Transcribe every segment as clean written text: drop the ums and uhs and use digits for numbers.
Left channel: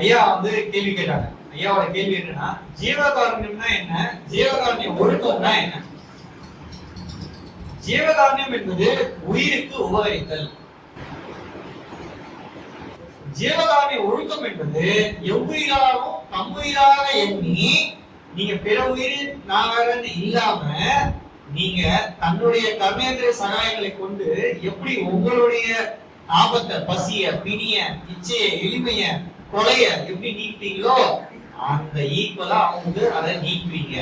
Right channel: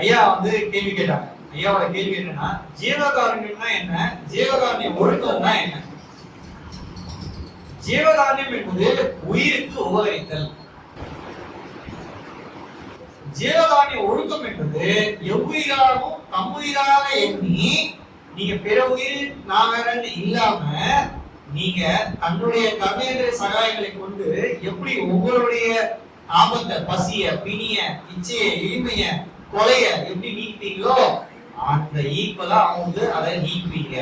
ஐயா வந்து கேள்வி கேட்டாங்க. ஐயாவோட கேள்வி என்னன்னா, ஜீவகாருண்யம்னா என்ன, ஜீவகாருண்ய ஒழுக்கம்னா என்ன? ஜீவகாருண்யம் என்பது உயிருக்கு உபகரித்தல். ஜீவகாருண்ய ஒழுக்கம் என்பது எவ்வுயிராகவும் தம்முயிராக எண்ணி, நீங்க பிற உயிர் நான் வேறன்னு இல்லாம, நீங்க தன்னுடைய கர்மேந்திர சகாயங்களை கொண்டு எப்படி உங்களுடைய ஆபத்தை, பசிய, பிணிய, இச்சைய, எளிமைய, கொலைய எப்படி நீக்கிட்டீங்களோ அந்த ஈக்குவலா அவங்க அதை நீக்குவீங்க.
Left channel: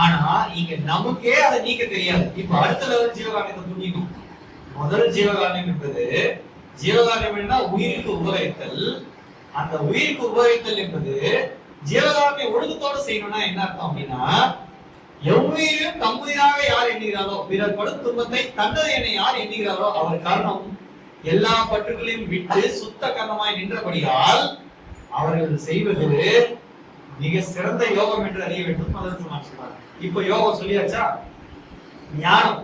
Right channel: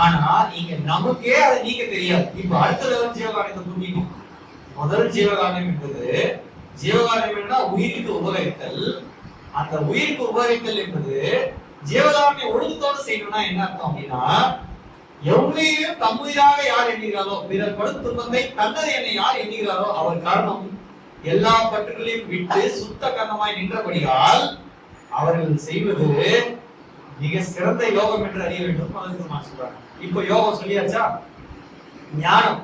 ஆனா இங்க நமக்கே அதை நீக்க தெரியாது. இப்ப அடுத்த லெவல் ஜீவகாரணத்தை தூக்கிக்கும். முதல் ஜீவகாரணம் என்பது, ஜீவகாரணம் என்னன்னா உயிருக்கு உபகரித்தல். அந்த உயிருக்கு உபகரித்தல் என்பது ஜீவகாரண்ய ஒழுக்கத்தோடு செய்யணும்னா என்ன அர்த்தம் அப்படின்னா, எவ்வுயிரும் தம்முயிராக யார் எண்ணுகிறாரோ, பிறர் படும் துன்பத்தை தன்னது என யார் எண்ணுகிறாரோ அவர் காரணம் எல்லா பற்றுகளையும் விட்டு சுத்த கர்ணமாய் நின்றபடியால் அவர்கள் செய்வது மிக சிறந்த யோகம் என்று அறிய வேண்டும். அதற்கு நான் சொல்றேன். இப்போ யோகம் சொல்லியாச்சா? ஞானம்,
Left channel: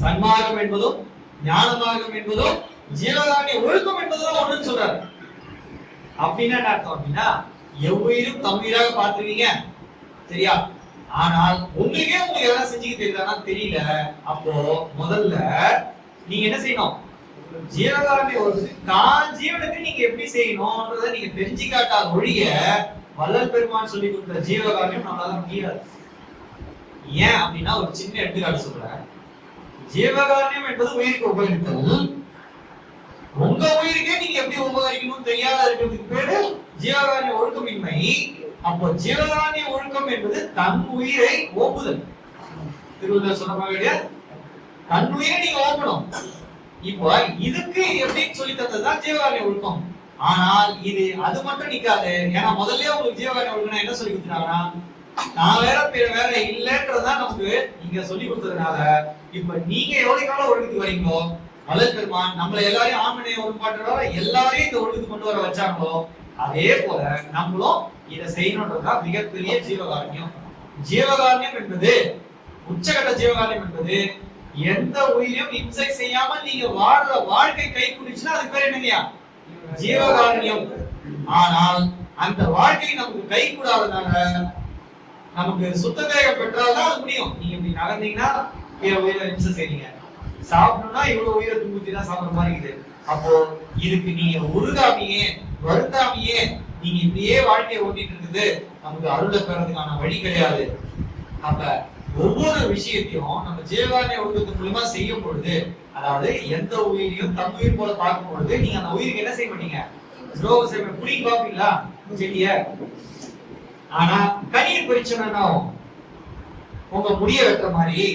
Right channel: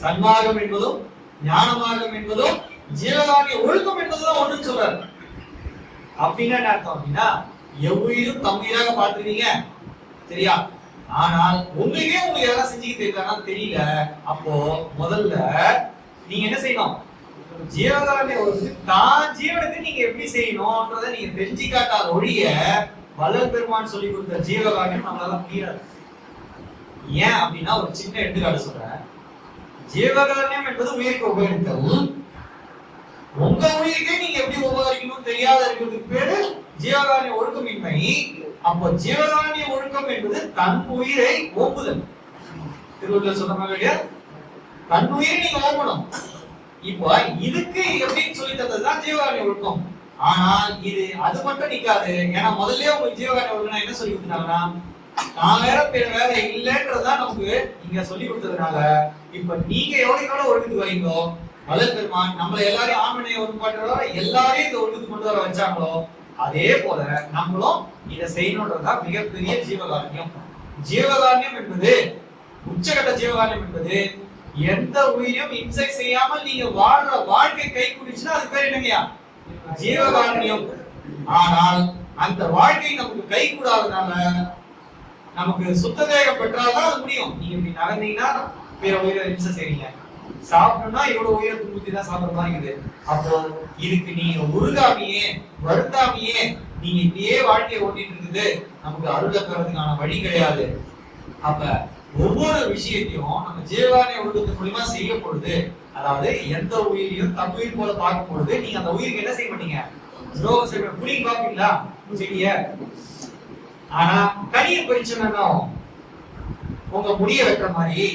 சன்மார்க்கம் என்பதும் ஞான மார்க்கம் என்பதும் ஜீவகாருண்ய ஒழுக்கம் என்பதும் ஒண்ணுன்னு சொல்றாரு. அப்படின்னா என்ன அர்த்தம் அப்படின்னா, எவ்வுயிரும் தம்முயிராக பார்த்துருக்கீங்க சரியா? ஆனால் உங்களுக்கு எதனா செஞ்சுக்க தெரியுதானா? தெரியல. அப்போ முதல்ல நீங்க என்ன செய்யணும்? ஜீவகாருண்ய ஒழுக்கத்துக்கு தான் ஜீவனுக்கு நீங்க எப்படி செய்யணும்ன்றதை நீங்க தெரிஞ்சு காட்டாத ஒழிய வள்ளல் பெருமான் சொல்லி கொடுத்த ஜீவகாருண்யம் நம்மளால முடியாது. ஏன் அப்படின்னா ஒரு சின்ன எடுத்துக்காட்டு சொல்றேன். ஜீவகாருண்யம் என்பது உயிருக்கு உபகரித்தல். உங்க உயிருக்கே நீங்க எப்படி உபகரிக்கணும் தெரியாத இருக்கிறதுக்கு பேரு ஜீவகாருண்ய ஒழுக்கமின்மை. அப்போ ஜீவகாருண்ய ஒழுக்கம் என்பது தன் உயிரை ஓம்புதல். திருவள்ளுவர் சொன்ன மாதிரி தன் உயிரை நீங்க ஓம்பணும். இப்போ இதுக்கு எப்படின்னு சொல்லி தந்ததுதான் ஜீவகாருண்ய ஒழுக்கம். ஆனால் இது அது மட்டும் நிக்காது. ஏன்னா முதல்ல உங்களுக்கு ஜீவகாருண்ய ஒழுக்கம் என்ன சொல்லி கொடுத்தாங்கன்னா, நான் வேற பிற வேற இல்லைன்றதுதான் நமக்கு இங்க சொல்லி கொடுத்ததுனால, இப்ப நீங்க எவ்வளவு காலம் ஒழுக்கத்துக்கு வரீங்களோ, வள்ளல் பெருமான் நம்மள எல்லாரையும் ஆண்மனையை ஒருபாட்டு எல்லாரையும் இந்த ஒழுக்கத்துக்கு கொண்டு வர வச்சாங்களோ, அதே போல நம்மளும் இதை செய்யணும்ன்றதுதான் மிகப்பெரிய ஜீவகாருண்யம். ஜீவகாருண்யம் என்பது, உச்சகட்ட ஜீவகாருண்யம் என்பது எந்த உயிரையும் இம்சை செய்யாமல் நீங்க வாழ்ற வாழ்க்கை கை குடிச்சுன்னா அதுக்கு பேர் என்னங்கய்யா? ஜீவகாருண்யம். ஆனால் அந்த வாழ்க்கை நமக்கு கை கூடாதனால, நமக்கு சுத்த தேகம் பெற்றால்தான் அது முடியும். நீங்க இப்படி நடந்தீங்கன்னா பிற உயிரை இம்சை செய்றீங்க, சாப்பிடணும்னா இவ்வளவு உயிரை துன்புத்தி தான் சாப்பிடுற மாதிரி இருக்குது. அப்போ இதுக்கு நீங்க உருகாமையே வருத்தாமையே நீங்க இப்படியே வாழ்க்கையை ஓட்டிட்டு இருக்குது நமக்கு அருளை பெறதுக்கான வழி கிடையாது. அப்ப ஒவ்வொரு விஷயத்தையும் நம்ம ஜீவகாருண்ய ஒழுக்கத்தின் மூலமா செய்யும் பொழுது, அதாவது எந்த உயிரையும் தம் உயிர் போல பார்க்கும் பொழுது, நீங்க அந்த உயிருக்கு என்ன செய்ய மாட்டீங்க? துரோகம் செய்ய புடி பாப்பீங்களா செடிய? ஆனா கனியை பறிச்சோம்னா உங்க முடிய வெட்டுற மாதிரி,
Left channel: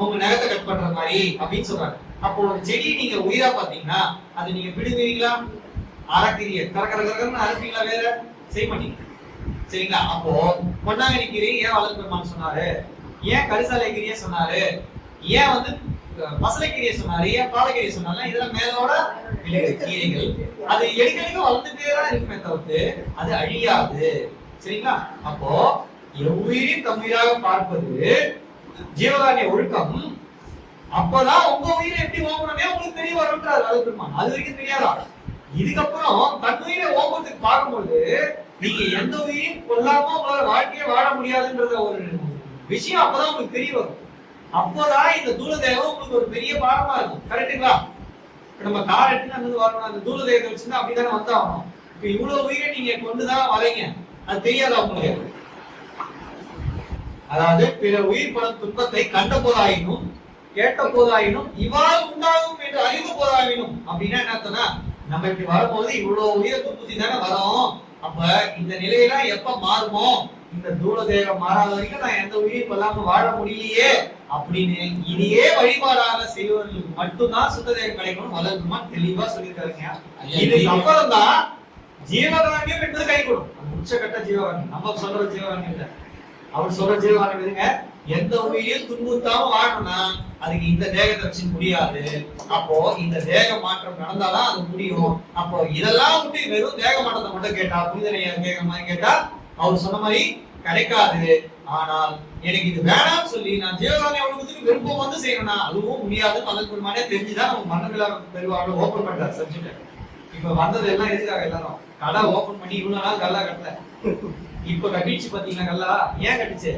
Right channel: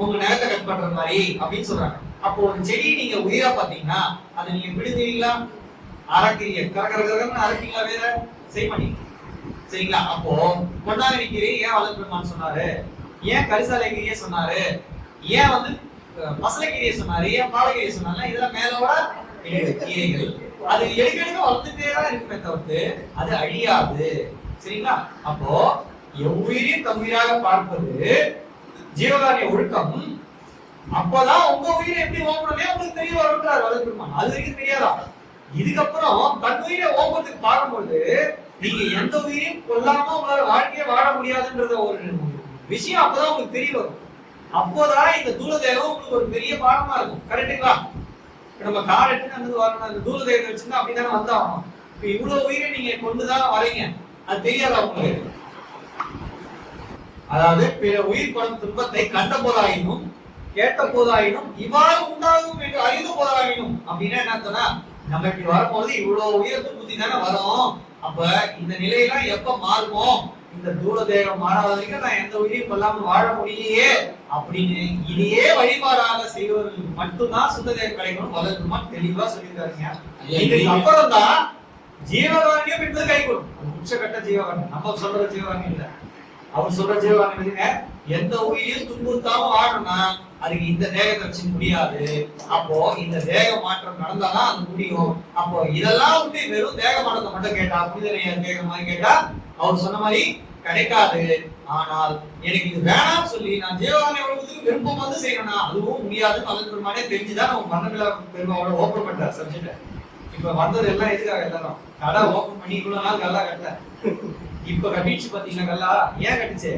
உங்க நகத்தை கட் பண்ற மாதிரி அப்படின்னு சொல்றாங்க. அப்போ ஒரு செடியை நீங்க உயிரா பாத்தீங்கன்னா அதை நீங்க பிடுங்குவீங்களா? அரைக்கீரிய கரகரகரன்னு அரைப்பீங்களா? வேற செய்ய மாட்டீங்க சரிங்களா? அப்போ கொண்டாங்கனி கீரை ஏன் வள்ளல் பெருமான் சொன்னாரு? ஏன் கரிசாலை கீரையை சொன்னாரு? ஏன் வந்து மசலைக்கீரையை சொன்னாரு? ஏன் பாலக்கீரையை சொன்னாரு? இதெல்லாம் மேலோட கீரைகள். அது எடுக்கடிக்க வளர்ந்துட்டே தான் இருக்குமே தவிர்த்து அது அழியாது சரிங்களா? அப்போ எவ்வுயிரையும் தம்முயிராக பார்ப்பது ஜீவகாருண்ய ஒழுக்கம். அப்பதான் உங்க உயிரை எப்படி ஓம்பணும்னே உங்களுக்கு தெரிய வரும்ன்றார் வள்ளல் பெருமான். அது வரைக்கும் தெரியாதா? இதுக்கப்புறம் தன் உயிரை ஓம்புறதுக்கு பார்க்கும்போது நீங்க எந்த உயிரையும் கொல்லாம உங்களால வாழ்க்கையை வாழ முடியாதுன்றத ஒரு விஷயம் அப்பதான் உங்களுக்கு தெரிய வரும். அப்போதான் இந்த தூளதேகம் உங்களுக்கு ஒரு பெரிய பாடமா இருக்கும். கரெக்டுங்களா? நம்ம கார் எடுத்துன்னு அங்கிருந்து வரணும், அந்த தூளதேகத்தை வச்சுருந்தா அப்படித்தானே வந்தாகணும். இப்ப இவ்வளவு உயிரை நீங்க கொண்டுதான் வரீங்க, அது தெரியாதா உங்களுக்கு? அதாவது பிற உயிர் படும் துன்பத்தை கண்ட போதாயினும் கேட்ட போதாயினும் இவ்வாறு உண்டாகும் என்று அறிந்து போதாயினும் அப்படின்னா என்ன அர்த்தம்னா, நம்ம இப்படி வரும்போது இவ்வளவு உயிரை துன்புத்தி தானே வரும். அப்ப இந்த நிலையெல்லாம் எப்ப மாறுமோ, இந்த தூள தேகம் மாறாத வரைக்கும் நான் எந்த உயிரையும் கொல்லாம வாழ முடியலையே அப்படின்னு இதையே வழிபாடாக செய்வர்களுக்கு மட்டும்தான் சுத்த தேகம் கிடைக்கணும் வள்ளல் பெருமான் தெளிவா சொல்லியிருக்காருங்க. இதுக்கு அப்புறம் தான் ஜீவகாருண்யம் என்பது கை கொடுக்கும். உச்சகட்ட ஜீவகாருண்யம் நம்ம சொல்ற ஜீவகாருண்யம் இல்ல, அவர் சொல்ற ஜீவகாருண்யம் எதுங்க? எந்த உயிரையும் துன்புறுத்தாம வாழணும்னா அதுக்கு இந்த தேகத்தை வச்சு முடியாது. அப்போ இந்த தேக மாற்றம் நடந்தாதான் அது முடியும். அப்போ இதெல்லாம் விட்டு வெறும் தேக மாற்றத்தை மட்டும் கேட்டா, புனிதனைய கேட்க மாதிரி கேட்டா அவர் சொன்ன மாதிரி கிடைக்காது. ஆனால் எனக்கு இது வேணாம்னு சொல்லி நான் ஜீவகாருண்ய ஒழுக்கத்துக்கு விருப்பம் வந்து செய்யணும்னா அதுவும் முடியாதுன்னு வள்ளல் பெருமானே தெரிஞ்சுதான் நம்ம மரணமில்லா பெருவாளர் ஓபன் பண்றாரு சப்ஜெக்ட். இப்ப வந்தது எல்லாம் எதுக்காக? எல்லாரும் கடை ஓபன் பண்ணி இவ்வளவு நாள் கல்லா கட்டல, இப்ப கட்டிச்சு பாத்தீங்களா கல்லா? ஏன் கட்டுச்சு?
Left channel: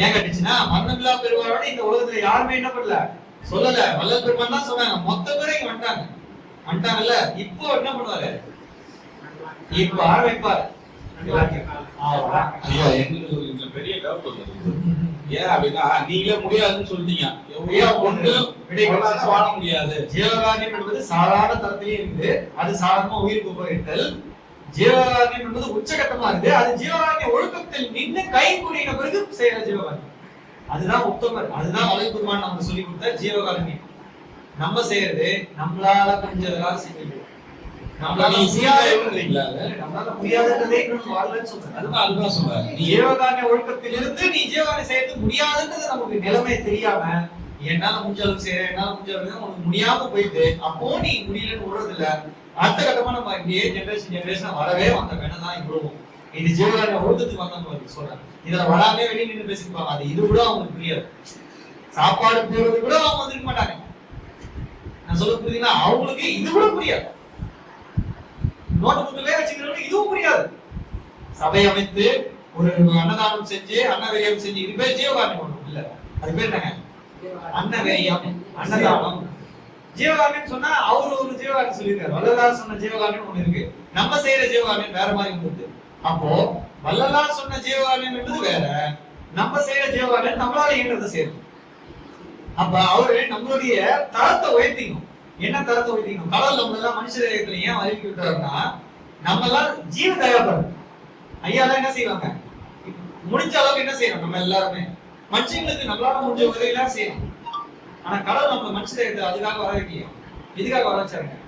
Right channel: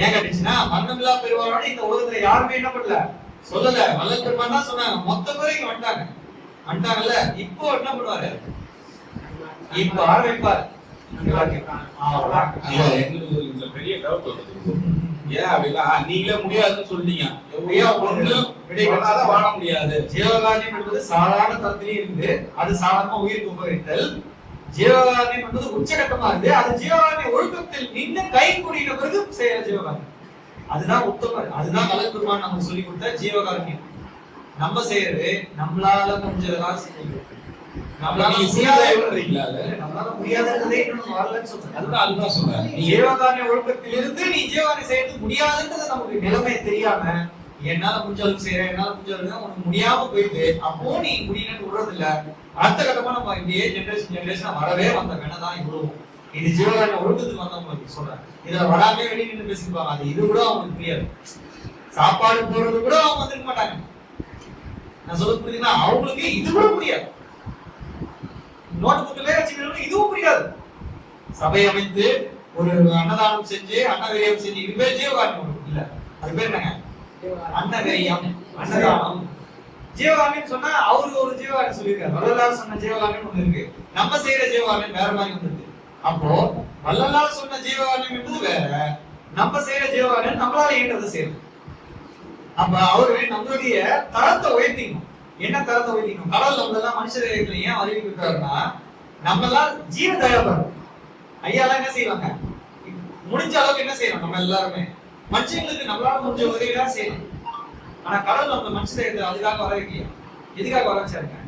ஏன் கட்டுச்சுன்னா மரணமில்லா பெருவாளோட இந்த உலகத்துல யாருமே என்ன பண்ணல, சொல்லல. வள்ளல் பெருமான் தான் சொன்னாங்க. மொத்த பேரும் இங்க வந்துட்டாங்கல்ல. இப்போ என்ன பண்ணுவாரு? இப்ப ஆரம்பிப்பாரு எங்களுக்கு பெரிய டவுட் வருது. ஏன் அப்படின்னா நீங்களே முடியாதுன்னு சொல்லிட்டீங்க. வாழ முடியாது. ஜீவகாருண்யம் என்பது சாதாரண தரத்திலேயே இருந்து அது சாதாரணமா உயிருக்கு உபகரித்தல். ஜீவகாருண்யம் என்பது உச்சகட்டமா இருந்து அது ஜீவகாருண்ய ஒழுக்கத்தில் நின்று கை கூடின பிறகு செய்யற ஜீவகாருண்யம். அதுதான் உத்தமர். அதுதான் வள்ளல் பெருமான் நமக்கு சொல்லி கொடுத்த ஜீவகாருண்யம். நம்ம செய்யறது நம்மளால முடிஞ்சதெல்லாம் செஞ்சது. நம்மளால முடியாததே வரலன்னு சொல்றேன். அதுதான் சொல்றேன். ஜீவகாருண்ய ஒழுக்கத்திலிருந்து நீ ஜீவகாருண்யம் செய்யறது முடியாதுன்றது நமக்கு நிலைமை தெரியாம என்னால முடிஞ்ச அளவுக்கு செய்யறேன், என்னால முடிஞ்ச அளவுக்கு உனக்கு முடியாம போயிட்டு அப்போ நீ முடியலன்னு விடுறது இல்ல. அடுத்த கட்டமா நம்ம இங்கேயே ஜெனரேஷன் வரவே வந்த வேணதான் இவ்வளவும். இது ஜீவகாருண்ய ஒழுக்கத்துக்கு வந்தவங்களுக்கு சொல்றேன். இதுல வராமே வெளியே நின்று பேசிப்பாங்க. அது இது கூட அவங்களுக்கு புரியாது. சாப்பாடு போடுறது கூட அவங்க வந்துருக்க மாட்டாங்க. நான் சொல்ல புரியுதுன்னா அவங்களுக்கு இது கூட புரியாது. நோட்டு புக்கிலே வச்சுக்கிறவங்களுக்கு இதுவும் புரியாது. சபை அமைத்து ஒரு அன்னதானம் செஞ்சு அன்னவெரியம் செஞ்சு இது பேர் ஜீவகாருண்யம் இல்ல. அது பேர் என்னங்க? அன்னவெரியம், அன்னதானம். ஜீவகாருண்யம் சொன்னா அவரு ஒரு ஜீவகாருண்யம் சொல்லியிருக்காரு. வள்ளலார் சொன்ன ஜீவகாருண்யம் ஒண்ணு இருக்கு. நம்ம செய்யற ஜீவகாருண்யம் வேற மாதிரி வந்துருக்கு. அப்போ வள்ளலார் சொன்ன ஜீவகாருண்யம் என்பது வேற, நம்ம செய்யற ஜீவகாருண்யம் நம்மளால இயன்றதை செய்யணும். அப்ப அவரு நம்மளுடைய தரத்தை உயர்த்திக்கணும். என்ன தரத்தை உயர்த்திக்கணும்? கடவுள் நம்ம எல்லாம் மனுஷ தேகத்துல ஏன் அறிவிக்க விட்டாருன்னா நம்ம எல்லாம் ஜீவ தயாபரம். ஐயாலாம் என்ன செய்வாங்க? முடிஞ்ச அளவுக்கு என்ன செய்யணும்? நம்ம எல்லாருமே மனுஷங்களுக்கு நம்மளால முடிஞ்ச உதவியெல்லாம் செய்யணும். ஆனா கடவுள் நம்ம மனுஷ தேகத்தை அதுக்காக வர வைக்கலையா? எதுக்காக வர வச்சாருங்க?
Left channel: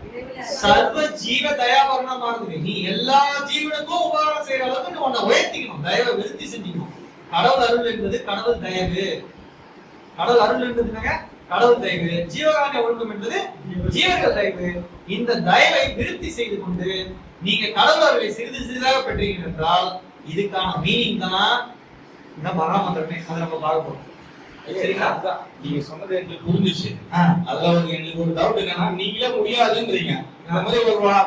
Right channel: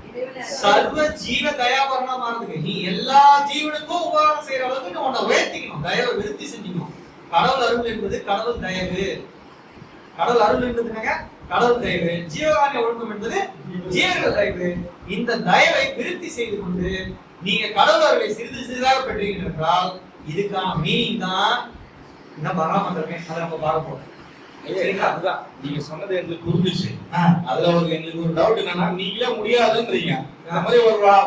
சர்வ ஜீவ தயாபரணமா மாறுதுங்க. நீ எல்லா ஜீவனுக்கும் உபகாரம் செய்யற அளவுக்கு நீ உன்னை உயர்த்திக்கணும், தயவை விருத்தி செஞ்சுக்கணும். கடவுள் அருள் என்பது கடவுள் தயவு. கடவுள் அருள் என்பதுனாங்க கடவுள் தயவு. ஜீவகாருண்ய ஒழுக்கம் என்பது ஜீவர்கள் தயவு. இந்த தயவை விருத்தி செய்து கொண்டு நீங்க கடவுள் அருளை சிறிது சிறிதாக பெற்றீர்கள் என்றால் இதுக்கான மீனிங் தான் இந்த மகாமந்திரமே. அதை நம்ம பார்க்க போறோம். சரிங்களா? அதுதான் நீங்க சொன்னது எங்களுக்கு புரிஞ்சிச்சு. அதுல எங்களுக்கு ஒரு டவுட் என்னன்னா நீங்களே முடியாதுன்றீங்க. இந்த மாதிரி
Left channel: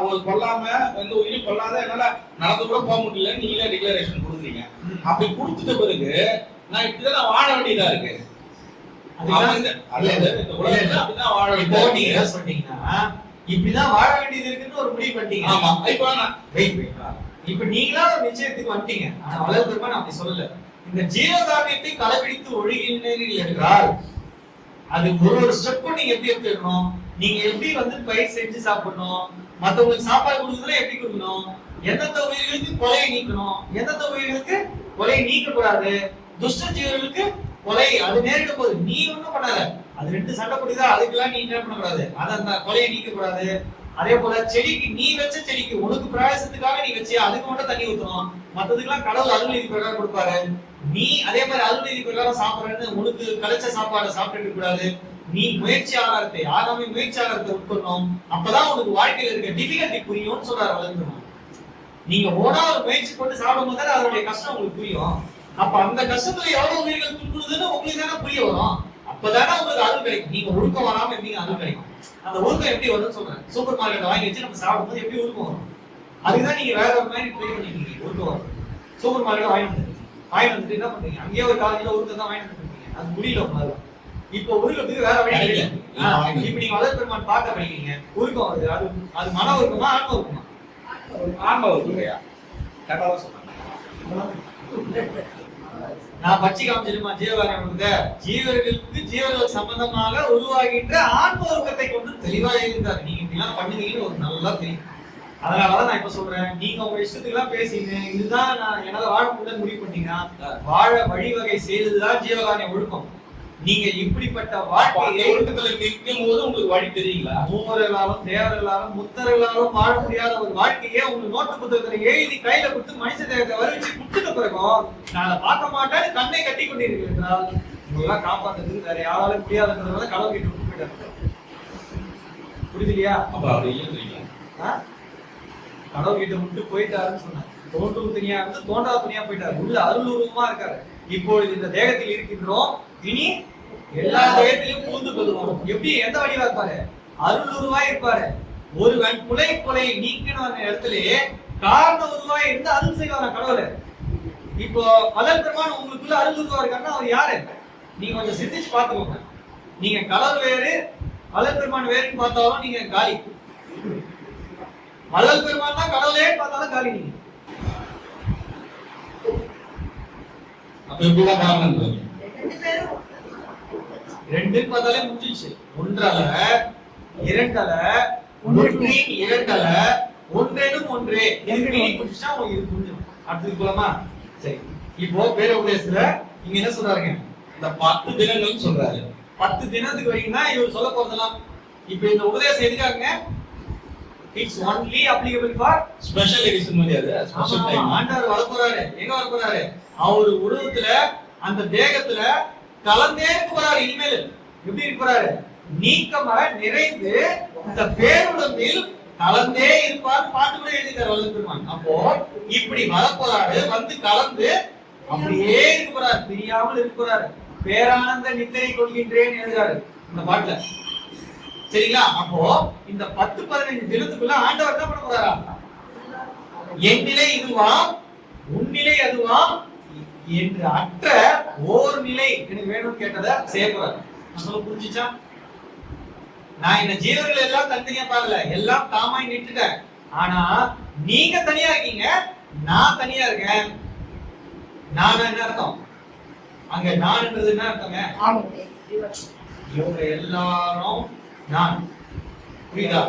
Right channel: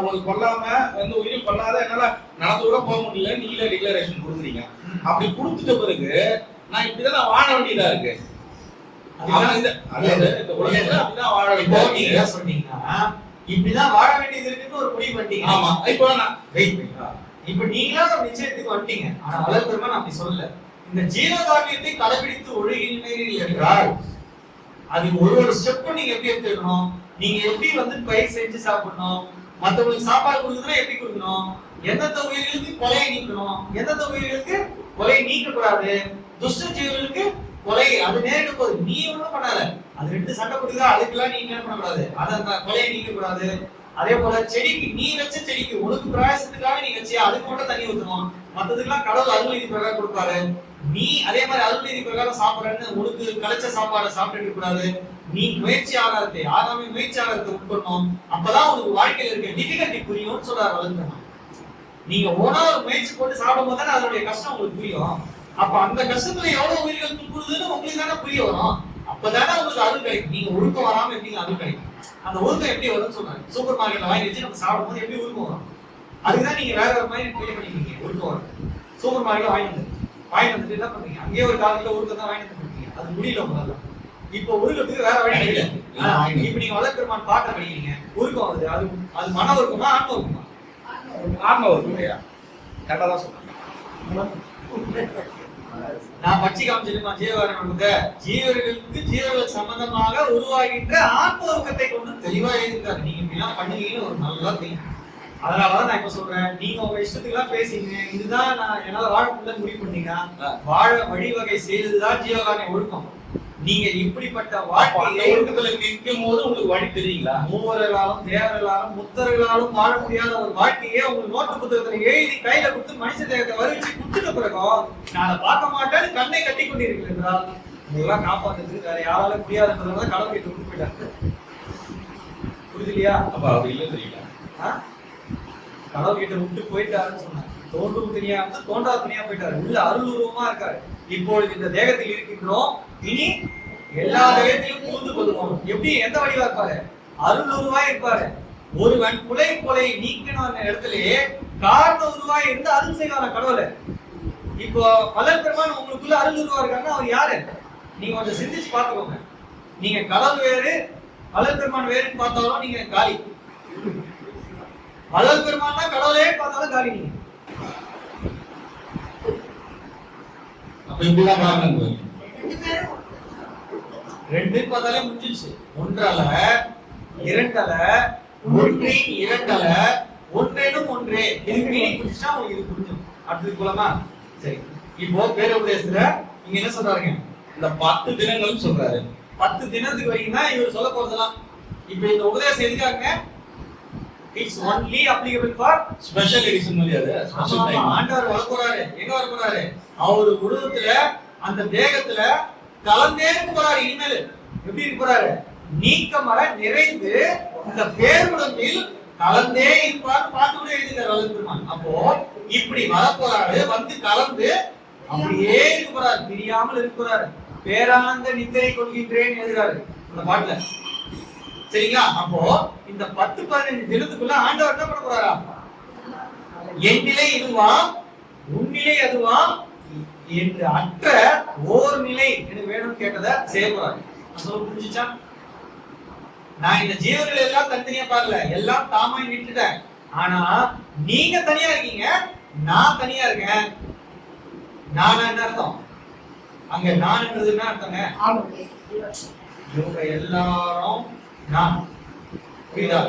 ஒரு கொல்லாம வந்து உயிர் கொல்லாத என்னால நடந்து கூட போக முடியல, நீங்களே டிக்ளரேஷன் கொடுத்தீங்க. அப்படி கொடுத்துட்ட பிறகு நான் இப்படிதான் வாழ வேண்டியதா இருக்கு. இப்படிதான் வாழ வேண்டியது இருக்குன்னு ஒரு முடிவு பண்ணிட்டீங்க. ஆமா. இப்ப நீங்களா ஒரு நிச்சயத்துக்கு வந்துட்டீங்க. ஆனா வள்ளல் பெருமான் அப்படி சொல்லல. இந்த ஜீவகாருண்யத்தை கடைபிடித்து ஒழுகினீர்கள் என்றால் அது ஒரு ஸ்டெப்பும் நீங்க எப்படி எடுத்துக்கணும், நீங்க எப்படி வந்து பயிர் செஞ்சு சாப்பிடணும், மத்தவங்களுக்கு சாப்பாடு கொடுக்குறதுனா எப்படி கொடுக்கணும், எந்தெந்த உயிர்களுக்கு கொலையை நீக்கணும், எந்தெந்த உயிர்களுக்கு கொலையை நீக்க கூடாது, துஷ்ட ஜீவர்களுக்கு கொலை அது நேரிடும் போது நீ ஒண்ணும் பண்ணாத, அது ரெண்டு சண்டை போடுதா அதுக்கெல்லாம் நீ என்ன பண்ணக்கூடாது, அதை அந்த கொலையை நீக்க கூடாது. அதே போல செடிக்கு நீ வச்ச செடிக்கு உனக்கு பிரயாசத்துக்காக நீ வச்சியா அதுக்கு மட்டும் தண்ணி ஊற்றணும், மற்றதுக்கெல்லாம் கடவுள் அருள் நீதி பிரகாரம் கொடுப்பாரு. நீ அதே மாதிரி அருள் நீதி பிரகாரம் சாப்பிட்றன்னு உனக்கு கிடைச்ச சாப்பாடை சாப்பிட்டு கூடாது. நீ முயற்சி ஆகாரத்தை ஆகாம முயற்சி ஆகாரத்தை உட்கொள்ளணும். அப்பதான் உனக்கு வாழ்க்கையில இருக்க டிஃபிகல்ட்டி புரியும்னு சொல்றாரு வளர்ந்துருமா. நீங்க ஓனா ஒரு முயற்சி போட்டு சாப்பிடும் போது தானே அதனுடைய கஷ்டம் உங்களுக்கு புரியும். அப்ப அந்த கஷ்டத்துல எவ்வளவு உயிர்கள் துன்புறுதுன்னு உங்களுக்கு தானே புரிய வரும். அப்பதானே உங்களுக்கு அருள் கிடைக்கும். நீங்க ஒழுக்கம் வராம எப்படிங்க அருள் கிடைக்கும்? அந்த ஒழுக்கம் எப்படி வரும்னு சொல்றாங்க. சூப்பர் மார்க்கெட்ல வாங்கி வச்சு நம்ம சாப்பிடும் போது எப்படி ஒழுக்கம் வரும்? அதுக்குதான் நீங்க வேற ஒரு மாதிரி ட்ரை பண்ணிருக்கீங்க. ஒழுக்கம் வரும். சூப்பர் மார்க்கெட்ல வாங்கி வந்துட்டு என்ன பண்றீங்க? அங்கேயே ஒரு 4 கிலோ ஒழுக்கம் தான் வாங்கி வந்துருக்கீங்க. அது முடியல உங்களால. இப்ப ஒழுக்கத்துக்கு வேற வழி இல்லை. இப்ப நீங்க வள்ளல் பெருமான் பாட்டு படிக்கிறீங்க, ஒழுக்கம் வருது. அது மன ஒழுக்கமா ஆன்ம ஒழுக்கமா? ஆன்ம ஒழுக்கம். கரெக்டா தான் சொல்றேன். நான் பட்சி காமிச்சிருமா ஜீவகாருண்யத்தை ஜீவர்களுக்கு சம்பந்தமாக உருவாகின்ற ஆன்ம ஒழுக்கத்தை கொண்டு தெளிவா எழுதிருக்காரு. நீங்க இப்படிலாம் பண்ணுவீங்கன்னு ஒரு நல்லா தெரியும். அதனாலதான் நான் இப்ப சொல்றேன், நீங்க உங்க இஷ்டத்துக்கு எல்லாம் பேசிங்க, இதுதான் நான் என்னால வாழ முடியலன்னு முடிவு பண்ணீங்கன்னா வாழ வழிவகை செய்ததுதான் ஜீவகாருண்ய ஒழுக்கம். நீங்க இப்படிப்பட்ட வாழ்க்கையை ஒழுக்கத்துல நிற்கும் போது உங்களுக்கு வழி தெரியுங்களா? மூவர்களாலும் தேவர்களாலும் முத்தர்களாலும் வாழ முடியாத ஒரு வாழ்க்கையே உங்களுக்கு நோட்டு புத்தகத்துல எழுதி கையில கொடுத்து மனுஷ தேகத்தை வரிச்சு கொடுத்துட்ட பிறகும் நான் அதை பார்க்க மாட்டேன்னு கண்ணை கட்டி கொண்டீர்கள் என்றால் உங்களெல்லாம் காப்பாத்துறதுக்கு வேற யாராலும் முடியாதுன்றதுனால கடவுள் கிட்ட விட்டு போயிட்டாங்க. புரியுது இல்லையா? அப்ப அப்படி இல்லை தெரியல. கடவுள் கிட்ட விட்டு போயிட்டாருன்னு சொன்னாங்க. தோன்றும் துணியா இருந்து தோன்றா துணியா போயிட்டாரு. உள்ள அருள் உருவமா இருக்காரு. இப்பொழுது இந்த தேகத்தில் இருக்கின்றோம், இனி எல்லா தேகத்திலும் புகுந்து கொள்வோம். எப்படி எந்த வடிவா இருப்பாரு? அருள் உருவா இருப்பாரு. ஒருவன் புலை கொலை நீக்கின இடத்திலேயே காரண உருவாய் இருந்து அருள் செய்வான கடவுளை. இப்போ வள்ளல் பெருமான் உங்களுக்குள்ள அருள் உருவா இருக்காருன்னா அவர் யாரு? நீங்க கொஞ்சம் சிந்திச்சு பாத்துக்கோங்க. நீங்க கடவுள் வேறு வள்ளல் பெருமான் வேறுன்னு பார்த்தாலும் நீங்க காலி. வள்ளல் பெருமான் தான் கடவுளே பார்த்தாலும் காலி. நீங்க ரெண்டு பார்த்தாலே முடிஞ்சிச்சு. ஒன்றல இரண்டல ஒன்றின் இரண்டல ஒன்றேனும் ஒன்றே. இதுக்கு மீனிங் புரிஞ்சுச்சா உங்களுக்கு இது புரிஞ்சிடும். அடுத்தது போலாமா? சரி, இப்போ பேர உபதேசத்துல இங்க என்ன சொல்றாருங்க? இந்த 10 தினங்கள் சொல்றாரு. 10 தினத்துக்கு வரைக்கும் தான் இவர் சொல்ல போறதெல்லாம். இப்போ இந்த உபதேசம் எதுக்காக? It's only applicable for special edition மாதிரி. அது ஸ்பெஷல் டைம். ஆண்டவர் வர போறாரு. எங்க வர போறாரு? அவர் உருவத்துல அந்த தேகத்துல கலந்தே போறாரு. இனிமேல் எப்படி இருக்க போறாரு? நீக்கமர நிறைந்து இந்த பேருடம்பில் கலந்தே இருப்பார். பாட்டு கூட எழுதிட்டார் வள்ளல் பெருமான். அப்போ இப்படி வர போறாரு, வந்து கலந்து அப்படியே இருக்க போறாரு, பிரியாமல் இருக்க போறாரு. பேரானந்த நித்திரை கொள்கின்றேன் எழுதுறாரு இந்த பாட்டுல. சரிங்களா? அப்போ இந்த 10-15 தினத்துக்குள்ள ஆண்டவர் என்ன பண்ண போறாரா? என் நிலை இதுவா உன் நிலை அதுவா என்று அற்ற ஓர் நிலை எனக்கு வேணும்னு கேட்டதை செய்ய போறாரு. நான் சொல்ல புரிஞ்சுச்சா? நான் இந்த ஜீவர்கள் எல்லாம் தனித்தனியா பார்க்கல, எல்லாம் தாமாய் நிட்டுட்டேன். ஆனா நீங்க தனியா இருக்கீங்க, நான் தனியா இருக்கேன். நானா என்ன அர்த்தம்? அங்க நான்ன்றது என்ன அர்த்தங்க? இவங்க எல்லாரும் நான். புரியுதா?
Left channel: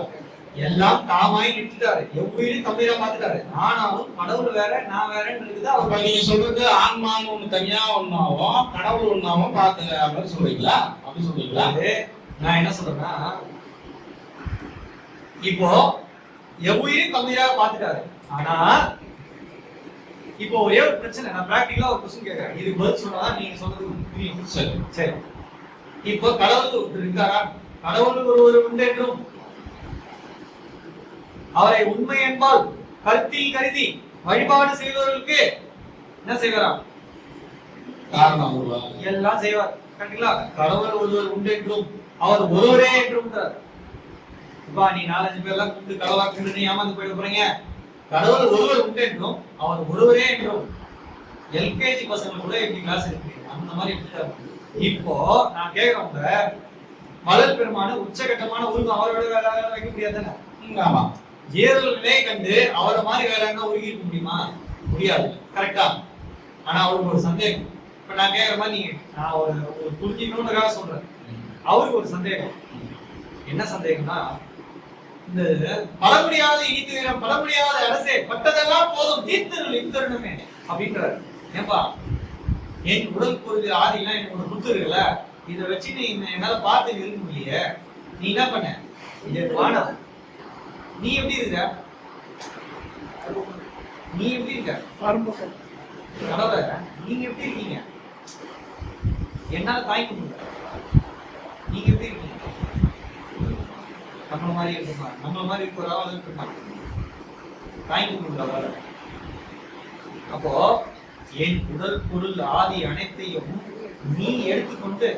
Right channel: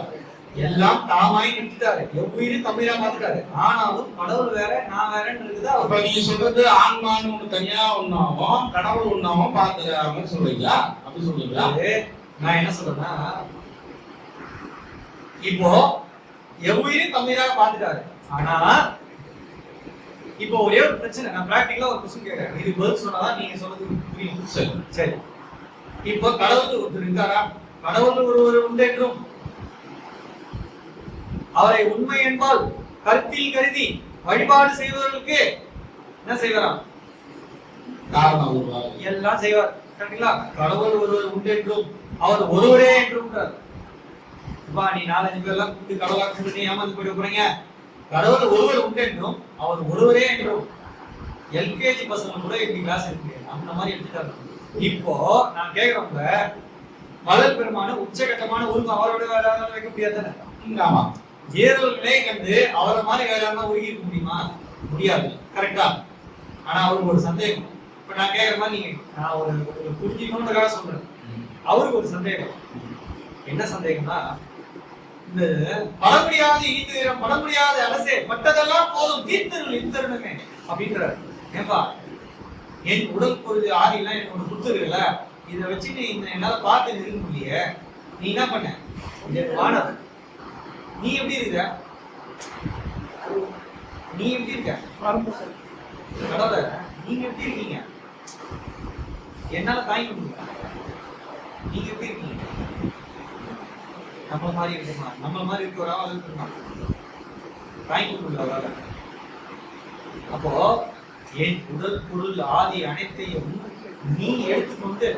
எல்லாம் தாமாய் நிட்டுட்டாரு. எவ்வுயிரும் தம்மையா பார்த்துட்டாரு. ஆனாலும் கடவுள் வேற நான் வேறன்னு இருக்குது. அப்ப நீங்க சொல்றது ஆன்மான்னு ஒண்ணு தனியா ஒன்னாவும் கடவுள் ஒன்னாவும் பார்த்துக்கிற மாதிரி சொல்றீங்களா? அப்படி சொல்றீங்களா? நான் என்ன சொல்றேன்னா, இப்போ எவ்வுயிரும் தம்மையாக பார்த்துட்டாரு. ஆனா இப்போ ஒரே ஒரு பிரச்சனை. நான் பிராக்டிகலா ஒரு கொஸ்டின் கேட்கறேன். இது பதில் சொன்னாதான் நீங்க சொல்றது புரியும். சரி சரி. இப்போ கடவுள் ஒருத்தர் இருக்காரா? கடவுள் ஒருவர் உண்டு என்றும் அவரை உண்மை என்பால் கருத்தில் கருதி வழிபாடு செய்வதற்கு என்ன செய்வாராம்? காரணம் எல்லாம் செய்வார். கரெக்டுங்களா? கடவுள் ஒருவர் உண்டு என்றும் அவர் ஒருவரே என்றும். நீ 4-5 பேர்லாம் கூப்பிட்டு கடவுளாக்கு நீ ஏமாந்து போயிட போறீங்க. கடவுள் ஒருவர் உண்டு என்றும் அவர் ஒருவரே என்றும். எல்கேஜி பசங்க கூட இப்படி கிளாஸ் இருக்கு, அந்த மாதிரி எடுத்துட்டாரு. இப்போ நான் கேக்குறவங்க வள்ளல் பெருமான உச்சகட்டமான உருவம் அவரோட வேற யாராவது வைக்க முடியாது தானே? ஆமா. ஜீரல் நிலையை கண்டு அவரை மாதிரி வேற யாரும் உருகி இருக்க முடியுமா? முடியாது. கரெக்டா? ஆனா அவருக்கு ஒரு சந்தேகம். இப்ப நான் கேக்குற மாதிரி நீங்க நான் ஒரு புரிஞ்சுக்கணுன்றதுக்காக சொல்றேன். அவருக்கு ஒரு சந்தேகம். என்ன சந்தேகம்னா, இந்த பழமுடியாத இனித்துயரம் பழமுடியாத அரசே பட்டதெல்லாம் போதும் தீர்த்தருள் இத்தருணமே அப்படின்றாரு. ஏன்பா என் உடல் பொருள் ஆதிலாம் எனக்கு ஒன்று கொடுத்துருக்கல, இதை வச்சு நீ என்னால பார்த்து இருக்க முடியல. நீ என்ன பண்ண? இது வானா நீ எப்படி இருக்க? நீ எப்படி இருக்க? கடவுள நீங்க எப்படி இருக்கீங்க? என்னால தாங்கிக்க முடியல. நீங்க எப்படி இருக்கீங்க? நம்மள மாதிரி இருக்குமா? நம்மள மாதிரி இருக்க ஒரு ஆள் இருக்குமா? தாங்கிக்க முடியல அவரால். அப்போ என் உடல் பொருள் ஆதி அனைத்தையும் நீ எடுத்துக்கொண்டு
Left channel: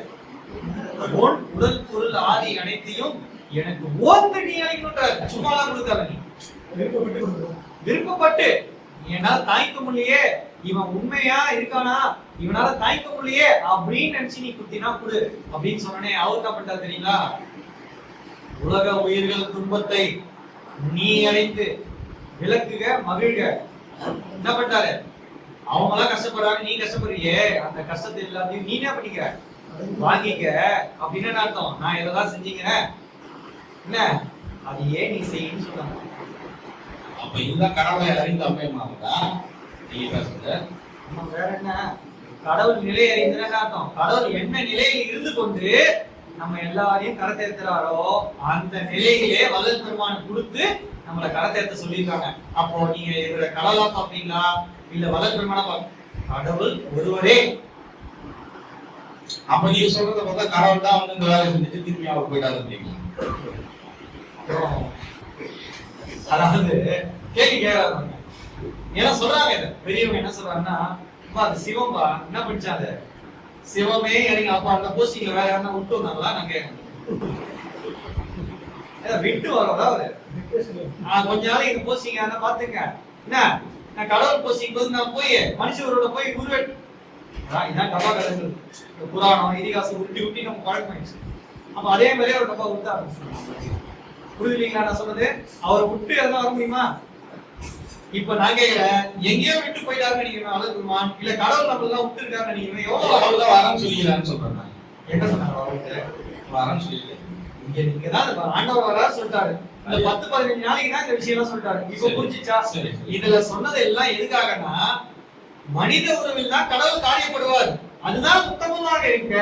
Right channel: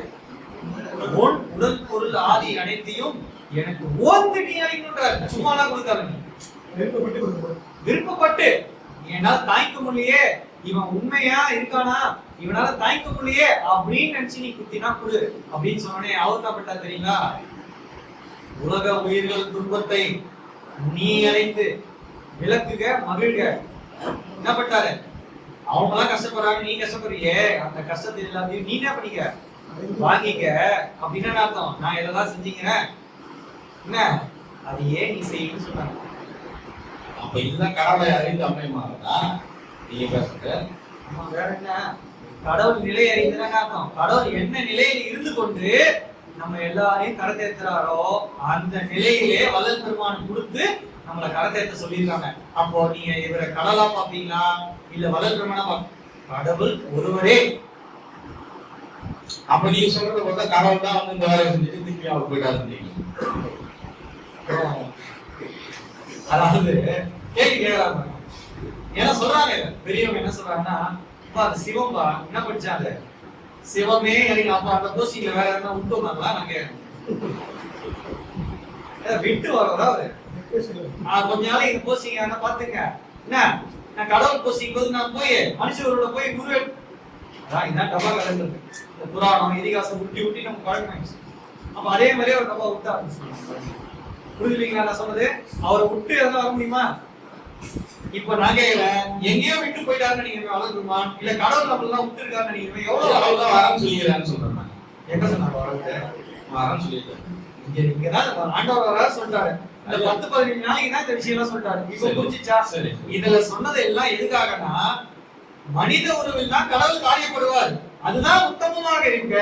உன் உடல் பொருள் ஆதி அனைத்தையும் எனக்கு ஓந்து நீ அழைக்கணுன்றாரு. சும்மாலாம் கொடுக்காத. நீ விருப்பப்பட்டு என்னால தாய்க்க முடியலையே, இவன் உண்மையா இருக்கானா, இவனால தாய்க்க முடியலையே அப்படின்னு நினைச்சு நீ குத்தினா கொடு அப்படின்னு சொன்னே. அவர் என்ன பண்ணா தெரியுங்களா? உலக உயிர்கள் துன்பத்தை நீ அடைந்து விளக்குக மகிழ்க. என்ன பண்ணாரு? அவங்க எல்லாம் கஷ்டப்படுறாங்க, நீ கஷ்டப்படுறியே, அந்த கஷ்டத்தை எல்லாத்தையும் நீ என்ன பண்ணிக்க வாங்கிக்க அப்படின்னு அர்த்தம். நான் இதெல்லாம் செஞ்சீங்கிறேன் என்ன, அது ஏன் நீ செய்யணும்னு சொன்னாங்க. அப்ப இதுதான் கடவுளை அறிந்து அமையமானதா நீங்க பேசுறது? ஆமா, வேற என்ன? கடவுள் நிலை அறிந்துன்னு அர்த்தம். கடவுள் என்ன நிலையில் இருந்து கொண்டு நம்ம எல்லாரையும் கரத்தேத்துறாரோ அந்த நிலையிலே வள்ளல் பெருமான் கொடுத்து நம்மளை கரத்தேத்த சொல்லியிருக்காங்க. அப்போ நீங்க இவரை கடவுளா பாப்பீங்களா இல்ல வள்ளல் பெருமானா? கடவுள் ஒருவரே. அப்ப நீங்க சொல்றத பார்த்தா கடவுள் தான் வந்து இந்த வேலையை செஞ்சுட்டு திரும்பி அவர் போயிட்டாரு. அதாவது கேள்வி கேட்கறாங்க. ஏன்னா சொல்றாங்க பெரியவங்க என்ன சொல்றாங்கன்னா, அது சிவம்பா என்ன படிச்சாங்க, சிவமே இறங்கி. அப்ப அந்த போஸ்டிங்ல வேற யாருன்னா விட்டு வந்தாங்களா? நான் கேட்கறேன். விட்டு வரோதா அவரு கொஞ்ச நாள் இங்க போஸ்டிங் ஆனா பாத்துங்க என்ன, நான் கடவுள் போஸ்டிங் போது நான் போய் மனுஷரோட போய் குரு இதான் டப்பா கலந்து புராணம் இதிகாசம் உருட்டி உருட்டி நம்ம பழக்கமாயிடுச்சு. அப்ப அதே மாதிரியே ஒரு டப்பா விட்டு ஆரம்பிச்சு. புரிஞ்சுலீங்களா நான் சொன்னது? அவரை விட்டு எதனா வர முடியுமா? இப்ப நான் கேக்குறேன், எங்கேயோ விட்டு போயிட்டாருன்னு நீங்க வளர்க்குமான் இல்ல கடவுள் நம்மளெல்லாம் விட்டு இருக்காருன்னு நீங்க எவ்வளவு கடவுள் வரன்னு சொல்லிக்கிறான்னு சொல்றேன். எங்க சொன்னாரு வரன்னு சொல்லிட்டு இங்கதான் ஆண்டவர் வராரு சொல்லிட்டாரு. இந்த 10-15 நாளைக்கு தான் இந்த விஷயம் எல்லாம் சொல்லிட்டாரு. இப்ப புரிஞ்சுச்சா? இதுல சொன்னது எல்லாம் எதுக்காகனா, மனித உறவில் தான் கடவுள் காரியப்படுவார். அதுதான் உத்தமமாக இருக்க.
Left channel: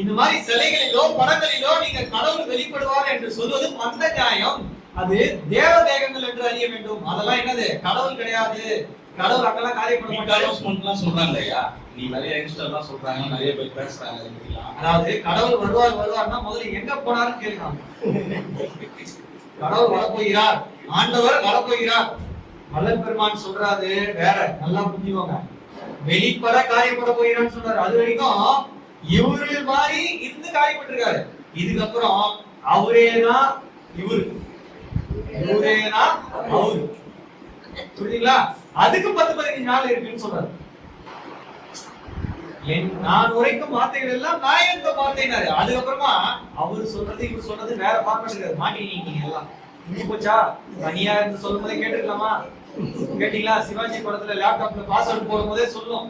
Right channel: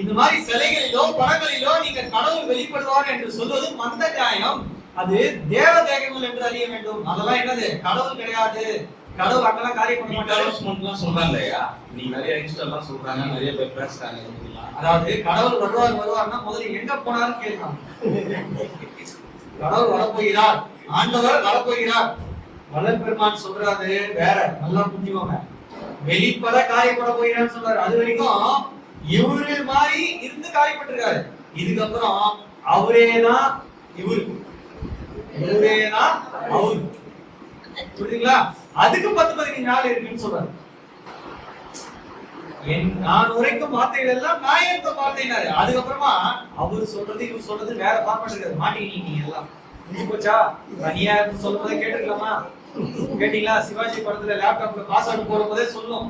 இந்த மாதிரி சிலைகளிலோ படங்களிலோ நீங்க கடவுள் வெளிப்படுவார் என்று சொல்வது மந்த நியாயம். அது தேவ தேகங்கள் என்று அறிய வேண்டும். அதெல்லாம் என்னது? கடவுள் கிடையாது. கடவுள் அங்கெல்லாம் காரியம் பண்ண மாட்டாரு சொல்றாங்க இல்லையா? நீ நிறைய இன்ஸ்டாலாம் சொல்றாங்க, நிறைய பேர் பேசுறாங்க. அதாவது கடவுள் வருவார்னா முதல்ல எங்க போனாருன்னு கேளுங்க. கடவுள் வரப்போகிறார், ஆண்டவர் வரப்போகிறார். வல்லல் பெருமான் சொல்றாரு வேற, நல்லா புரிஞ்சுக்கோங்க. வெளிப்பட காரியப்பட போகிறான்னு சொல்றாரு. அது வரைக்கும் இவரு மாதிரி இருந்து காரியப்பட்டிருக்காரு. இதுக்கப்புறம் அவரேதான் இவரு, இவரேதான் அவரு. புரியுதுங்களா? அதுக்கு 10-15 நாள் இருக்குன்னு சொல்றாரு. நான் உரைக்கும் வார்த்தைகள் எல்லாம் நாயக வார்த்தைனாரு. அதுக்கப்புறமா அவரு சொல்றது இவர் சொல்றது வேற ஃபார்மேட் இருக்காது. மாட்டீங்க எல்லாம் முடிஞ்சு போச்சா? தனியா இருந்து சொல்லும் போதே கேட்டுக்கலாமா? கேட்டீங்களா? சிவாஜி படத்துல லேப்டாப்ல பாஸ்வேர்ட் போடும் போதே சொல்லும்,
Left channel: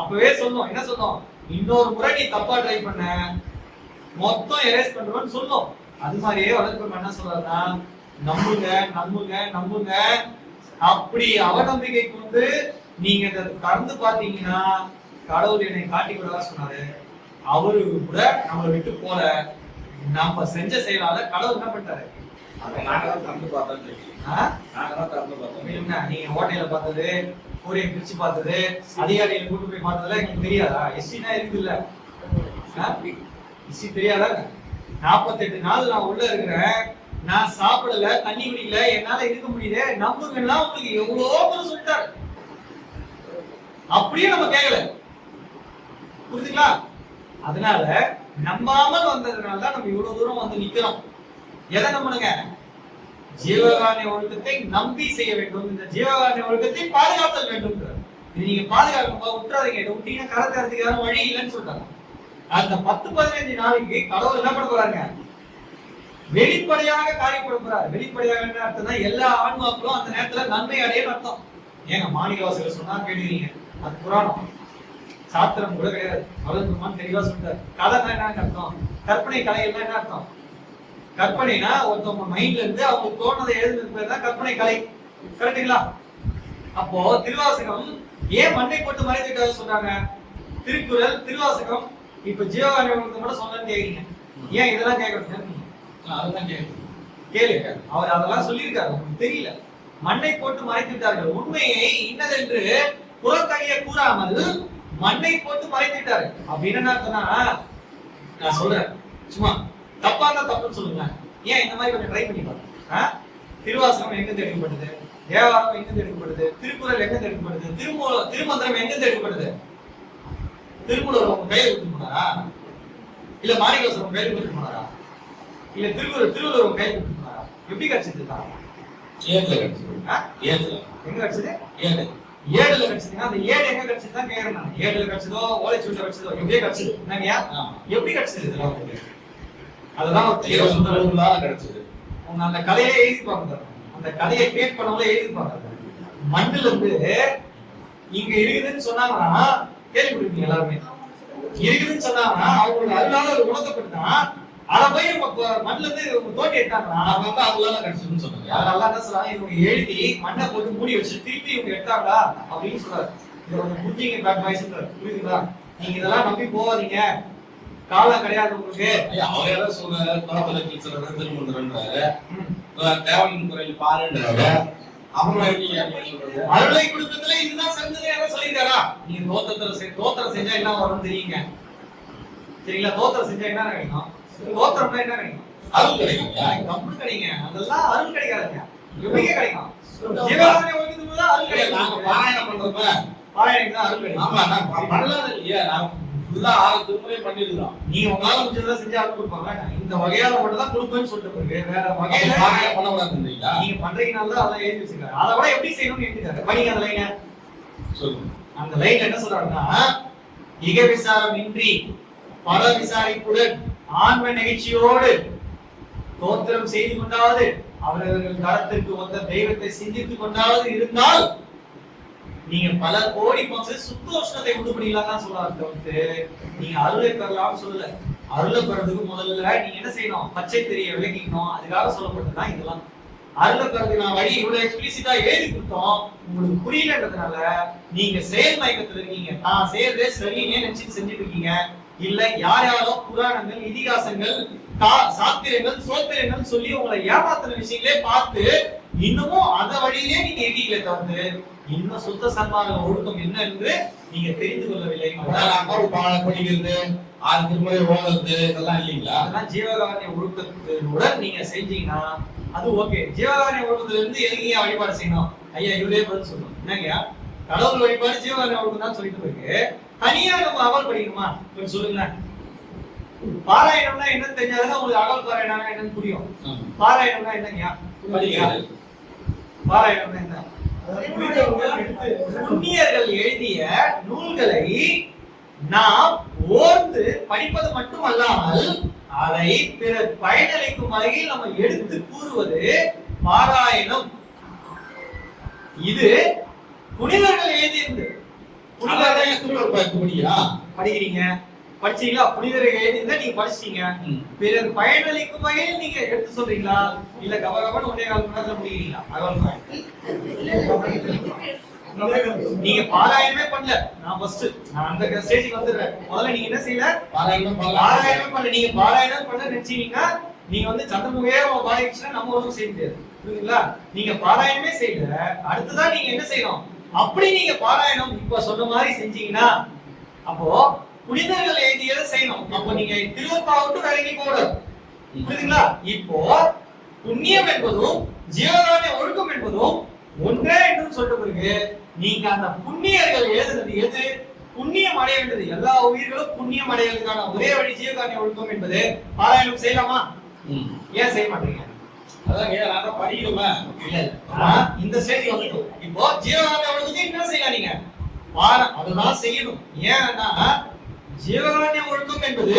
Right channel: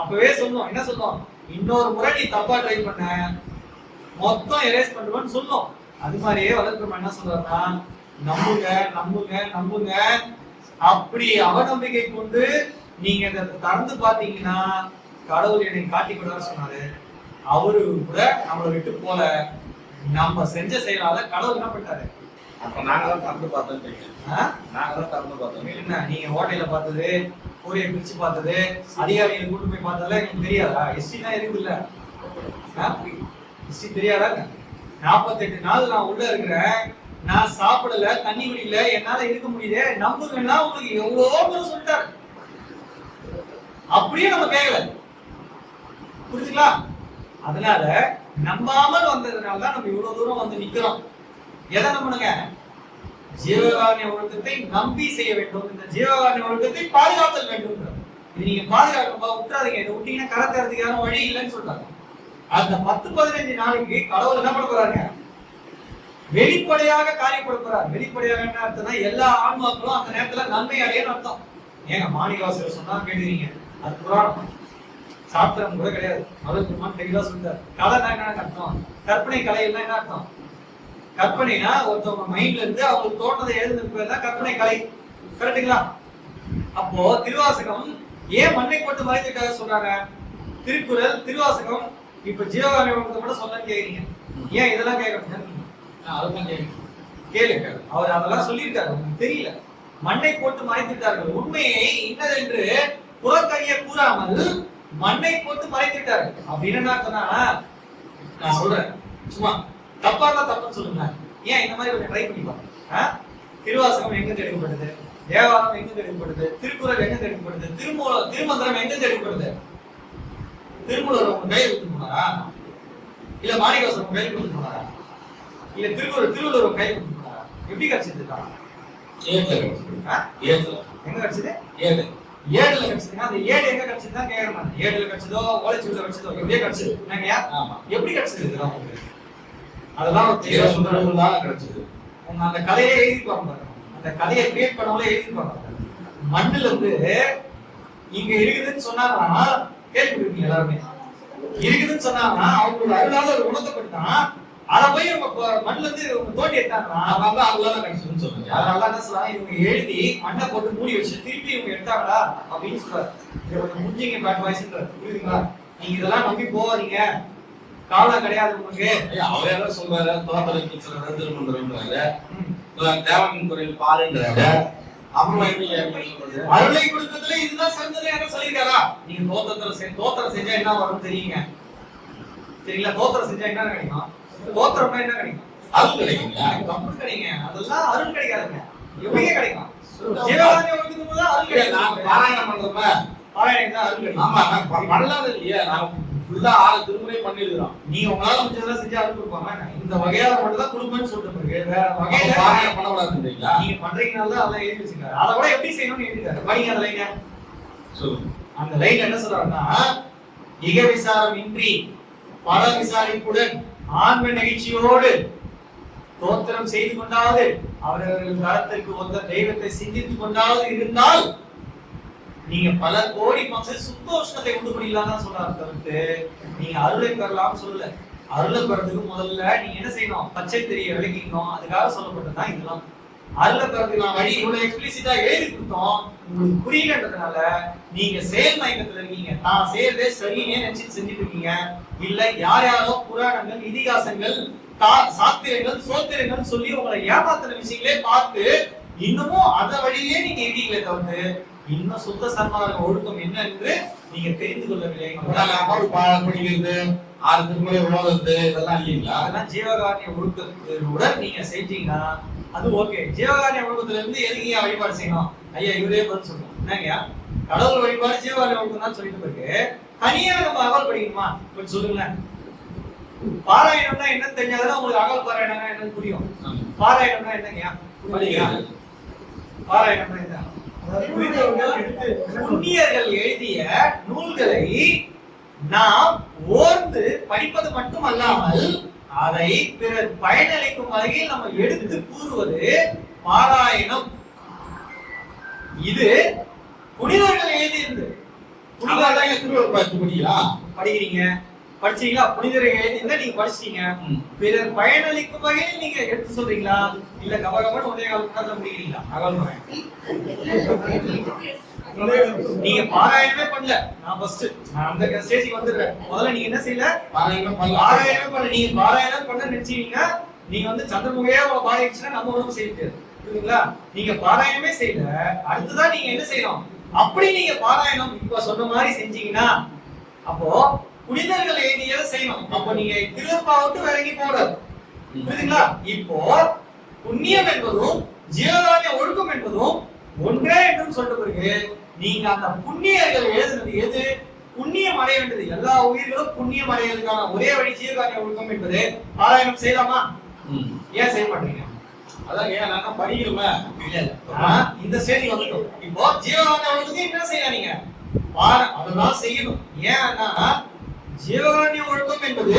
அப்பவே சொல்லும். என்ன சொல்லும்? இன்னொரு முறை நீ தப்பா ட்ரை பண்ண மொத்தம் எரேஸ் பண்ணுவேன்னு சொல்லும். அது மாதிரியே வளர்ப்பு என்ன சொல்றாருன்னா, நம்புங்க நம்புங்க நம்புங்க. அப்படி அவநம்பிக்கை கொண்டு நீங்க இதை திறந்து பாத்தீங்கன்னா கடவுள் என்னை காட்டி கொடுவார் சொன்னாரு. அவரு கூட நம்மளை விட்டு போல. நம்ம செஞ்ச செயலால கடவுள் என்ன பண்ணிட்டாரு? நீங்க ஹோட்டல்ல பார்த்தது, கூரையை பிரிச்சு பார்த்தது, அதிகாரிகளை கூட்டு போய் பார்த்ததுல எனக்கு தெரியாதா? எஸ்டி தான் இருக்குது இல்ல, எஸ்டி தெரியாதா? 48 நாள் நான் உள்ள இருக்கிறேன், நான் சாப்பிடல, தண்ணி குடிக்கல, என்னால இருக்க முடியுது, நம்புங்கன்னா உங்களுக்கு எவ்வளவோ பேர் சொல்லிட்டாரு. அப்படியே நம்ம கேட்கல. புரியுதுங்களா? அதனால நம்பாமல் வந்ததுனால தான் நம்ம இவ்வளவு தூரம் வந்து நிக்கிறோம். எதை நம்பணுங்க? ஜீவகாருண்ய ஒழுக்கத்தை நம்பி செய்ய வேண்டும். இந்த ஜீவகாருண்ய ஒழுக்கத்தை பாதுகாத்தல் வேண்டும். இது நீங்க பாதுகாக்கணும்பா, விட்டுறாதீங்க. இதை விட்டீங்கன்னா கரை தரதுக்கான வழி இல்லைன்னு சொல்றாங்க. அந்த 10-15 நாளைக்கு கடவுள் என்ன பண்ண போறாங்க? வெளிப்படையாக காரியப்பட போறார். வெளிப்படையாக என்ன அர்த்தம்னா, எல்லா ஆன்மாக்களும் அந்த நேரத்துல நன்மை அடையன்னு அர்த்தம். ஏங்க மாணிக்கவாசகர் சொன்னா கேட்டுக்கிறீங்க, அது புராணம், சாத்திரம் கூட கிடையாது. வளர்க்குமான்னு தெளிவா சொல்லிட்டாரு. கலைனா என்ன அர்த்தம்? கற்பனை கலைகள்னா என்ன அர்த்தம்? கற்பனைனா ஒருத்தவங்க மைண்ட்ல இருந்து அவங்களுக்கு தோணுதை எழுதுனது பேர் தான் கற்பனை கலை. கரெக்டுங்களா? அப்போ திருவாசகம் ஏன் மண்ணை போட்டு மறைத்துட்டாரு சொல்றாங்க? திருக்குறள், திருவாசகம், இப்ப ஜீவகாருண்ய ஒழுக்கத்தை மட்டும் சொல்லன்னு கேக்குறீங்க. ஏன் இதெல்லாம் கேட்கணும்? கேளுங்க. அவர் அதெல்லாம் சொல்லியிருக்காரு, உங்களுக்கு தெரியல. மண்ணை போட்டு மறைத்து விட்டார்கள். உண்மையை இன்னதென்று புறக்கணிய கூறாமல் மண்ணை போட்டு மறைத்து விட்டாரு. அப்படின்னு என்ன அர்த்தம்னா, நான் சொல்றேன் சும்மா தப்பா தான் தப்புன்னு சொல்லுங்க. ஏன் இந்த மாதிரி கொஞ்சம் ட்ரை பண்ணி பாருங்க. திருவாசகம் எங்க எடுக்கப்பட்டது? தேவாரம் எங்க எடுக்கப்பட்டது? திருக்குறள் எங்க எடுக்கப்பட்டது? திருமந்திரம் எங்க எடுக்கப்பட்டது? திருமூலர் உங்க கையில் விட்டு போனாரா? இல்ல மாணிக்கவாசகர் உங்க கையில் விட்டு போனாரா? இல்ல திருவள்ளுவர் உங்க கையில் விட்டு போனாரா? எப்படி கிடைச்சது? எங்க கிடைச்சது? ஏடுல கிடைச்சதுன்னா அந்த ஏடு எங்க கிடைச்சது தான் கேக்குறேன் நான். ஏடுல கிடைச்சதோ ஓலைச்சுவடில கிடைச்சதோ எப்படியே கிடைச்சது. என்னங்கயா எப்படி கிடைச்சது? இதெல்லாம் உங்களுக்கு அதெல்லாம் ஒரு சொல்றாங்க கிடைச்சது. உங்க அந்த கதையை எழுதிப்பாங்க, அந்த கதையை கிரியேட் பண்ணவங்களே எழுதிப்பாங்க. மண்ணுல இருந்து இங்க இருக்குதுன்னு சொன்னாங்கன்னா கேள்விப்பட்டிருக்கீங்க எல்லாருமே. இருக்குதுன்னு சொன்னாங்கன்னா அவங்களுக்கு அருளால ஒரு உணர்த்தப்பட்டுனா அதை போய் மண்ணுல இருந்து தோண்டி எடுத்தாங்கன்னா அவங்களால கிடைச்சதுன்னு சொல்லுங்க. அதனால என்ன சொல்றாங்க, இவங்க எழுதி மண்ணை போட்டு மூடி வச்சு திருப்பி இவங்க எடுத்தாங்களா அப்படின்னு சொல்றாரு. இதை கொஞ்சம் புரிஞ்சுங்க பேட் பாய்ஸ்ன்றாரு. புரியுதுங்களா? நீங்க இதெல்லாம் நம்பி போவாதீங்க, காலம் கிடையாது உங்களுக்கு. அவரே தான் சொல்றாரு, தோட்டத்தில் சொல்றாரு, திருமந்திரன்றாரு, தேவனின் குரல் பாருன்றாரு. அப்புறமா அருளை கொடுக்கறதுல இதுதான் சிறந்தது யாரும் சொல்லியிருக்காரா? நீங்க தோத்திரம் செஞ்சா என்ன வரும்னு தெரியுங்க. சரிங்களா? தோத்திரம் செஞ்சா என்ன கிடைக்கும்? தோத்திரம்னா என்ன கிடைக்கும்? அருள் கிடைக்கும். கம்பு கிடைக்கும். அதெல்லாம் அருள் கிடைக்காதுங்க. எப்படிங்க கிடைக்கும்? ஜீவகாருண்ய ஒழுக்கத்துக்கு போது அருள் கிடைக்கும். நாங்க பாராயணம் பண்றோமா? பாராயணம் தான் அருள் கிடைக்கும். ஆமா, நான் பண்ணலாத இல்லையா? நான் ஃபுல்லா 6 திருமுறை பண்ணிருக்கோம். நீங்க உங்களால முடிஞ்சதெல்லாம் செஞ்சு ஆர்டர் கொடுப்பாங்க. இந்த வகையால மட்டும் தான் கொடுப்பேன்னு சொல்லிட்டு பிறகு வேற வகையில பாறையில பண்ணக்கூடாதுன்றீங்களா? நீங்க பண்றீங்கனால தான் அதெல்லாம் எழுதி வச்சிருக்காரு. அதை கூட எப்படி செய்யணும்னு எழுதிருக்காரு. படிங்க அந்த லைனை. சொல்லுங்க. அந்த லைன் என்ன சொல்றாருன்னா, இக விசாரம் இன்றி பல விசாரிப்புடன் ஆன்ம நெகிழ்ச்சியோடு தோத்திரம் செய்து கொண்டாவது அவரவர்கள் தரத்திற்கு ஒத்த தெய்வத்தை சிந்தித்துக் கொண்டாவது இருந்தால் நீங்க பல கோடி பங்கு சுத்தோஷ்ணத்தை உண்டு பண்ணிடலாம் தான் சொல்றாரு. தவிர்த்து நீங்க அருளை பெறலாம் சொல்லல. அருளை பெறதுக்கு முதல்ல நீங்க என்ன செய்யணும்? பச்சை தெரிய விளக்கிக்கணும். அதுக்காக சொல்லப்பட்டதுதான் இதெல்லாம். அருளை பெறதுக்கு நான் வழி இவ்வளவு எக்ஸ்பிளிசிட்டா எழுதி கொடுத்தோம். உங்களுக்கு புரியலன்றதுனால நீங்க செயல் மயக்கத்துல இருக்கீங்க. நான் செய்யறதே சரின்னு நினைச்சு செஞ்சுட்டு இருக்கீங்க. இல்ல யார் யாரோ புராணங்கள், இதிகாசங்கள், சாத்திரங்கள், சோத்திரங்கள் சொல்லி உங்களை ஏமாத்துற விஷயங்களே பார்த்து இன்னமும் அத வழியிலே நீங்க இருக்கீங்களே தவிர்த்து இன்னும் சுத்த சன்மார்க்க ஒழுக்கம் என்ன என்று நீங்க தெரிந்து கொள்ளவில்லை. படிக்கிறது, 6 திருமுறை ஓதுறது இதெல்லாம் இல்லைங்களா? அதெல்லாம் ஜீவகாருண்ய ஒழுக்கத்துடன் நீங்க செஞ்சீங்கன்னா அது ஓகே. ஜீவகாருண்ய ஒழுக்கத்துல இருந்து எதுக்கு வழிபாடு செய்யணும்? ஐயா இவரே பதில் சொல்லணும். என்னங்கய்யா, கடவுள் வழிபாடு ஜீவகாருண்ய ஒழுக்கம் தான் சொல்லிட்டு இருக்கு. தனியா நம்ம அகல் படிக்கணுமா? கொஞ்சம் சொல்லுங்களேன். பாராயணம்னா என்னன்னு தெரிஞ்சாதான் உங்களுக்கு அகல் பாராயணம்னா என்னன்னு புரியும். பாராயணம்னா என்னங்கய்யா? பாராயணம்னா என்ன? புண்ணியர்கள் எழுதிய நூல்களை நாம் ஓர்ந்து படிப்பது மட்டுமல்லாமல் அதை பிறர் பயனளிக்கும் வகையில் நம்ம எடுத்து கூறுவது பாராயணம். இது புனிதர்கள் எழுதியிருந்து படிக்கிறீங்க, படிச்சீங்களா? புனிதர்கள் எழுதியிருந்தா நீங்க படிச்சீங்க. பிறர் பயனளிக்கும் வகையில் நீங்க எடுத்து சொல்றீங்களா? இல்ல கபகபன்னு 1.25 மணி நேரத்துல முடிக்கிறீங்களா? நீங்க பாராயணமே பண்ணல. நான் அந்த ஸ்டேஜுக்கு வந்துடுறேன். முதல்ல நீங்க என்ன செய்யல? பாராயணமே பண்ணல. நீங்க பாராயணம் பண்ண நினைச்சீங்க. நீங்க சந்திரமுகையே பாதிச்சுன்னா நம்ம ஒன்றும் செய்ய முடியாது. புரியுதுங்களா? நீங்க பாராயணமே செய்யல. அடுத்துதான் நீங்க என்ன செய்யணும்? அப்படி நீங்க பாராயணம் இப்ப சொன்ன மாதிரி செஞ்சீங்கன்னா அப்போ புனிதர்கள் எழுதியதை செய்யணும். அப்ப நீங்க திருவற்பாவிட்டு வேற எங்கேயும் போடாது. புரியுதுங்களா? இப்போ புண்ணியம் என்பதும் ஜீவகாருண்ய ஒழுக்கம் என்பதும் ஒன்றே என்று சொல்லிட்டு பிறகு நீங்க அந்த புண்ணியர்கள் எழுதுனது எது? புண்ணியம் அடைய வேண்டியது. எல்லா உயிர்களும் புண்ணியம் அடைவதற்கான ஒரே வழி ஜீவகாருண்ய ஒழுக்கம் என்பது பாராயணம் செய்யலாமா? ஏன் செய்ய மாட்டீங்க? அதான் ஏன் நான் படிக்கிறோமே. இல்ல இந்த ஸ்டேஜ் வந்துட்டோம். இப்போ ஜீவகாருண்ய ஒழுக்கத்தை என்ன செய்யலாம்? நீங்க அதெல்லாம் செய்யணும். ஏன்னா ஜீவகாருண்ய ஒழுக்கம் என்பது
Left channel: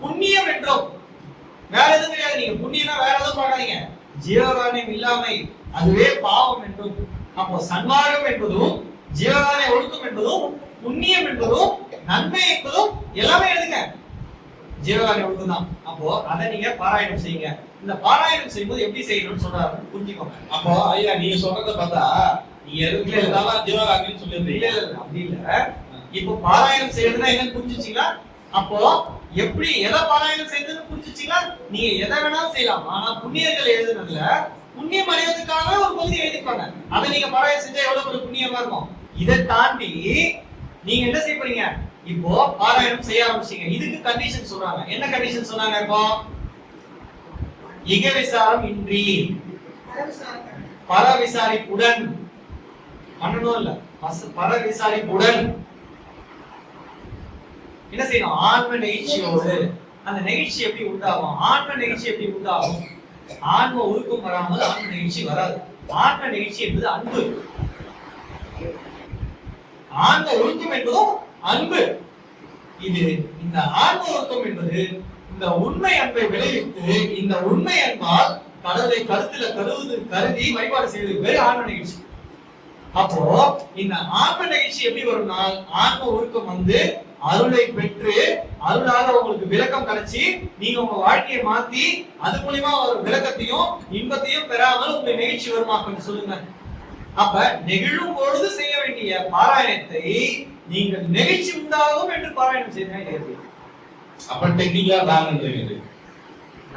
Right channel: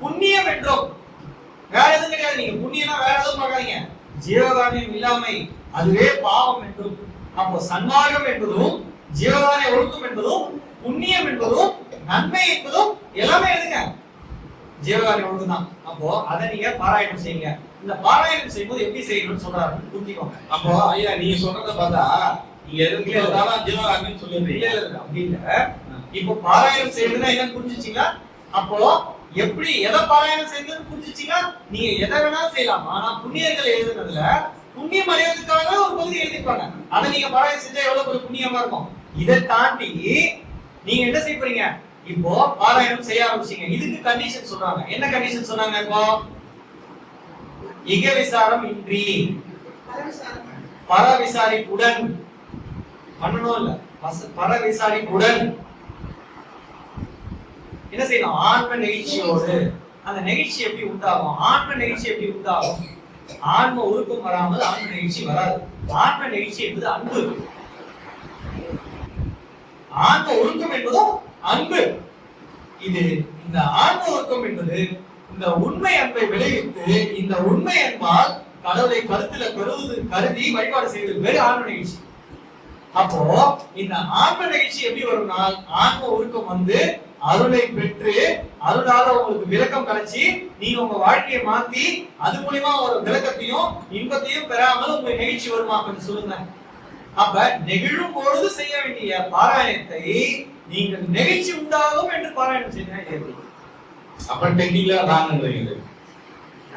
புண்ணியம் என்றும் வேற எதுவும் கிடையாது. நீங்க புண்ணியம்னா வேற எதுவும் பார்க்காதீங்க. ஜீவகாருண்யம் இல்லாமை அதுவே பாவம் என்றும். அப்போ சன்மார்க்கம் என்பதும் ஜீவகாருண்ய ஒழுக்கம் என்பதும் புண்ணியம் என்பதும் நன்மை என்பதும் எல்லாமே எழுதுங்க. ஜீவகாருண்ய ஒழுக்கம் தான். அப்போ அதை நீங்க பாராயணம் செய்யுங்க. இந்த பாராயணம் செய்யும்போது எப்படி செய்யணும்னு சொல்றாரு, புரிஞ்சுக்கோங்க. அப்போ ஐயா நீங்க சொல்றத பார்த்தா நீங்க எதுவும் ஜீவகாருண்யம் சொல்லிடுறீங்க. இல்ல அப்படி இல்ல. இப்போ பாராயணம் செய்யறதுன்னா என்னன்னு புரிஞ்சுச்சீங்களா? அப்போ எப்படி எதை பாராயணம் செய்யறதுன்னு புரிஞ்சுச்சீங்களா? நீங்க எதை வேணாலும் செய்யலாம். ஆனா புண்ணியர்கள் எழுதுனதுல புண்ணியம் அடைவதற்காக ஒரு பகுதி எழுதிப்பாங்க. அதை நீங்க பாராயணம் செஞ்சா எவ்வளவு ஒரு புண்ணியமா இருக்கும். இதை தாண்டி நீங்க என்ன செய்ய போறீங்க? இப்போ பாராயணம் செய்ய ஆரம்பிச்சீங்க. இதுக்கு கண்டிஷன் சொல்றாங்க. என்ன கண்டிஷன் சொன்னாங்க? இப்போ இக விசாரம் இன்றி பர விசாரிப்புடன் பண்ணணும். இல்ல பர விசாரிப்புடன் என்ன செய்யணும்? ஆன்ம நெகிழ்ச்சியோடு. அந்த நெகிழ்ச்சி எப்படி உண்டாகும்? ஆன்ம நெகிழ்ச்சி எப்படி உண்டாகும்? ஆன்ம உருக்கம் வராமல் ஆன்ம நெகிழ்ச்சி வராது. ஆன்ம நெகிழ்ச்சி என்பது அன்பு. ஆன்ம ஒழுக்கம் என்பதும் அன்பு. இது இந்த ஆன்ம ஒழுக்கம் என்பது இந்த உண்மை அன்பை விளைவித்து இந்த உண்மை அன்பால் கடவுளை கருத்துல கருதி வழிபாடு செய்வது பேரு ஆன்ம நிகழ்ச்சி. அப்போ இந்த ஆன்ம நிகழ்ச்சி எப்படி வரும்னா ஆன்ம ஒழுக்கம் அருளை பெற்று அருளால உங்களுக்கு விளக்கம் கிடைச்சி நீங்க உங்க வாழ்க்கையை மாத்தி அது மூலியமா ஒரு விளக்கத்தையும் இன்பத்தையும் பெறாமல் உங்க நிகழ்ச்சி வருமா? கொஞ்சம் சொல்லுங்க. அப்ப நெகிழும் பொழுது செய்ய வேண்டிய பாராயணத்தை நீங்கள் நெகிழ்ச்சி உண்டாகும் என்று பாராயணம் செய்தீங்க. அப்ப டெக்னிக்கலா ராங்கன்றீங்க.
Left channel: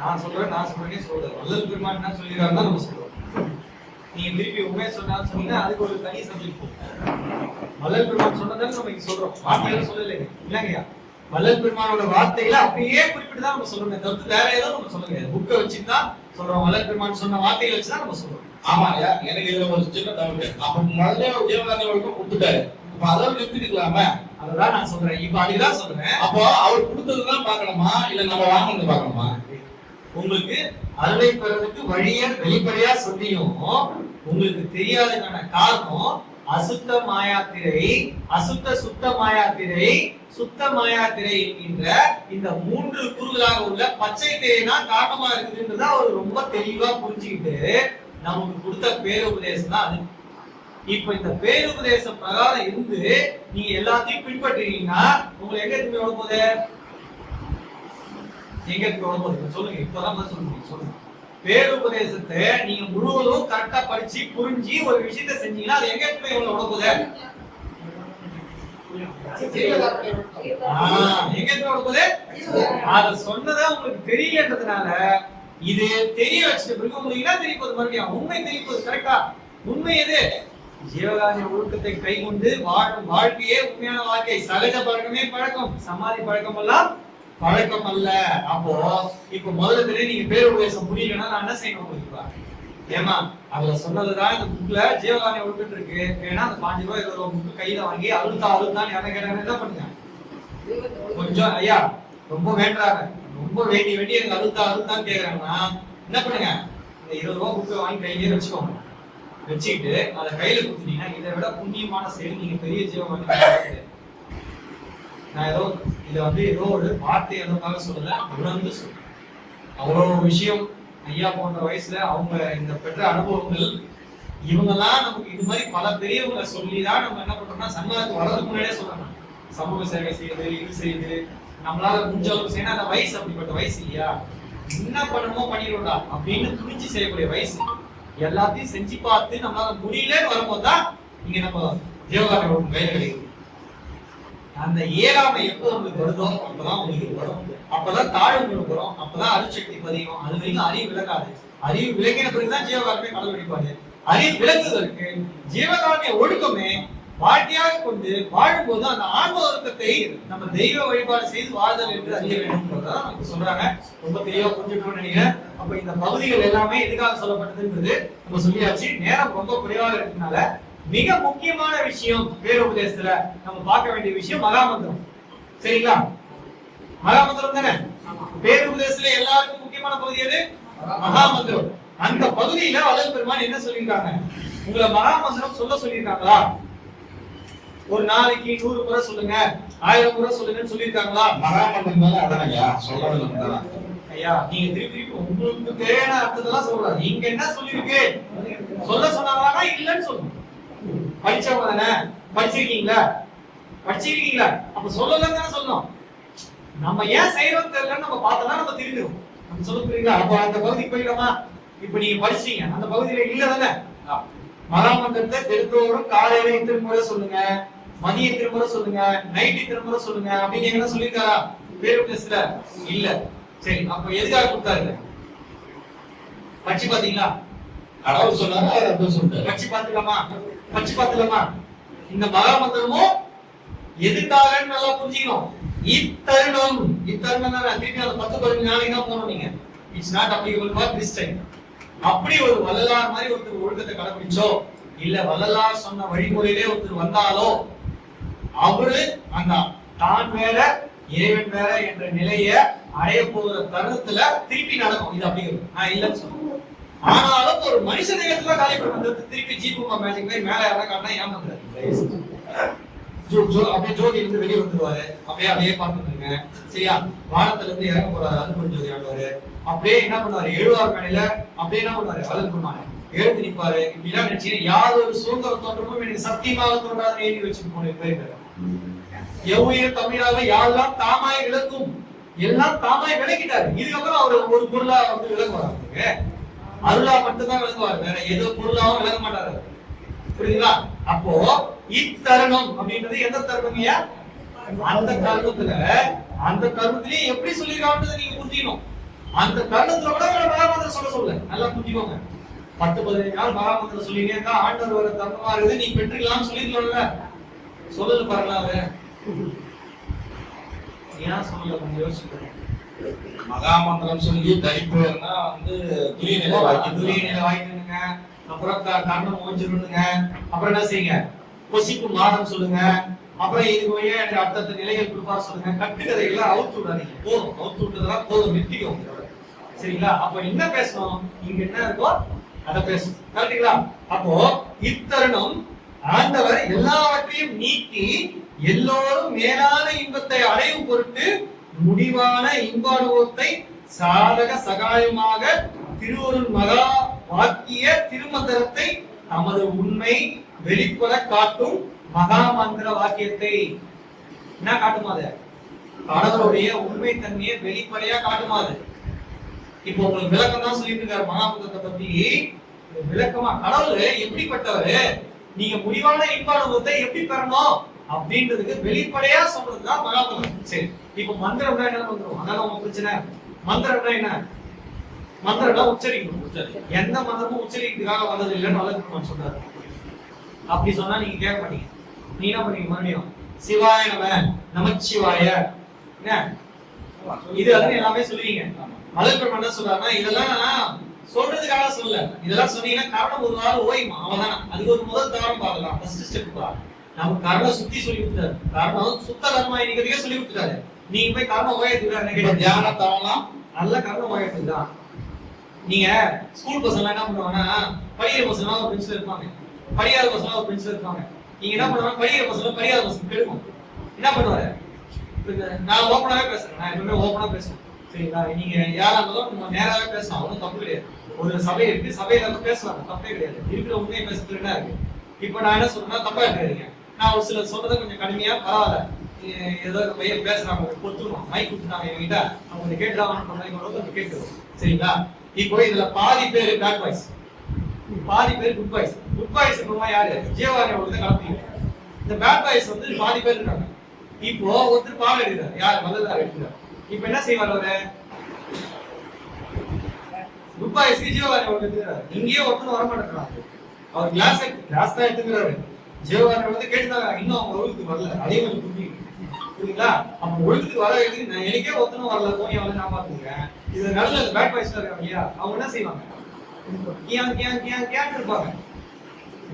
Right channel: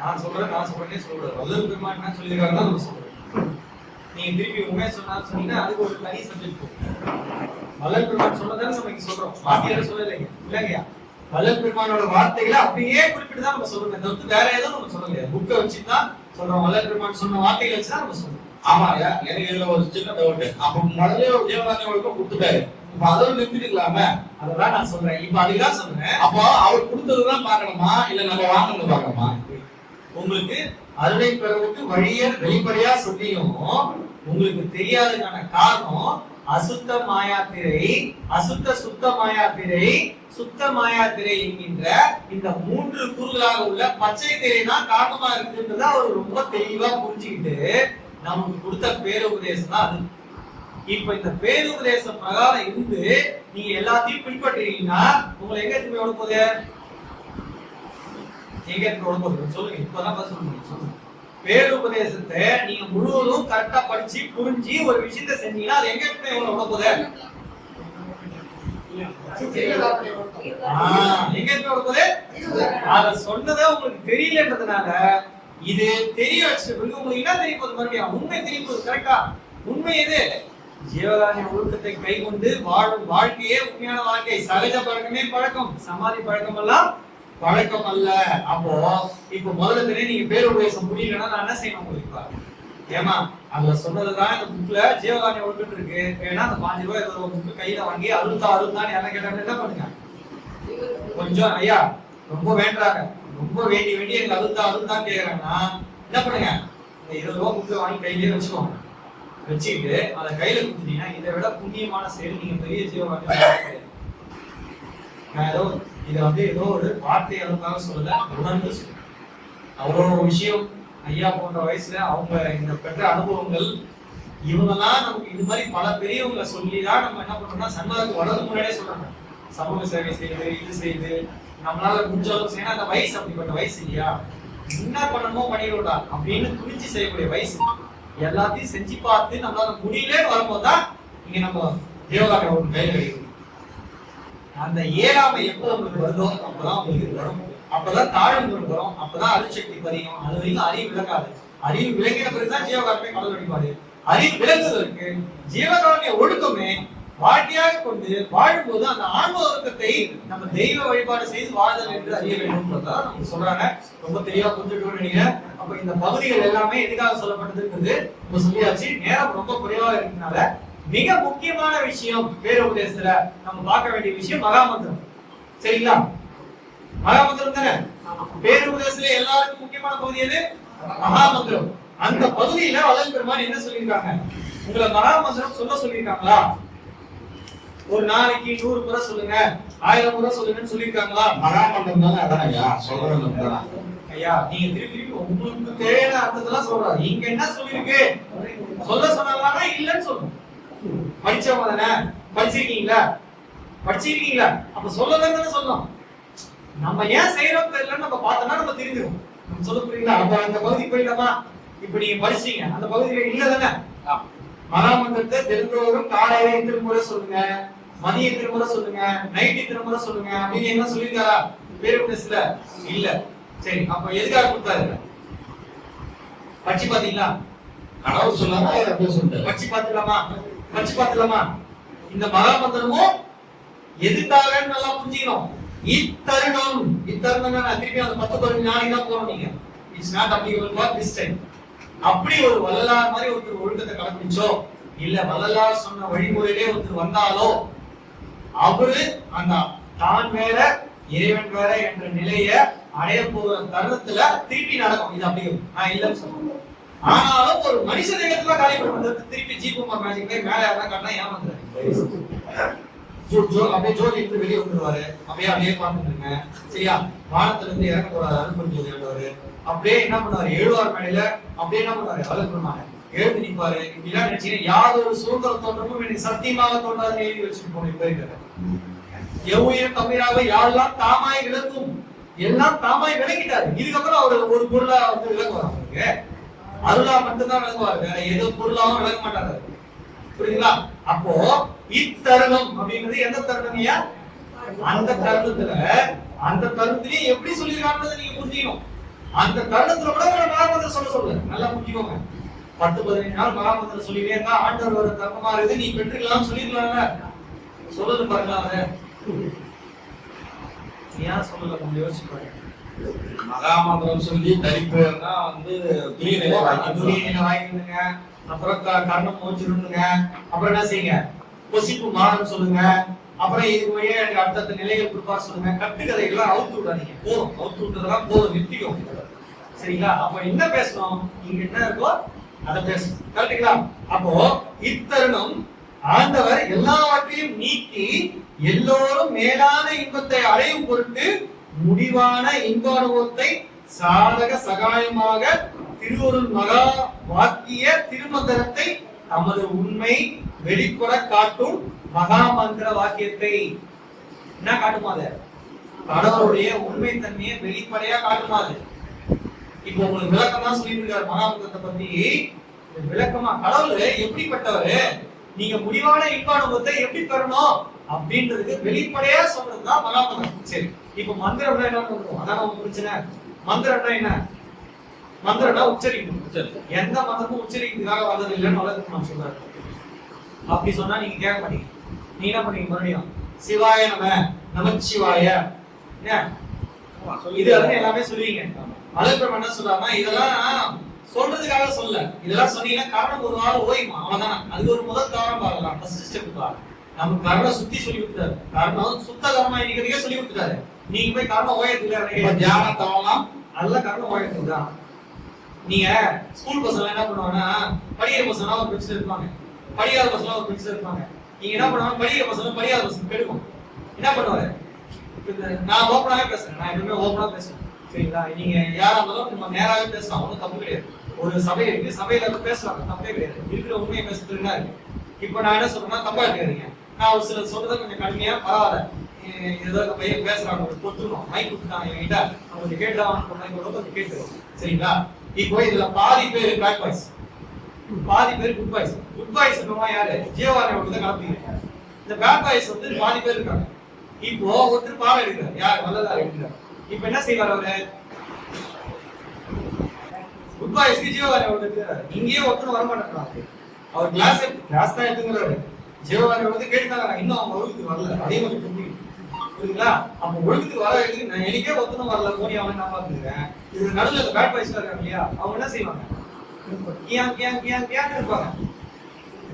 நான் சொல்றேனே சொல்றேன். வள்ளல் பெருமான் என்ன சொல்லிருக்காரு தான் நம்ம சொல்றோம். நீங்க திருப்பி உண்மையை சொன்னீங்கன்னா அதுக்கு ஒரு தனி சப்ஜெக்ட் போகும். வள்ளல் பெருமான் சொன்னதால நம்ம இங்க சொல்றோம். வார்த்தைகளை சொல்லலைங்க. இல்லைங்கய்யா, வள்ளல் பெருமானோட வார்த்தைகளை அப்படியே குறிப்பிட்டு தான் நம்ம சொல்றோம். தவிர்த்து வேற ஏதோ நம்ம சொல்ல முடியாது. புக்கை வச்சுதான் சொல்றோம். வள்ளல் பெருமான் சொன்ன வார்த்தைகளை வச்சுதான் நம்ம சொல்றோம். ஆமாயா, எனக்கு இதுல ஒரு சின்ன டவுட். அப்ப முதல்ல ஒரு ஜீவகாருண்ய ஒழுக்கம் கொடுத்துட்டாரு, இப்ப அதோட நிறுத்திக்கலாமே? அததான் நான் சொல்றேன். இப்ப அதுக்குதான் சொல்றேன். அப்போ அவர் கொடுத்ததுதான் பார்க்கணுமா இல்ல நம்ம வாங்கினது பார்க்கணுமா? உங்களுக்கு அருளை பெறதுக்கு வழிய வெளிப்படையா சொல்லியும் உங்களுக்கு தெரியாததுக்கான காரணம் அசுத்த மாயாத்திரை, அசுத்த சுத்த மாயாத்திரை, சுத்த மாயாத்திரை என்கின்ற இந்த 3 கூறுகளாக உள்ள பச்சை திரைனா காரணமா இருக்குதுன்றத அவர் ரொம்ப தெளிவா புரிஞ்சுக்கிட்டு நமக்கு கொடுத்த பேருபதேசம் தான் அது. இப்ப இந்த பேருபதேசம் பிரகாரம் இருந்து நீங்க எல்லாத்தையும் பின்பற்றீங்கன்னா உங்களை எங்க திரும்பி ஓட போகுது? எங்க திரும்பி ஓட போகுது சொல்லுங்க. இப்பதான் சொல்லுங்க. பேருபதேசத்தை நீங்க முழுவதும் கரெக்டா படிச்சு புரிஞ்சு ஒரு விஷயத்தை செஞ்சீங்கன்னா அது எங்க திரும்பி உங்களை ஓட போகுது? எங்க திரும்பி ஓட போகுது? அத சொன்னதை உங்களுக்கு தெரியலன்றதுனால இது தெரிய வச்சுட்டு பிறகு உங்களுக்கு என்ன தெரிய போகுது? மறுபடியும் உண்மை தெரிய போகுது. கரெக்டா? உண்மை எது? ஜீவகாருண்ய ஒழுக்கத்தை கை கொண்டு வாழும் வாழ்க்கையே உண்மையான வாழ்க்கை. சகஜ பழக்கமே பழக்கம், சமாதி பழக்கம் எல்லாம் பழக்கம் அல்ல. அப்போ இப்ப முதல்ல தெரியும் நீங்க பேருபதேசம் புரியலன்னா நான் என்ன செய்யணும் உங்களுக்கு? ஏமா அதுல சொன்னதுதான் இந்த புக்ல ஜீவகாருண்ய ஒழுக்கம் இருக்கு. ஏன்னா அந்த 5 ரூபாய் 20 ரூபாய் புக்கு கையில வாங்கி அருள்தான் யாரும் கேட்டாங்க என்ன பண்ணுங்க? கொஞ்சம் ஐயா ரொம்ப வேண்டாங்க, ரொம்ப வேண்டி எனக்கு அருள்தான் கேக்குறாங்கன்னா என்ன பண்ணுங்க? இந்த 20 ரூபாய் புக்கு வாங்கி கையிலேயே வச்சுக்கோங்க. வச்சுக்கிட்டு அதை கையில கொடுத்துட்டீங்கன்னா இதை விட புண்ணியமான செயல் நீங்க பெரிய ஜீவகாருண்யம். நான் ஏதோ ஒரு வார்த்தை அளவுக்காக சொல்லல, உணர்ந்து சொல்றேன். அவ்வளோ விஷயம் ஐயா போன்ற வயசுல அவங்க இந்த பெற்ற அனுபவங்கள் இவங்கெல்லாம் நமக்கு இது மாதிரி பல பெரியவங்களை சொல்லிதான் நம்ம என்ன பண்றோம்னா சன்மார்க்கு வர்றதுக்கு முன்னாடியே சொல்றாங்க. சமூக சேவை செய்து இது செய்து நம்மளால முடிஞ்ச அளவுக்கு செய்யணும். அந்த வயசு அப்படிப்பட்ட வயசு இல்லையா? என்ன பண்ணணுமோ பண்ணிடும்டா அப்படின்னு துணிஞ்சு செய்யக்கூடிய வயசு. எல்லாத்தையும் செஞ்சு பார்த்து நம்மளால முடியலன்னு வரும்போது தான் இங்க நம்ம ஜீவகாருண்ய ஒழுக்கம் கையில கிடைக்குது. அந்த ஏழாமை எப்போ உங்களுக்கு வருதோ அப்பதான் உங்களுக்கு வரும். அப்பதான் தாழ்வு வரும். அப்பதான் அருட்சக்தி பதியும். அது வரைக்கும் அறிவு விளக்காது. அறிவு விளங்கின பிறகுதான் ஜீவகாருண்யமே கடல் வழிபாடு. அறிவு விளங்குவதற்கு ஜீவகாருண்ய ஒழுக்கமே வாழ்க்கையாக கொண்டு வாழும்போது அந்த ஆன்ம ஒழுக்கத்தை நம்ம தெய்வ வழிபாடு செய்து வாழ்தல் என்று அறிய வேண்டும் நமக்கு சொல்றாங்க. ரொம்ப தெளிவா புரிஞ்சுட்டு நினைக்கிறேன். அப்ப இந்த பகுதிகள் எல்லாமே எதுக்காக சொல்லப்பட்டதுன்றது நம்ம சொல்லியாச்சு. நேரம் ரொம்ப குறைவாக இருக்கிறதுனால மிக முக்கியமான விஷயம் பேருபதேசத்துல நம்ம பார்க்க வேண்டிய விஷயம் மகாமந்திரம். சரிங்களா? மகாமந்திரம் தானே பேருபதேசத்துல எல்லாருக்கும் முக்கியமான பகுதி எது? மகாமந்திரம். அந்த பகுதியில வள்ளல் பெருமான் என்ன சொல்லியிருக்காங்க? உங்களை மகாமந்திரம் சொல்ல சொல்லியிருக்காங்களா? ஒரு நாளைக்கு 100 முறை சொல்லுங்க, 1000 முறை சொல்லுங்கன்னு சொல்லியிருக்காங்களா? மகாமந்திரம் தானே அதான் ஐயா சொல்றது. ஐயா நீங்க திருப்பி உங்களுக்கு தேவையான அர்த்தத்தெல்லாம் சொல்றாரு. இங்க என்ன சொல்லிருக்கு? சொல்ல சொன்னாங்களா? இல்லன்னு சொல்லணும். படிச்சவங்க தானே, படிச்சிருக்கீங்களா? அப்ப சொல்லலன்னு தானே சொல்லணும். நம்ம ஏன் செய்யறோம் தெரியல நம்ம பார்த்தோம்னா நம்ம தெரிஞ்சிடும். நம்ம சொல்ல புரியுங்களா? அப்ப அந்த பகுதிக்கு போயிடலாமா? இப்ப நீங்க படிச்சீங்க அந்த பகுதியில இல்ல தானே? மகாமந்திரத்தை தெரிந்தவரும் காலையில திருமுறை சொல்லுங்க, மதிய திருமுறை சொல்லுங்க, நைட்டு திருமுறை சொல்லுங்க அப்படின்னு என்ன சொல்லியிருக்காரா பேருபதேசத்துல? இல்ல. சரி, அப்ப எதுக்காக கொடுத்தாரு? படிச்சு பாத்தீங்களா? கடவுள் சொன்னாங்க. படிச்சு பாத்துலாமா? இந்த மகாமந்திரமும் எதுக்காக நல்லா புரிஞ்சுக்கணும். இத்தருணம் திருப்பி அந்த 10-15 நாளைக்கு தான் போறோம். நீங்க it's not applicable for this time. அப்படி ஒரு வள்ளலார் மாதிரி ஒருத்தர் ஒழுக்கத்தை கடைபிடிச்சோ இல்ல வள்ளலார் சொன்ன வழிமுறையிலே ஒருத்தர் வந்தாலோ அவரு அந்த தான் வேற இறைவன் வேற என்ற நிலைய அடைய போகிற தருணத்துல திருப்பி நடக்கும். இது அப்படி நான் இல்லைன்னு சொல்றேன். ஆனாலும் ஒரு மனுஷ தேகத்துல காரியப்படும் வந்து திருப்பி ஜீபூமா மேஜிக் போய் மேல யாரெல்லாம் காட்டினா ஏமாந்துறாரு. அப்படியே ஜோதி இருந்து வெளியே வந்துருவாரு. அப்படியே பார்த்துருங்க. சரியா? வானத்துல இருந்து இறங்க போறாரு அனுப்பும் ஜோதி ஆடுவாரு. அப்படியே என்ன பண்ணுவாரு? எழுவார் மேடையில அப்படியே என்ன பண்ணுவாரு? வளர்ப்புமாரு எழுந்து நிற்பாரு. இப்படிலாம் நினைச்சீங்கன்னா யாதொரு சுதந்திர தோற்றமும் எனக்கு சத்தியமாக தோன்றாதுன்னு எழுதி வச்சுட்டு போயிருக்காரு. எவ்வுயிர் தமிழாக யாரெல்லாம் தாமாய் விளக்கும் எல்லாம் தாமாய் விளக்கிட்டாரு. இதுக்கப்புறம் அவர் ஒரு பொருளா வந்து விளங்குவாரு. அருளா மட்டும்தான் விளங்குவார், வேற ஏதோ பொருளாவும் விளங்க மாட்டாரு. புரியுதுங்களா? அப்போ இத்தருணம் அப்படின்றது எந்த தருணம்யா? அந்த தருணத்திலேயே எப்படி சொல்லிருக்காங்கன்றதை நீங்க புரிஞ்சுக்கணும். அந்த தருணத்துல கூட உங்களை மகாமந்திரம் சொல்ல நல்லா புரிஞ்சுக்கோங்க. 10-15 நாள் மகாமந்திரம் சொல்லிட்டே இருந்தா ஆண்டவர் வர தருணமா இருக்குது, நீ பெற்றுக்கலாம் சொல்லிருக்கலாம்ல. சொல்லது பாருங்களா? அதை ஏன் சொல்லல? கொஞ்சம் யோசிச்சு பாருங்க. மகாமந்திரம் சொல்லி தனிப்பேர்னா வந்து துரிய நிலை வாய்க்கணுங்க. அப்புறம் கர்ணம் ஓஞ்சிருங்க, அப்புறம் என்ன செய்யுங்க, பொசிப்பு மானம் சொல்லுங்க, அப்புறம் இதுக்கு வழியா எனக்கு அடுத்த நிலைகள் கொடுப்பார் சொல்லுங்க. கட்டுக்கதைகள்லாம் அவுத்து விடாதீங்க, போதும். அவுத்து விட்டதெல்லாம் போதும், நிறுத்திக்கோங்க. சரிங்களா? அப்ப என்ன பேசணும், இங்க என்ன இருக்கோ அதை பேசணும். கரெக்டுங்களா? அப்போ இத்தருணம் ஆண்டவர் எல்லாவற்றையும் நீக்கி எல்லோரும் மேலான இன்பத்தை அடையும் பொருட்டு முடிவான இன்ப அனுபவத்தை சாதக சகாயமாக திருவருள் மகா வாக்கிய திருமந்திரத்தை நமது உண்மை வெளிப்பட காட்டும் மகா மந்திர வாக்கியத்தை என்ன காட்டுமாது? கடவுளுடைய உண்மை தன்மையை வெளிப்படையா காட்டுமாது. இப்போ உங்களுக்கு விளக்கம் தான் சொல்லிட்டு இருக்காரு மகாமந்திரத்தை பத்தி. விளக்கமா கடவுள் எப்படிப்பட்டவரு, நீங்க முடிவான இன்ப அனுபவத்தை எப்படி பெறணும் அப்படின்றதுக்கு வெளிப்படையா சொல்றதுதான் மகாமந்திரம். சரி, இப்ப மந்திரம்னா என்ன வந்துடும்? அதான் உங்க பிரச்சனை. மந்திரம்னா என்ன? மந்திரம்னா உச்சரிக்கணும். எந்த மந்திரமும் உச்சரிக்கிறதுக்காக வந்தது இல்லைன்னு வளர்த்து நான் சொல்றாரு. அப்படி சொன்னா நீங்க கேட்க மாட்டீங்க. நீ என்ன பண்ணீங்க? மறுபடியும் சிவாய நம, நமச்சிவாய, என்ன இது அதுன்னு எல்லாமே சொல்லுவீங்க. மலர்பெருமான் என்ன சொல்றாருன்னா, இதெல்லாம் சொல்றதுக்காக சொல்ல, இதெல்லாம் சொன்னீங்கன்னா காரணம் ஒரு நாள் ஓய்மா அவன். அதுக்கு ஒரு முதல் தாரம் பாருலாம், ஃபர்ஸ்ட் ஸ்டெப் பாரு. நமக்கு காரணம் சுத்தி சொல்லி கொடுத்தாரு, காரணம் சுத்த கர்மமா இருக்கிறதுக்கே சொல்லி கொடுத்துட்டாரு. நீங்க போய் காரணம் ஓயத்துக்கு தியானத்தாவலாம் நல்ல காரணம் ஓயத்துக்கு தான். நீங்க ஸ்கூல் பசங்க என்ன பண்ணுவாங்கன்னா, படிக்கிற பசங்க ஒரு பெஞ்சில் இருப்பாங்க, படியாத பசங்க ஒரு பெஞ்சில் இருப்பாங்க. நீங்க என்ன பண்ணுவாங்க, படிக்கிற பசங்க படியாத பசங்க கெடுக்கும். என்ன பண்ணுவாரு? நான் ஓப்பனாவே பேசுறேன், நான் எப்பவுமே ஓப்பனா பேசுவேன். சரிங்களா? நீங்க யாரா இருந்தாலும் நம்ம நேராவே பேசலாம், ஒன்றும் தப்பு கிடையாது. ஒரு சபை இருக்கு, சபையில பேசுவாங்க, தப்பே கிடையாது. இருக்கிற உண்மையை பேசுறது என்ன இருக்கு? இப்போ நான் என்ன சொல்றேன்னா, தப்பா எடுத்துக்கிறீங்க. நான் ஒரு சில சொல்றதை கொஞ்சம் கடுமையா, பரவாயில்ல, ஏதோ இந்த பையன் பேசுறாங்க, பொத்துக்கணும், மைக் கொடுத்துட்டாங்க என்கிட்ட, அவங்க கொஞ்சம் கேட்டுதாகன்ற மாதிரி கொஞ்சம் கேட்டுருவோம். சரிங்களா? இப்போ இதுல பாதி பேர் பேட் பாய்ஸ், பாதி பேர் குட் பாய்ஸ். குட் பாய்ஸ் இருக்கவங்க யாரு? ஜீவானியோட தான் கலப்பீங்க. இந்த பேட் பாய்ஸ் வந்து பாதி பேர் இருக்காங்க. இப்போ ஒருத்தர் பாடம் எடுக்கிறார், யார்? வல்லதார் எடுக்கிறார். இப்போ என்ன செய்வார் அவரு? குட் பாய்ஸ்க்கு ஜீவானியோட எடுக்கிறாரு. இங்கேயே ஒருத்தர் வர மாட்டேங்கிறாரு. அவர் கிளாஸ் தான் எடுத்துக்கிறாரு. ஜீவானியோட வந்து கேட்டுதாங்க, இன்னும் அவங்க ஒழுங்குக்கு வரல. அதே கொஞ்சம் புரியுதுங்களா? அப்ப ஒழுங்குக்கு வர நான் எனக்கே ஒருத்தனும் வரல, போனி அவனை நான் பாத்துக்கிறேன். இது நடுவில் இந்த பேட் பாய்ஸ்ல இருக்காங்க இல்லையா, அவங்க என்ன செய்வாங்க? கியாங் கியாங் கியாங் கியாங் இருப்பாங்க.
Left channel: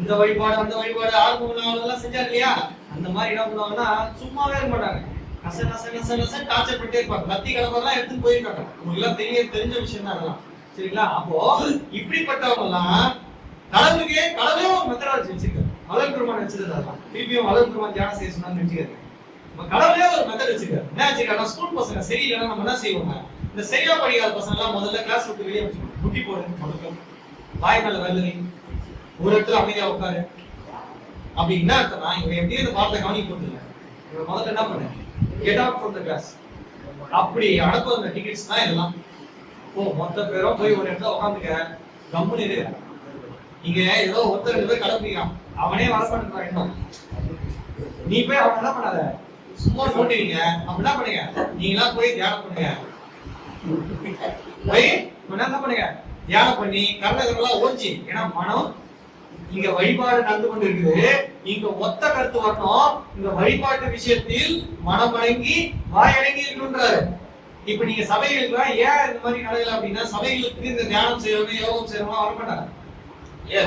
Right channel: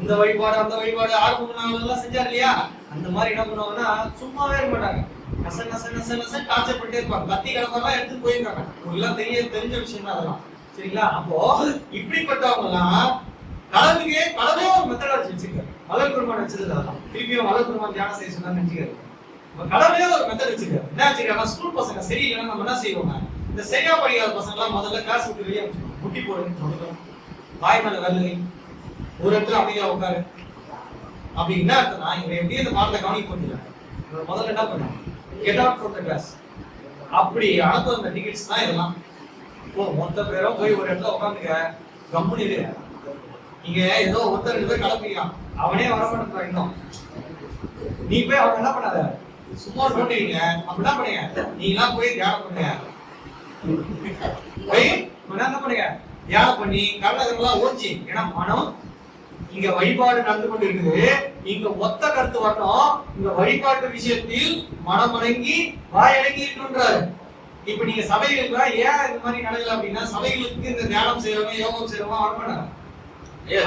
இந்த வழிபாடு அந்த வழிபாடு ஆரம்ப நாளெல்லாம் செஞ்சாரு இல்லையா, அந்த மாதிரி என்ன பண்ணுவாங்கன்னா சும்மாவே இருக்க மாட்டாங்க. நச நச நச நச டார்ச்சர் பண்ணிட்டே இருப்பாங்க. கத்தி கடப்பெல்லாம் எடுத்து போயிருக்காங்க. உங்களுக்கு எல்லாம் தெரிஞ்ச விஷயம் தான் அதெல்லாம். சரிங்களா? அப்போ இப்படிப்பட்டவங்க எல்லாம் கடவுளே ஒரு மெத்தடாலஜி வச்சிருக்காரு. மலர்பெருமான் வச்சது அதெல்லாம். திருப்பியும் மலர்பெருமான் தியானம் செய்ய சொன்னான்னு நினைச்சுக்காரு. கடவுளே ஒரு மெத்தட் வச்சிருக்காரு. என்ன வச்சிருக்காங்க? ஸ்கூல் பசங்க சரியில்லைன்னா நம்ம என்ன செய்வோங்க, இந்த சரியா படிக்காத பசங்க எல்லாம் முதல்ல கிளாஸ் விட்டு வெளியே வச்சுக்கணும். முட்டி போடு, முதல்ல வாய் மேல வரலை, ஒரு இடத்துல அமைதியா உட்காரு. அப்படி என்ன அர்த்தம்னா, இவன் எப்படியும் இந்த பாடத்தை கவனிக்க போறதில்லை, முதல்ல என்ன பண்ண, get out from the class. அப்படி அனுப்புற அந்த டிக்கெட்ஸ் தான் இதெல்லாம். மொத்த பேரும் போய் ஒரு இடத்துல உட்காந்துக்க, கம்முன்னு இரு. நீங்க ஏதோ ஒருத்தர் 2 பேர் கலப்பிக்கிறான், அவனே வர மாட்டேங்கிறான். இன்னும் நீ போய் அவன் என்ன பண்ணாத, சும்மா நோட்டுவீங்க. அப்ப என்ன பண்ணுங்க, நீங்களா போய் தியானம் பண்ணுங்க. போய் என்ன பண்ணுங்க, தியானம் பண்ணி கர்ணகரெல்லாம் ஓஞ்சி. ஏன்னா மனம் இங்க வழிபாடு நடந்து கொண்டு இருக்குது, இங்க ஒத்த கருத்து வரணும். இங்க வழிபாட்டு விஷயத்தில் மனம் அடங்கி வாய் அடங்கி இருக்கணும்ன்றாரு. இப்ப நீங்க சபைகளுக்கு ஏன் இந்த மாதிரி நடக்கல அப்படின்னா, சபைகளுக்கு இந்த தியானம் செய்யறவங்க யோகம் செய்யறவங்க வரமாட்டாங்க.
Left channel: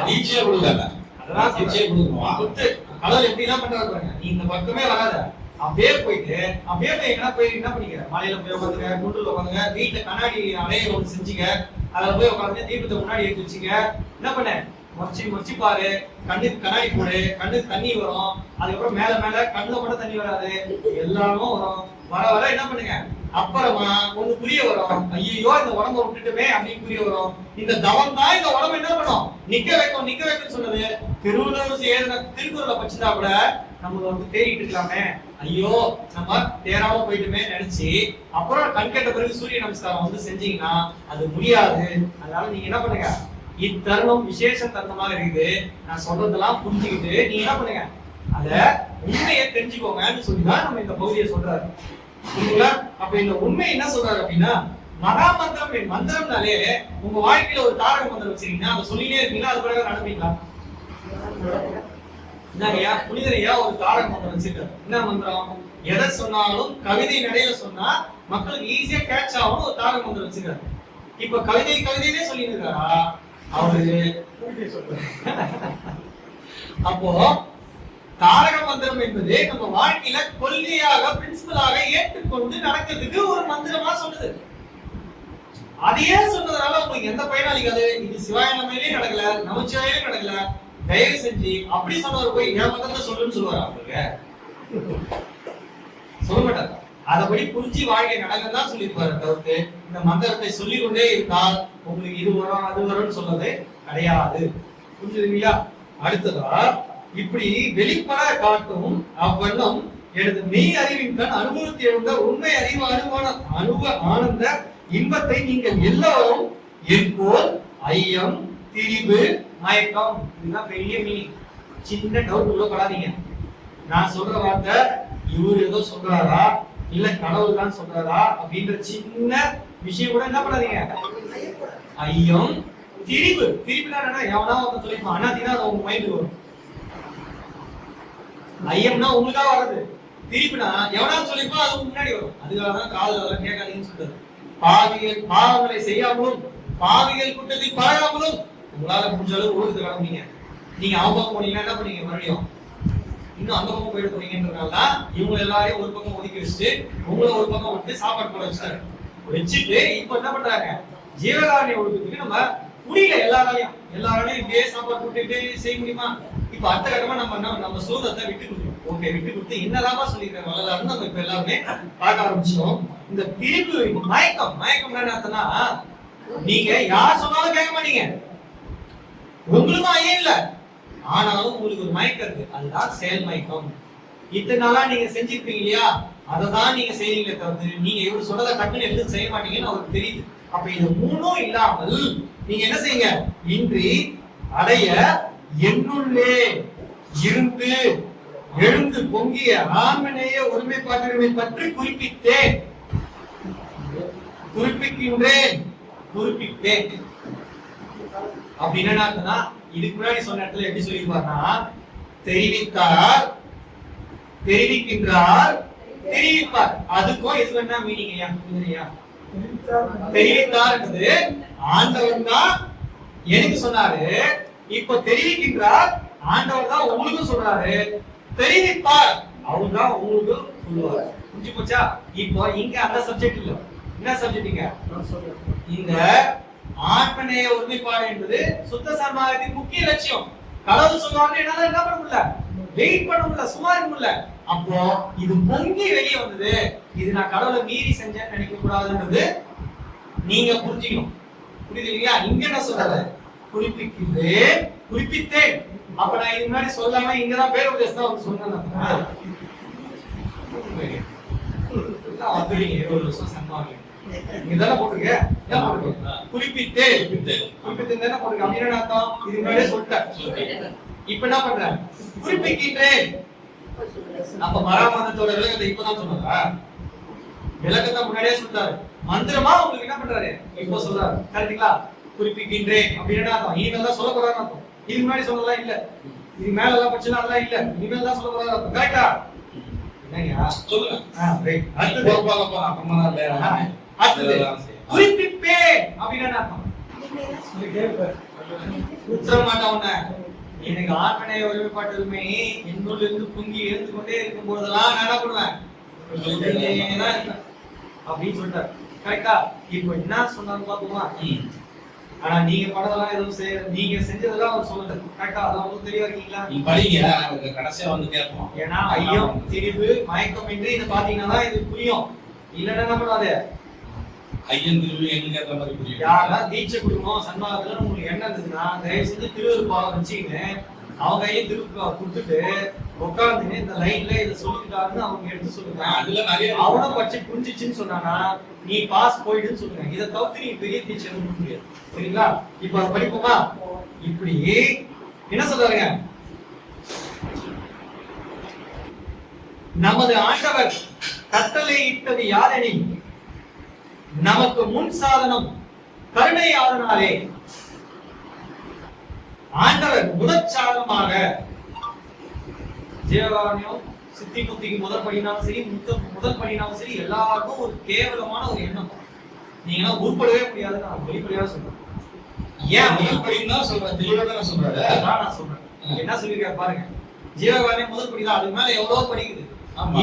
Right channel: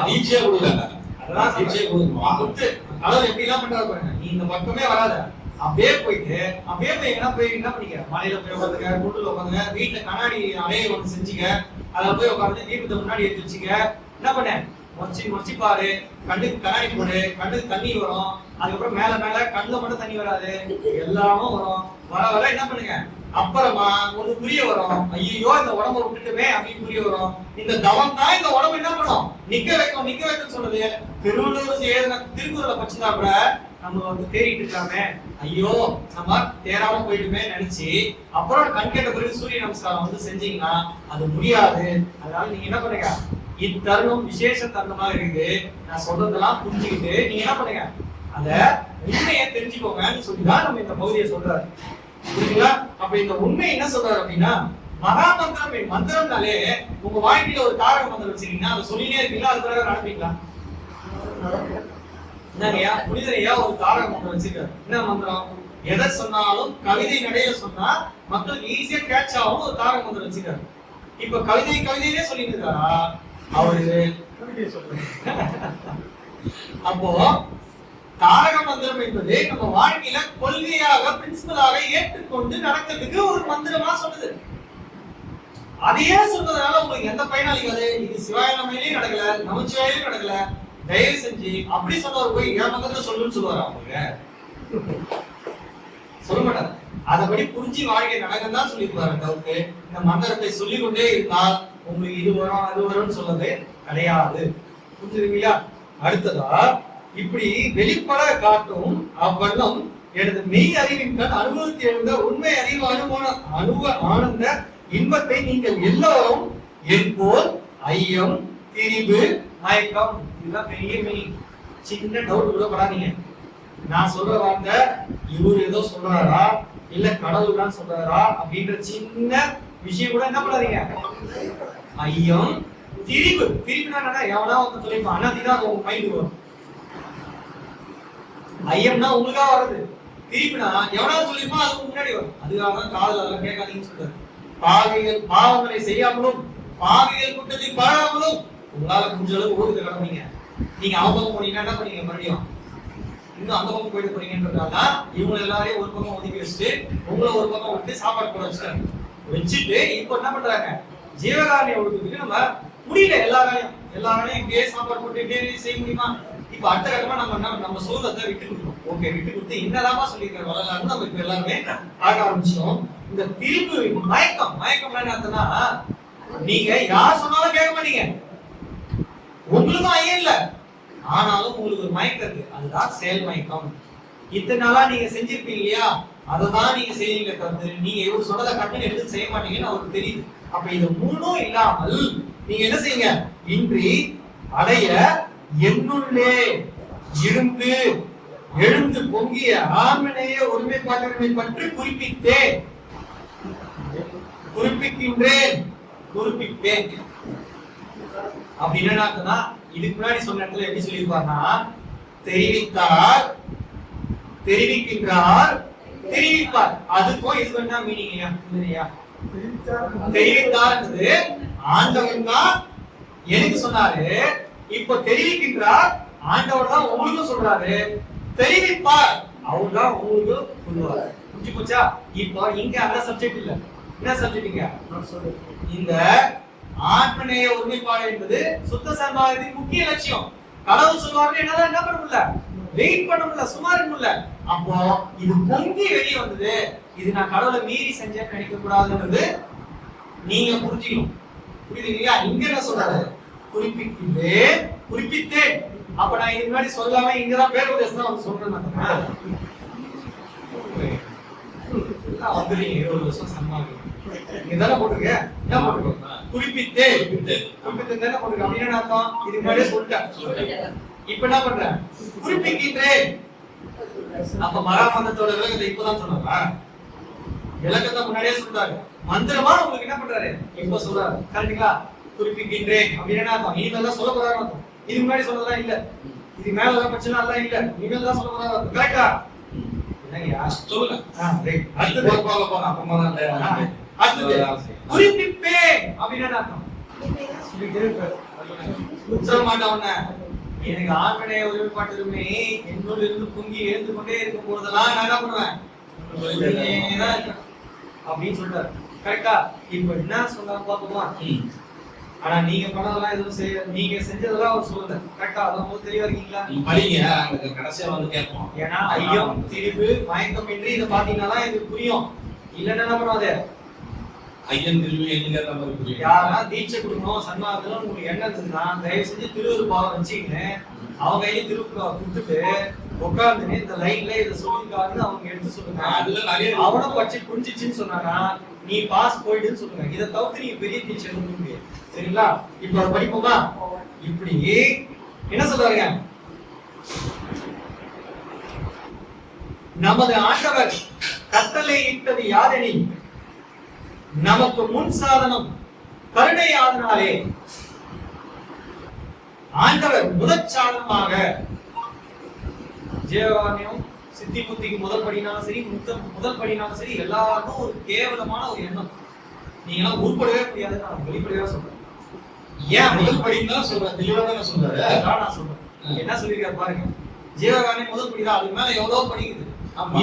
தீட்சையா கொடுக்கல, அதெல்லாம் தீட்சையை கொடுத்து கடவுள் எப்படி எல்லாம் பண்றாரு பாருங்க. நீ இந்த பக்கமே வராத, அப்படியே போயிட்டு அப்படியே போய் எங்கன்னா போய் என்ன பண்ணிக்க, மலையில போய் உட்காந்துங்க, குண்டுல உட்காந்துங்க, வீட்டுல கண்ணாடி அறையை ஒன்று செஞ்சுங்க, அதுல போய் உட்காந்து தீபத்தை முன்னாடி எடுத்து வச்சுங்க. என்ன பண்ண, மொச்சி பாரு, கண்ணுக்கு கண்ணாடி போடு, கண்ணுக்கு தண்ணி வரும். அதுக்கப்புறம் மேல மேல கண்ணுல மட்டும் தண்ணி வராது, எல்லாமும் வரும். வர வர என்ன பண்ணுங்க, அப்புறமா ஒண்ணு புரிய வரும், ஐயோ இந்த உடம்ப விட்டுட்டுமே அப்படின்னு புரிய வரும். இந்த தவம் தான் இந்த உடம்பு என்ன பண்ணும், நிக்க வைக்கும் சொன்னது. திருவள்ளுவர் எழுதின திருக்குறளை பச்சுனா கூட நம்ம வந்து தேடிட்டு இருக்கலாமே, ஐயோ நம்ம தேராம போயிட்டுமே நினைச்சு அப்புறம் கண் கேட்ட பிறகு சூரிய நமஸ்காரம் வந்து செஞ்சீங்கன்னா அது முடியாது. அதனால நீங்க என்ன பண்ணுங்க, இத்தருணம் விசேஷ தருணமாக இருக்குது, நான் சொல்றதெல்லாம் புரிஞ்சுக்கிட்டு நீங்க என்ன பண்ணுங்க, அத உண்மையை தெரிஞ்சுக்கோங்கன்னு சொல்லிதான் நம்ம இந்த பகுதியை சொல்றாரு. புரியுதுங்களா? அப்ப இந்த உண்மை என்ன சொல்றாரு அப்படின்னா, மகா மந்திரம் மந்திரம்னாலே உங்க வாழ்க்கையில ஒரு தாரக மந்திரம் வச்சிருக்கீங்கன்னா அதை சொல்லினே இருக்கீங்களா, அது பிறகு நடப்பீங்களா? என்னங்கய்யா புனிதரையா ஒரு தாரக மந்திரம் வச்சிருக்காரு. என்ன மந்திரம்? எதை சொன்னாலும் கவிதை நடையில சொன்னா மக்களுக்கு ஈஸியா கேட்ச் ஆகும் ஒரு தாரக மந்திரம் வச்சிருக்காரு. இப்ப கவிதையிலே சொல்லிட்டு இருக்காரா, அவரு அப்போ தாரக மந்திரம் என்பது நம்ம வாழ்க்கையில கொள்கையாக பிரின்சிபலாக ஏற்றுக்கொண்டு நடக்கிறதுக்கு ஒரு மந்திரமா சொல்லுது. அதையே சொன்னதுனால உங்களுக்கு எந்த பயனாளிக்காது. இது சிவாய நமையிலே நடக்கல, நமச்சிவாயிலே நடக்கல. தயவு செஞ்சு அப்படி சொன்னவர் போய் என் மந்திரத்தை சொல்லுன்னு சொல்லுவாரா? அவங்க சொல்ல மாட்டார். அதபடி புரிஞ்சு வாழ்க்கை நடக்க தான் சொல்லியிருப்பாரு தவிர்த்து இந்த மந்திரத்தை சொல்லிக் கொண்டே இருந்தால் உங்களுக்கு இது வரும் அது வரும்னு சொல்றது கிடையாது. புரிஞ்சுதுங்களா? அடுத்ததா இப்படி வெளிப்பட காட்டும் அவ்வண்ணம் எனது மெய் அறிவின் கண் அனுபவத்தை எழுந்த உண்மை அறிவு ஆனந்த இன்பத்தை நீங்கள் எல்லாரும் எப்போல் ஐயம் திரிவு மயக்கம் இதுதான் பெரிய மீனிங். சின்ன டவுட் கூட படாதீங்க. நான் சொல்ற வார்த்தை இவர் ஏதோ சொல்றாரா இல்ல கடவுள் தான் சொல்றாரா அப்படின்ற சின்ன விஷயம் கூட என்ன பண்ணாதீங்க. ஐயம் திரிவு திரிவுனா என்ன? எவனா ஒருத்தன் சொல்லிருப்பான் அண்ணாதினா அது உங்க மைண்ட் வரும். ஐயம்னா உங்களுக்காக வர்றது, திரிவுனா எவனா சொல்லிருப்பான் அது முன்னாடி வரும். அதுக்காக தான் காதல் அதெல்லாம் கேட்காதீங்கன்னு சொல்றாரு. பாவங்களை செய்யாமலும் பாவிகள் கூட்டத்தை பாழாமலும் உங்களால முடிஞ்ச அளவு ஓடுது கிளம்புறீங்க. நீங்க அவங்க பக்கம் போனீங்கன்னா என்ன பண்ணீங்க? மறுபடியும் இன்னும் அந்த பக்கம் போயிட்டு போறீங்கன்றதால தான் இவங்க எல்லாரையும் ஒரு பக்கம் ஒதுக்கி வச்சுட்டு உங்களை ஒரு பக்கம் விட்டு சாப்பாடு போட வச்சுட்டாங்க. வச்சுட்டு இப்ப என்ன பண்றாங்க? ஜீவகாரணி ஒழுக்கத்துக்கு நம்ம முடியல. எல்லாராலையும் இப்படியே சாப்பாடு போட்டு இப்படியே செய்ய முடியுமா? இப்ப அடுத்த கட்டமா நம்ம சுதந்திரத்தை விட்டு கொடுக்கணும். ஓகே, விட்டு கொடுத்து என்னதாமா சொல்லியிருக்காரு வரலாறுன்னு நம்ம இப்ப எல்லாருமே பார்க்க ஆரம்பிச்சோம். இந்த திரிபு மயக்கம் என்னன்னா நீங்க யார் சொன்னாலும் கேட்க மாட்டீங்க. உங்களுக்கும் ஐயம் இல்ல, ஆனாலும் உங்களுக்கு ஒரு மயக்கம் இருக்கு. அதுதான் செயல் மயக்கம். இத்தனை நாளா நீங்க செஞ்சிருப்பீங்க இல்லையா? அததான் நீங்க செய்வீங்க தவிர்த்து நீங்க இவர் சொல்றதை கட்டணம் எடுத்து செய்ய மாட்டீங்கன்னு அவருக்கு தெரியுது. அப்ப இது மூணும் இல்லாமல் நீங்க என்ன செய்யுங்க? இன்றி அடைய என்னுள்ளே இருந்து எழுந்து பொங்கிய ஆன்மநேய ஒருமைப்பாட்டுரிமை பற்றி குறிப்பிட்டேன் அப்படின்னு என்ன? இதுக்கு முன்னாடி சொன்ன இடத்துல எப்படி சொல்லியிருப்பார்னா தெரிவித்தார், தெரிவிக்கின்றார், தெரிவிப்பார். அதுக்கும் இதுக்கு என்ன மீனிங் ஐயா? புரியுதுயா? தெரிவித்தார் என்பது ஆண்டவன் தான் எனக்கு சொன்னாரு. இப்போ தெரிவிக்கின்றார் ஆண்டவர் தான் உங்களுக்கு சொல்றாரு. தெரிவிப்பார் அவர் தான் உங்களுக்கு சொல்லுவார். புரிஞ்சு போச்சா? இப்போ இங்க அந்த சப்ஜெக்ட் இல்ல. என்ன சப்ஜெக்ட்ங்க? இந்த ஆத்மநேய ஒருமைப்பாடு என்பது சுத்த சன்மார்க்கத்தின் முக்கிய லட்சியம். கடவுள் சொல்வாருன்னு என்னால என்ன பண்ண முடியல, வெயிட் பண்ண முடியல, சும்மா இருக்க முடியல. அப்போ இது பொங்கி வெளியே வந்தது. இது நான் கடவுளை மீறி செஞ்சேன்னு நினைக்க கூடாதுன்றது நீங்க புரிஞ்சுக்கணும். புரியுது இல்லையா? இங்க என்ன சொல்றாரு? குறிப்பித்தேன். அப்ப நான் இதுக்கு முன்னாடி சொல்லாம இங்கதான் பேர் உபதேசம் தான் சொன்னேன். எல்லாம் வந்துடுறீங்க 20 வருஷம் சன்மார்க்கம் இங்கதானே போட்டிருக்க. என்ன போட்டிருக்க? குறிப்பித்தேன் தானே போட்டிருக்க. அப்படின்னு என்ன அர்த்தம்? இதுக்கு முன்னாடியே சொல்லிட்டேன். இப்ப என்ன பண்ற? குறிப்பிக்கின்றேன். அப்ப மராமந்தத்தோட விளக்கத்தை இப்பதான் சொன்னாரா? விளக்கத்தை முன்னாடியே சொல்லிட்டாரு. மந்திரமா உங்களுக்கு என்ன பண்றாரு? இப்ப சொல்றாரு. கரெக்டுங்களா? குறிப்பிக்கின்றேன் அப்படின்னு என்ன அர்த்தம்? இனிமேல் தான் சொல்ல போறாரு அர்த்தம். இதுக்கு முன்னாடி சொல்லலாம் இல்ல, இது மேலதான் பிரச்சனை எல்லாம் இல்ல, இனிமேல் தான் சொல்ல போறாரு அர்த்தம். கரெக்டா? என்னங்கயா சொல்லுங்க. அடுத்தது குறிப்பிப்பேன் அப்படின்னு அர்த்தம். எனக்கு ஆண்மனைய ஒருமைப்பாட்டு உரிமை என்னோட இருந்து பொங்கி எழுந்து கொண்டே இருக்கும் போதெல்லாம் நான் என்ன பண்ணுவேன் அப்படின்னு சொல்லிட்டாரு. கரெக்டா? இப்ப என்ன சொன்னாலும் பாப்போமா? ஆனா நீங்க பண்ணதெல்லாம் எதுவும் செய்ய, நீங்க செஞ்சதெல்லாம் அவர் சொல்லல. கரெக்டா? அதெல்லாம் உங்களுக்கு தெளிவா இருக்கீங்களா? படிங்க, கடைசியா வந்து கேட்போம். ஏன்னா ஐயம் திரிவு மயக்கம் என்று இதை பாத்தீங்கன்னா தான் இது புரியும். இல்லன்னா என்ன பண்ணுவாது? ஐயம் திரிவு என்கிற மாதிரி புரியும். யாரெல்லாம் தீட்சை கொடுக்கணும் சன்மார்க்கத்துல உங்களுக்கு என்ன இருந்ததுன்னா தயவு செஞ்சு திருவருப்பாவை வச்சுக்கின்னு அவங்க கையில திருவருப்பாவை கொடுத்துட்டு உட்காந்துன்னு இந்த லைன்ல இதை சொல்லிருக்காருன்னு அவங்க எடுத்து சொல்லுங்க. அதுல நிறைய அவனை பற்றி புரிஞ்சிச்சுன்னு சொன்னானா நீ பாஸ் போயிடுன்னு சொல்லுங்க. இதை தவிர்த்து நீங்க பெரிய தீட்சை எதுவும் முடியாது. சரிங்களா? இப்ப அதை படிப்போமா? இப்படி என்ன சொல்றாருங்க? நமது ஆண்டவர் கட்டளை இட்டது யாரெனில் நமக்கு முன் சாதனம் கருணை ஆதனாலே ஆண்டவர் முதற் சாதனமாக ஜீவகாரண்யம் சித்தி புத்திக்கு முதல் படினாலும் சரி முதல் படினாலும் சரி எல்லாருக்கும் ஒரு கேவலமான ஒரு எண்ணம். நீங்க எல்லாம் உருப்படவே முடியாதுன்னு நான் வெளிப்படையாக சொல்றேன். ஏன் முதல் படின்னு தான் சொல்றேன், தெளிவா தானே சொல்றாரு. அதான் நான் சொல்றேன். என்ன சொல்லிருக்காரு பாருங்க. ஜீவகாருண்யம் முதல் படி தான், அதுக்கு மேல எவ்வளவு படிக்குது.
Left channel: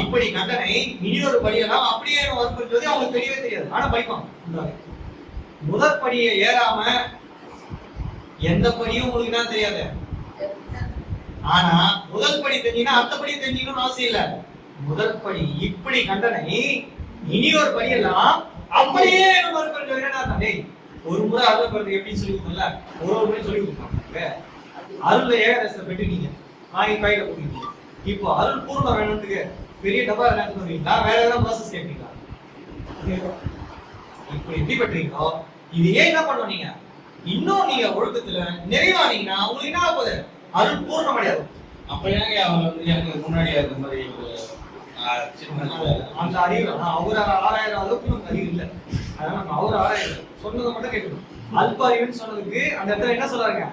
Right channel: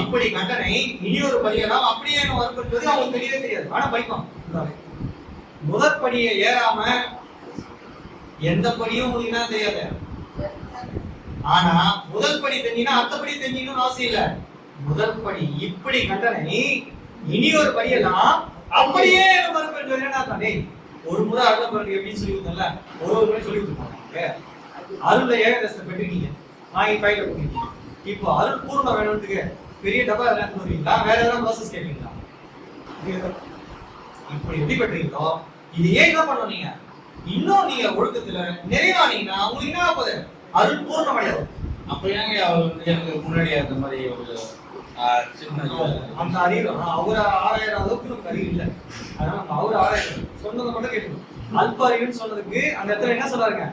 இப்படி கண்டனை இனியொரு படியெல்லாம் அப்படியே வற்புறுத்துவது அவங்களுக்கு தெரியவே தெரியாது. ஆனா படிப்பான். முதற் படியை ஏறாம எந்த படியும் உங்களுக்கு என்ன தெரியாது. ஆனா முதல் படி தெரிஞ்சினா அடுத்த படி தெரிஞ்சிக்கணும்னு அவசியம் இல்ல. முதல் படி இப்படி கண்டனை இனி ஒரு படியெல்லாம் அப்படியே மறுபடியும் என்ன தானே. ஒரு முறை அருள் பிறகு எப்படின்னு சொல்லி கொடுத்தோம்ல, ஒரு முறை சொல்லி கொடுத்துருப்பாங்க. அருள்ல ஏகதேசத்தை பெற்றுட்டீங்க, வாங்கி கையில கொடுத்தீங்க. இப்போ அருள் பூர்ணம் வேணும்னு பெரிய டப்பா எடுத்து வருவீங்களா, வேற ஏதாவது ப்ராசஸ் கேட்பீங்களா? இப்படி எப்படி பெற்றீங்களோ இதையே என்ன பண்ணுவோம் நீங்க, இன்னும் நீங்க ஒழுக்கத்துல நிறைவானீங்கன்னா உங்களுக்கு என்ன ஆகுது, அருள் பூர்ணம் அடையாது. அப்ப ஏங்க அவர் வந்து எனக்கு முன்னாடி அந்த மாதிரி ஒரு அந்த அறிவு அவரை ஆராயிரம் அளவுக்கு நமக்கு அறிவு இல்லை. அதனால நம்ம அவரை ஆராயிரம் சொன்னதை மட்டும் கேட்கணும். அல்ப அறிவுன்னு சொன்னதுக்கு அந்த இடத்துல என்ன சொல்றாங்க,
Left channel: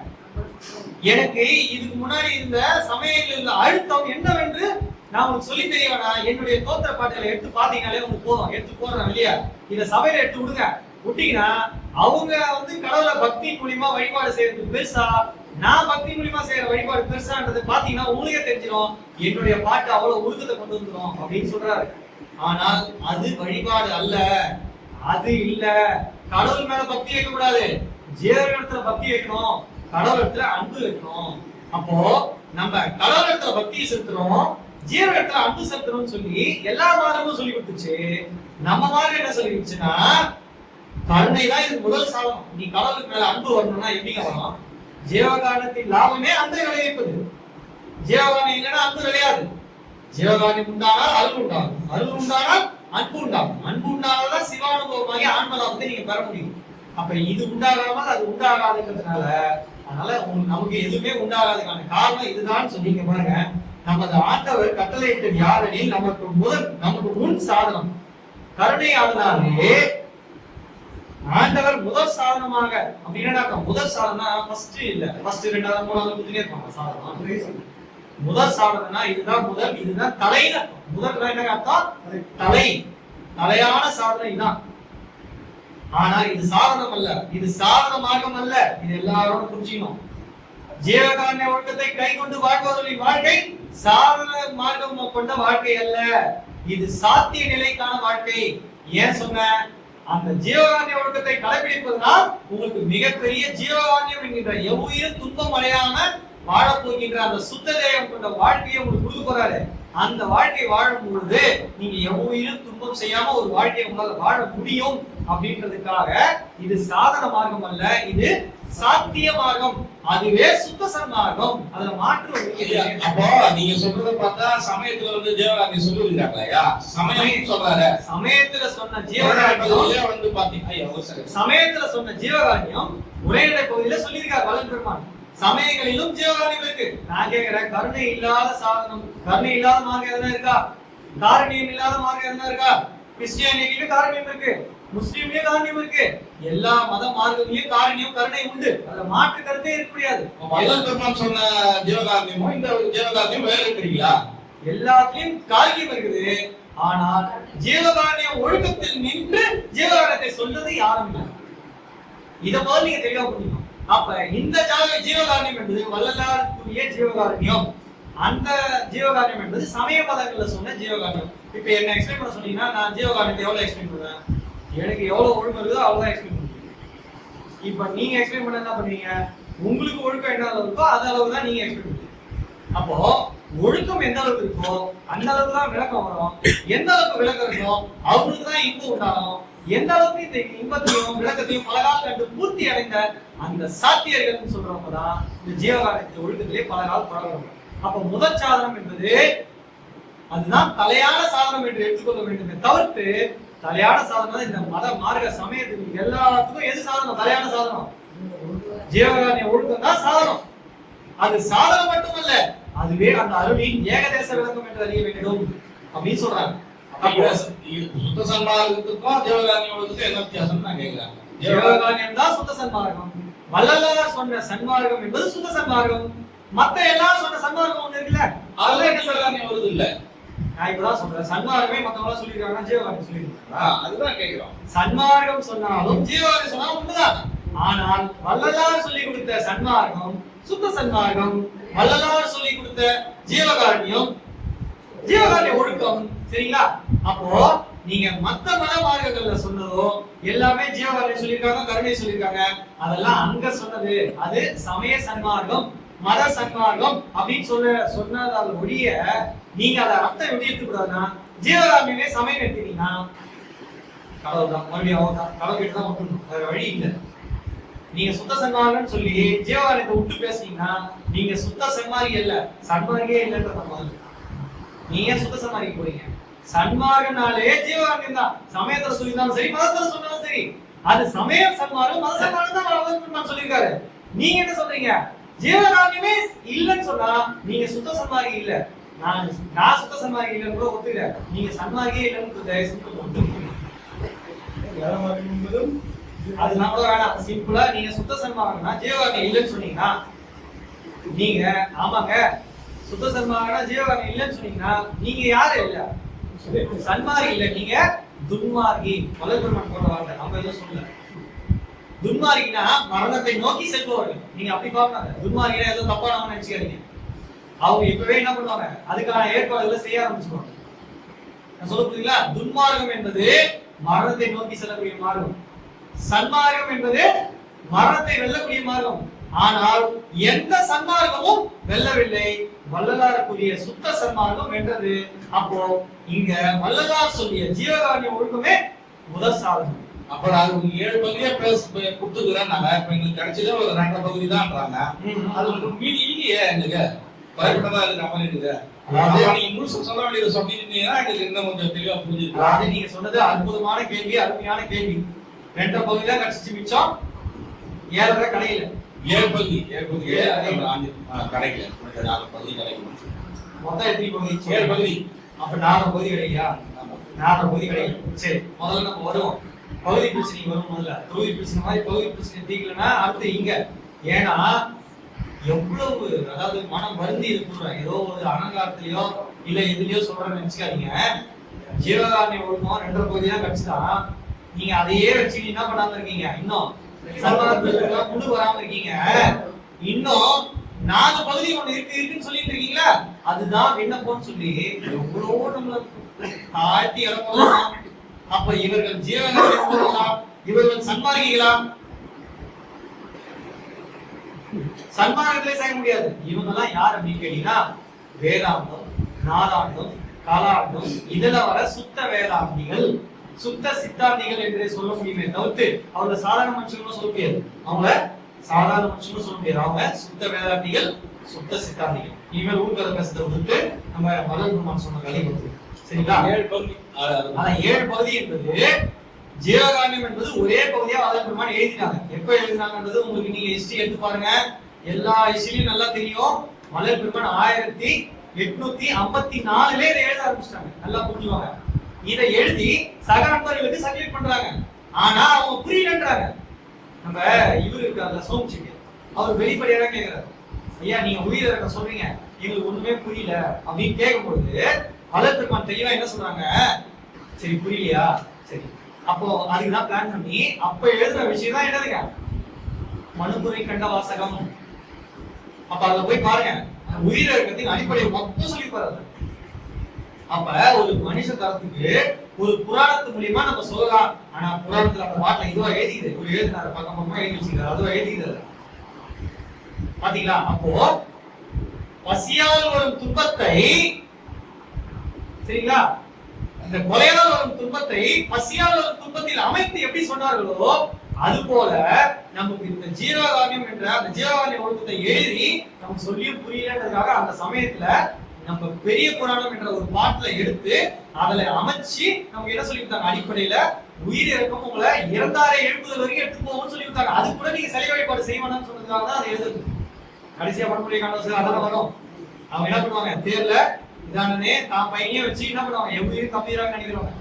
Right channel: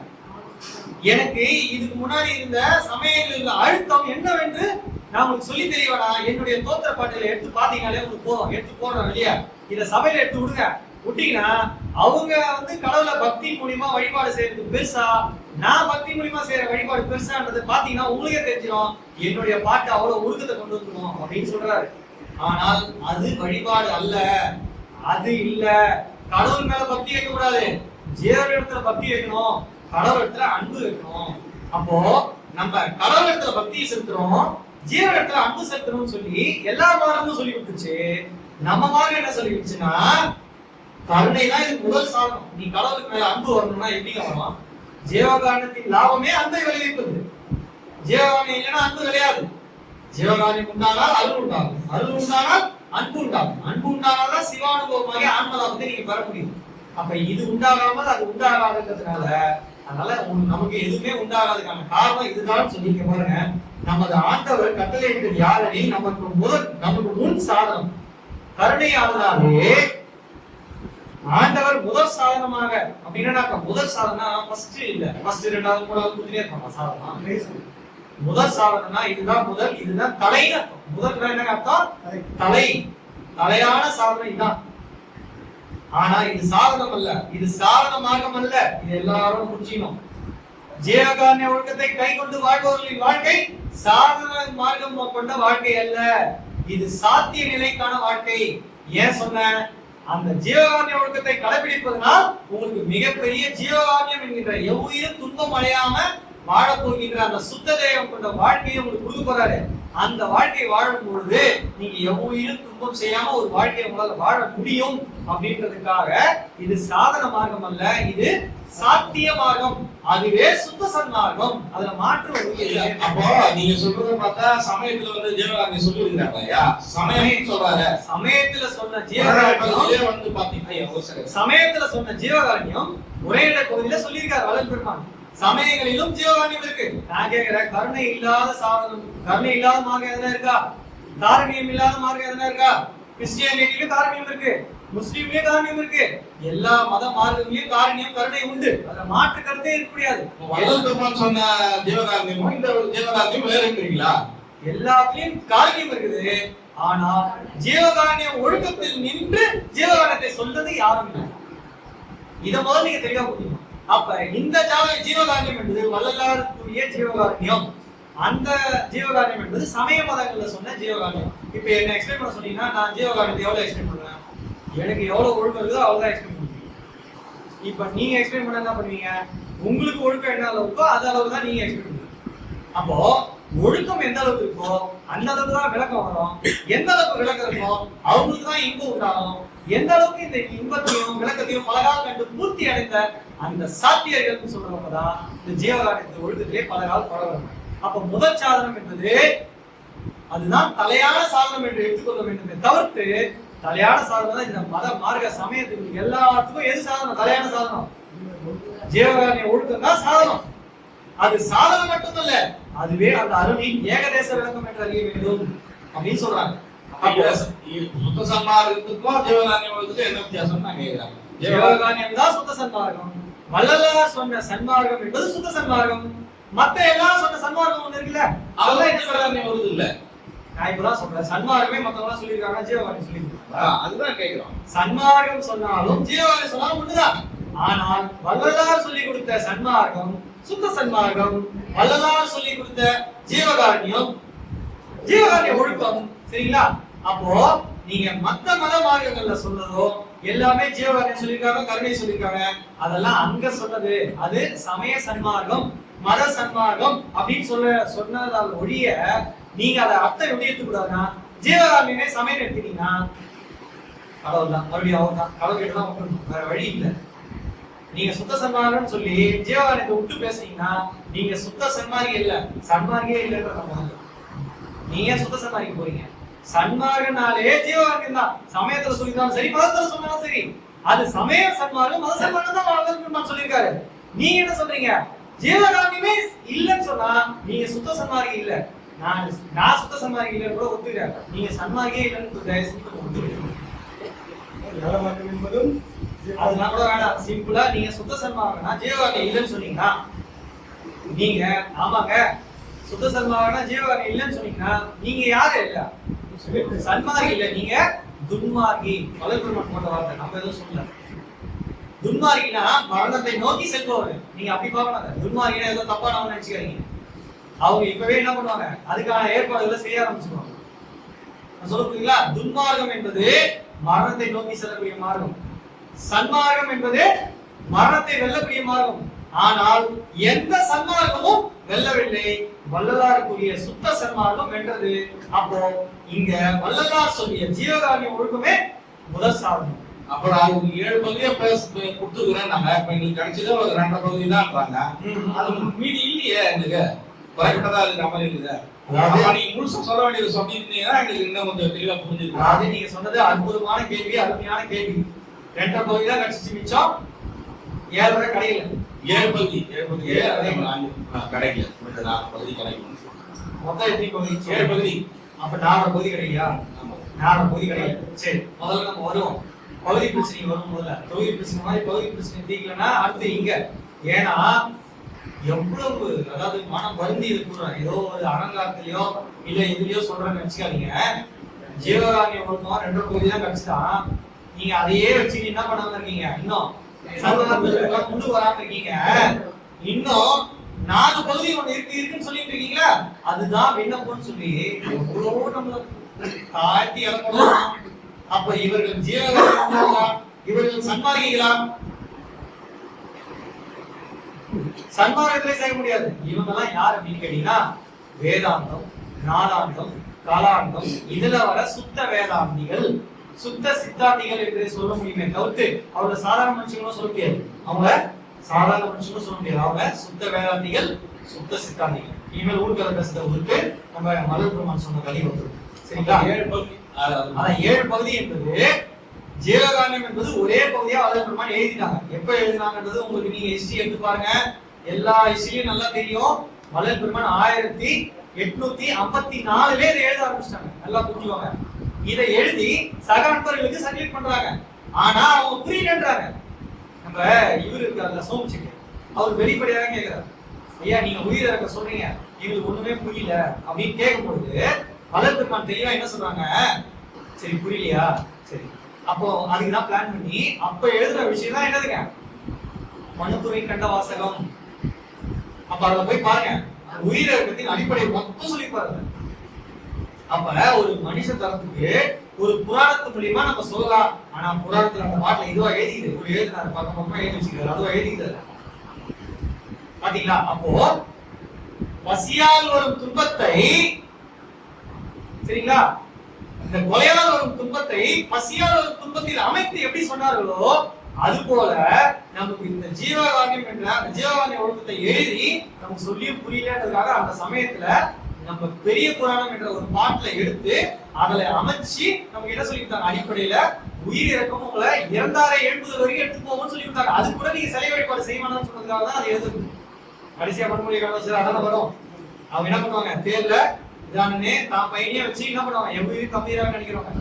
எனக்கு இதுக்கு முன்னாடி இருந்த சமயங்கள் இருந்த அழுத்தம் என்னவென்று நான் உங்களுக்கு சொல்லி தெரியவேனா, என்னுடைய தோத்திர பாட்டுகளை எடுத்து பாத்தீங்கன்னாலே உங்களுக்கு போதும். எடுத்து போடுறேன் வெளியே, இதை சபையில எடுத்து விடுங்க. விட்டீங்கன்னா அவங்க வந்து கடவுளை பக்தி மூலியமா வழிபாடு செய்யறது பெருசா, நான் பக்தி மூலியமா செய்யற வழிபாடு பெருசான்றது பாத்தீங்கன்னா உங்களுக்கே தெரிஞ்சிடும். என்னுடைய பாட்டு அவ்வளவு உருக்கத்தை கொண்டு வந்துடும் அப்படின்னு சொல்றாரு. ஆனால் அது வழிபாடு அல்ல, அது இல்ல. கடவுள் மேல பக்தி வைக்க கூடாது, ஜீவன் இடத்துல பக்தி வைக்கணும், கடவுள் இடத்துல அன்பு வைக்கணும். அப்போ நம்ம கடவுள் இடத்துல பக்தி செலுத்துறோம், ஜீவன் இடத்துல அன்பு செலுத்தணும்னு சொல்லி எல்லா மார்க்கமும் சொல்லி கொடுத்துச்சு. நம்ம மார்க்கம் என்ன சொல்லி கொடுத்துச்சுன்னா, கருணை தான் இதுக்கு முதல் சாதனம். நீ கடவுளுக்கு மேல அன்பு வரணும்னா எப்படிங்க வரலாம்? ஜீவகாரணத்தின் லாபமே அன்பை விளைவிப்பது. ஜீவகாரணம் இல்லைன்னா அன்பு விளையாது. ஜீவகாரணம் உண்டானால் அருள் உண்டாகும், அருள் உண்டானால் அன்பு உண்டாகும், அன்பு உண்டானால்தான் சிவானுபவமாகி ஆன்மலாபத்தை நீங்க பெற முடியும். அப்ப இது உண்டாகாமல் அது உண்டாகாதுன்றதுனால, அதனால நமக்கு எதுவுமே உண்டாகாதுக்கான காரணம் இதுதான் சொல்லிங்க பாருங்க. நமது ஆண்டவர் கட்டளையிட்டது யாரெனில் நமக்கு முன் சாதனம் கருணையாளனாலே ஆண்டவர் முதல் சாதனமாக. அப்படின்னா முதல் சாதனா ஃபர்ஸ்ட் இல்ல, ஃபர்ஸ்ட் ரெண்டாவது மூணாவது குதிரையே இருப்பாங்க சாதனம். முதல் சாதனா இதுதான் முதல், இதுதான் தலைன்னு அர்த்தம். முதல் என்ன அர்த்தம்? தலை, தலையான சாதனம் இதுதான். ஆனா இது சாதனம் அல்ல, இது சாதன மார்க்கம் அல்ல. இது எல்லாரும் புரிஞ்சுக்கணும். ஜீவகாருண்ய ஒழுக்கத்தை கை கொண்டு வாழ்பவர்களின் வாழ்க்கை சாதன மார்க்கம் கொண்ட வாழ்க்கை அல்ல, இது சாத்திய நிலைக்கான வாழ்க்கை. ஏன் சொன்ன, அந்த ஜீவகாருண்ய ஒழுக்கத்தை கடைபிடிப்பதனால் உங்களுக்கு மிகப்பெரிய ஜீவகாருண்யம் என்கின்ற எவ்வுயிரும் துன்பம் அடையாம வாழ போகின்ற அந்த சுத்த தேகம் கொண்ட வாழ்க்கையை உங்களுக்கு கொடுக்க போறாரு. அந்த வாழ்க்கையை வாழும் பொழுது நீங்க எவ்வுயிரும் துன்பம் செய்யாம ஒரு வாழ்க்கையை உங்களால வாழ முடியும். அப்படின்றதுக்காக இது சாதன மார்க்கம் அல்ல, இது சாத்திய மார்க்கம். அதுவே சுத்த சன்மார்க்கம். அதுல மாற்று. அப்போ நீங்க சொல்றத பார்த்தா சமயத்துல வந்து ஜீவகாருண்யம் சொல்லிருக்காங்கயா, சமயம் சொல்றாரு. சமயத்துல சொன்ன ஜீவகாருண்யம் வந்து பாத்தீங்கன்னா, சமயத்துல சொன்ன ஜீவகாருண்யம் உரைநடை பகுதியில சொல்லியிருக்காரு வள்ளல் பெருமான். சமயங்களிலும் ஜீவகாருண்யம் இருக்கு. நான் கேக்குறேன், கருணை இல்லாத சாதனம், கருணை இல்லாத மார்க்கம் எதனா இருக்கா? காரணியம் இல்லாத மார்க்கம் எதனா இருக்கா? கிறிஸ்டியானிட்டியிலும் காரணியம் இருக்கு, முஸ்லீம்லயும் காரணியம் இருக்கு, எல்லா மத மார்க்கங்களையும் காரணியம் கருணை உண்டு. அதுல மாற்று கருத்தே இருக்க முடியாது. வள்ளல் பெருமான் சொன்ன ஜீவகாருண்யமும் இந்த ஜீவகாருண்யம் வேற இருக்கிறீங்களா? எல்லாத்துலயும் காரணியம் இருக்குது. ஆனால் ஜீவகாருண்யம் ஒழுக்கத்தில் நின்று ஜீவகாருண்யத்தை சொல்றது யாரும் இல்லை. இத முதல்ல நீங்க தெளிவா புரிஞ்சுக்கணும். அப்ப இந்த ஜீவகாருண்யம் என்பது வள்ளலாருக்குரிய ஜீவகாருண்யம். அந்த ஜீவகாருண்யம் என்பது சமய மதங்கள்ல சொன்ன ஜீவகாருண்யம். இப்ப என்ன எக்ஸ்பிளைன் பண்ண சொன்னீங்கன்னா, நான் ஜீவகாருண்யத்தை எவ்வளவு எக்ஸ்பிளைன் பண்ணுவேன், எனக்கு எவ்வளவு ஒழுக்கம் இருக்குதோ அவ்வளவுதான் எக்ஸ்பிளைன் பண்ணுவீங்க. இப்ப நீங்க எக்ஸ்பிளைன் பண்ண என்ன பண்ணுவீங்க, உங்களுக்கு ஒழுக்கம் என்ன அளவு இருக்கோ அது அளவுக்கு தான் நீங்க எக்ஸ்பிளைன் பண்ணுவீங்க. அப்போ ஒழுக்கம் எந்த அளவுக்கு இருக்கோ அந்த அளவுக்கு தான் விளக்கம் வரும். எந்த அளவுக்கு விளக்கம் இருக்கோ அவங்களுக்கு தான் இன்பம் உண்டாகும். எந்த அளவுக்கு இந்த இன்பத்தையும் விளக்கத்தையும் பலகால் கண்டு பூர்த்தி அடைந்த அந்த சாத்தியர்கள் சொல்றவங்க தான் இந்த ஜீவகாருண்யத்தை ஒழுக்கத்திலே பலகால் பழகுறாங்க. அப்ப முதல் சாதனம் என்பது அதுதான் தலையான சாதனம் என்று எடுத்துக்கொள்ள வேண்டுமே தவிர்த்து, தலையான சாதனம் இந்த மத மார்க்க சமயத்துக்கு எல்லாத்துக்கும் எது சாதனம்? தலையான சாதனம் ஜீவகாருண்ய ஒழுக்கம் தான் சாதனம். அது சாதனம் மட்டுமல்ல, அதுவே அந்த அருளின் ஏகதேச விளக்கம் என்று அறிய வேண்டும் அப்படின்னு சொல்றாங்க. சுத்த சன்மார்க்கத்துக்கும் ஜீவகாருண்ய ஒழுக்கத்துக்கும் என்ன வித்தியாசம் நான் கேட்கிறேன். ஜீவகாருண்யம் தான் சுத்த சன்மார்க்கம். வள்ளலார் சொன்ன சன்மார்க்கம் என்பது சுத்த சன்மார்க்கம். மத்த எல்லாம் சொன்ன சன்மார்க்கம் ஒண்ணு இருக்குல்ல, அதெல்லாம் என்ன ஜீவகாருண்யம் வருது இல்ல. நான் இப்பதான் சொல்றேன், சன்மார்க்கமே மத்தவங்க சொல்லிருக்காங்க, ஜீவகாருண்யம் சொல்லிருக்காங்க. அதுதான் கேட்கிறோம். சன்மார்க்கம் சொன்னாலும் ஜீவகாருண்யம் சொன்னாலும் ஒண்ணுதான். ஆனால் வள்ளலார் சொல்லி கொடுத்த சன்மார்க்கம் சுத்த சன்மார்க்கம், வள்ளலார் சொல்லி கொடுத்த ஜீவகாருண்யம் ஒழுக்கம். சரிங்களா? அப்போ நீங்க மத்த மத மார்க்கங்கள்ல சொன்னதோ எல்லாமே ஜீவகாருண்யம் சொல்லியிருக்காங்க, கருணை சொல்லியிருக்காங்க. அதெல்லாம் அங்க சொன்னது அது சமய சன்மார்க்கம், மத சன்மார்க்கம் அப்படின்னு சொன்னதால் ஒழிய நீங்க அதை அர்த்தம் எப்படி எடுத்துக்கூடாதுன்னா ஜீவகாருண்யமே சமயம் எடுத்தீங்கன்னா கடவுள் தான், மறுபடியும் அவர் தான், கடவுள் கிட்ட தான் விட்டுணும், வேற வழி இல்லை. நீங்க சுத்த சன்மார்க்கம்னு சொல்லி ஜீவகாருண்யத்தை விட்டு பேசுனீங்கன்னா நீங்க சுத்த சன்மார்க்கே இல்ல, சன்மார்க்கே இல்லைன்ற. நீங்க சுத்த சன்மார்க்கு போறீங்க. சன்மார்க்கனாலே ஜீவகாருண்யம் தான். சமயத்துல சொல்லியிருந்தாலும் சரி, மதத்துல சொன்னாலும் சரி, அது சமய சன்மார்க்கம், மத சன்மார்க்கம் தான் சொல்லியிருக்காரு. நீங்க என்ன சொல்றீங்க? ஜீவகாருண்யமே இல்லைன்னு சொன்னா நீங்க சுத்த சன்மார்க்கம் இல்ல. நான் சுத்த சன்மார்க்கம் இல்லைன்னு கூட ஒத்துக்கிறேன். நீங்க சன்மார்க்கே இல்லைன்னு தயவு செஞ்சு ஒத்துக்கிறீங்க. அதெல்லாம் கூட வேணாம். சிம்பிளா நீங்க சுத்த சன்மார்க்கம்னா ஜீவகாருண்யம் இல்லைன்னு சொன்னீங்கன்னா நீங்க ஆமாங்க சுத்த சன்மார்க்கம்னா ஜீவகாருண்யம் இல்லைன்னு சொன்னீங்கன்னா நீங்க யாரு இல்ல, சன்மார்க்கி இல்ல, நீங்க துன்மார்க்கி. வல்லபெருமான் போட்ட வார்த்தை, நம்ம எதுவும் சொல்லல. துன்மார்க்கினா மரணத்தை நோக்கி செல்பவர்கள். நீங்க அப்படி பார்க்கணும். துன்மார்க்கினா ஏதோ தப்பானவங்க நினைச்சுக்காதீங்க. அவங்க இப்பவே என்ன பண்ணுவாங்க, அதுக்கான ஏற்பாடுகளை செய்ய ஆரம்பிச்சுருவாங்க. நான் சொல்ல புரியுங்களா? துன்மார்க்கம் என்பது மரணத்தை நோக்கி செல்லக்கூடிய மார்க்கம், சன்மார்க்கம் என்பது மரணத்தை வெல்லக்கூடிய மார்க்கம். ஆனால் எந்த சன்மார்க்கமும் வெல்லவில்லை, வள்ளலாருக்குரிய சுத்த சன்மார்க்கம் வென்றது. அப்போ இங்க வள்ளலார் சொல்லிய ஜீவகாருண்ய ஒழுக்கமே முதல் சாதனம். அப்ப நான் 7 பகுதியா கொடுத்துருக்கிறேன். நாங்க இப்ப எங்களுக்கு கிடைச்சது ஒரு 2 பகுதி தான்றாங்க. அது மீதி இல்லையே, எங்களுக்கு கரெக்டா இருக்கிற மாதிரி இருக்குது. நீங்க முழுசா சொல்ல வேண்டியது சொன்னீங்கன்னா எங்களுக்கு இன்னும் கொஞ்சம் தெளிவா புரிஞ்சுது. அதாவது நீங்க சொன்னது அற்புதமான கேள்வி, அருமையான கேள்வி. 2 பகுதி தான் கிடைச்சிச்சு, மிச்சம் 7 கடையில. 7 பகுதி கிடைக்கல. 4 பகுதி கிடைக்கும். மொத்தம் எத்தனை பகுதி? 7 பகுதி. அப்ப 4 பகுதி கிடைக்கலையா? 4 பகுதி கிடைக்கல. சரி, முதல்ல நம்ம வருவோம். பகுதி பிரச்சனை வரும். முதல்ல தொகுதி பிரச்சனை மாதிரி பகுதி பிரச்சனை தீக்கலன்னா அடுத்து இங்க. ஏன்னா எவ்வளவு, அதாவது மனம் வருந்தி இருக்கிற ஏதோ ஒரு அலங்காரத்திலயோ இல்ல எதுலயோ சொல்றேன்னு நினைச்சுக்காதீங்க. ஜீவகாருண்ய ஒழுக்கம் 2 பகுதி தான் கிடைச்சுதான். நீங்க அதையே வச்சு என்ன பண்ணாம இருக்கீங்க, இன்னும் சன்மார்க்கத்துக்கு முழு வராம இருக்கீங்க. இன்னும் 4 பகுதி ஒண்ணு இருக்குன்னு சொல்லிட்டு இருக்கீங்களா? அதுதான் விண்ணப்பம்னு சொல்லி எவ்வளவோ நம்மள தாழ்த்தி இறங்கணும். அப்ப இவர்கள் ஜீவகாருண்யம், இவர்கள் சன்மார்க்கிகளா? சன்மார்க்கத்திலே செய்ய முடியாது. இவங்க எல்லாம் யார் அப்படின்னு கேட்டீங்கன்னா வேதாந்தம், நாதாந்தம், காலாந்தம், இதுல வர சுத்த வேதாந்திகள், சுத்த சித்தாந்திகள் என்று சொல்ல முடியுமே தவிர்த்து அவங்க சாதாரண மனுஷங்களும் சொல்ல முடியாது. அவங்க சாதாரண மனுஷங்களும் சொல்ல முடியாது. அவங்க சுத்த வேதாந்திகள், சுத்த சித்தாந்திகள். இனிமேல் ஊர்கதை பேசுறத விட்டு நம்ம வல்லபெருமான் சொன்ன கதை வந்து சரிங்களா? 7 பகுதி. அதான் 7 பகுதி என்பது ஜீவகாருண்யம் என்பது ஒரே பகுதியா வல்லபெருமான் எழுதினாங்க. எப்ப எழுதினாங்கன்றது உங்களுக்கு நீங்க ஹிஸ்டரி எடுத்து பாருங்க. எல்லா ஹிஸ்டரியும் நல்லா தெரியும். வல்லபெருமான் 1854 இதை எழுத ஆரம்பிச்சிட்டாங்க. நல்லா புரிஞ்சுவாங்க. இதை எழுதி சக நண்பர்களுக்கு சர்க்குலேட் பண்றாங்க. ஆனா அவங்க புரியலன்றாங்க. நம்ம இவரு இருக்கார்ல சோம்சிங்க, அவர் வெளிப்படையாக கேட்கிறாரு, ஐயா நீங்க உயிர் இறக்க சொல்றீங்க, எங்களுக்கு ஒண்ணுமே புரியல அப்படின்னு கேட்கும்பொழுது வல்லபெருமான் தெளிவா என்ன சொல்றாங்க, சரி புரியலையா, சரி அப்போ அதுக்குதான் பிளான் பண்ணி அப்ப எழுதுற விஷயம் தான் என்னதுங்க, மனுபுரை கண்ட வாசகம். அப்ப அதுல போய் பாருங்க, உயிர் இறக்கத்தின் அடிப்படையை மொத்தம் சொல்லி பாருங்க. அப்ப ஒரு மனுஷ தரத்துக்கு ஒரு புராணத்து மூலியமா நம்ம சொல்லலாம். ஆனா புராணத்துல அந்த பாட்டுல இதுவா எழுதிக்குது, ஒரு எழுதினாரு பக்கம் பக்கமா எழுதி வச்சுக்கிறாரு, அதுவா எழுதிக்குது பாத்தீங்களா? அப்போ பசியால் வரும் துன்பத்தை, சரிங்களா, இந்த கொலையால் வரும் துன்பத்தை பசியால் வரும் துன்பத்தில் அமைத்து எப்படி சொன்னார்களோ அது போல நமக்கு இந்த ஜீவகாருண்யம் என்ற அந்த ஜீவகாருண்ய ஒழுக்கத்தை எழுதி நமக்கு சொல்லியும் புரியலன்றதுக்காக அந்த சமயத்துல நம்ம பெரிய புராணம் என்ற ஒரு பாட்டுல எடுத்து அதுல அமைச்சு நமக்கு என்ன சொல்லி கொடுத்தாங்க, அடிப்படையில உயிர் இறக்கம் உங்களை இறந்தாரை எழுப்புதல் வரைக்கும் எடுத்து போகும்னு சொல்லி கொடுத்தாங்க. அது கூட நீங்க சிலை வழிபாடு செய்வானான்னு சொன்னதுக்காக தான் அதை எழுதுது. கடைசியா படமுறை காலம் அதெல்லாம் வரும். அவங்க என்ன பண்ணுவாங்க, தேர்ல இதானே தான் பையனையே வச்சு என்ன பண்ணுவாங்க, எவ்வளவு கம்மியாக நினைக்கிறவங்க.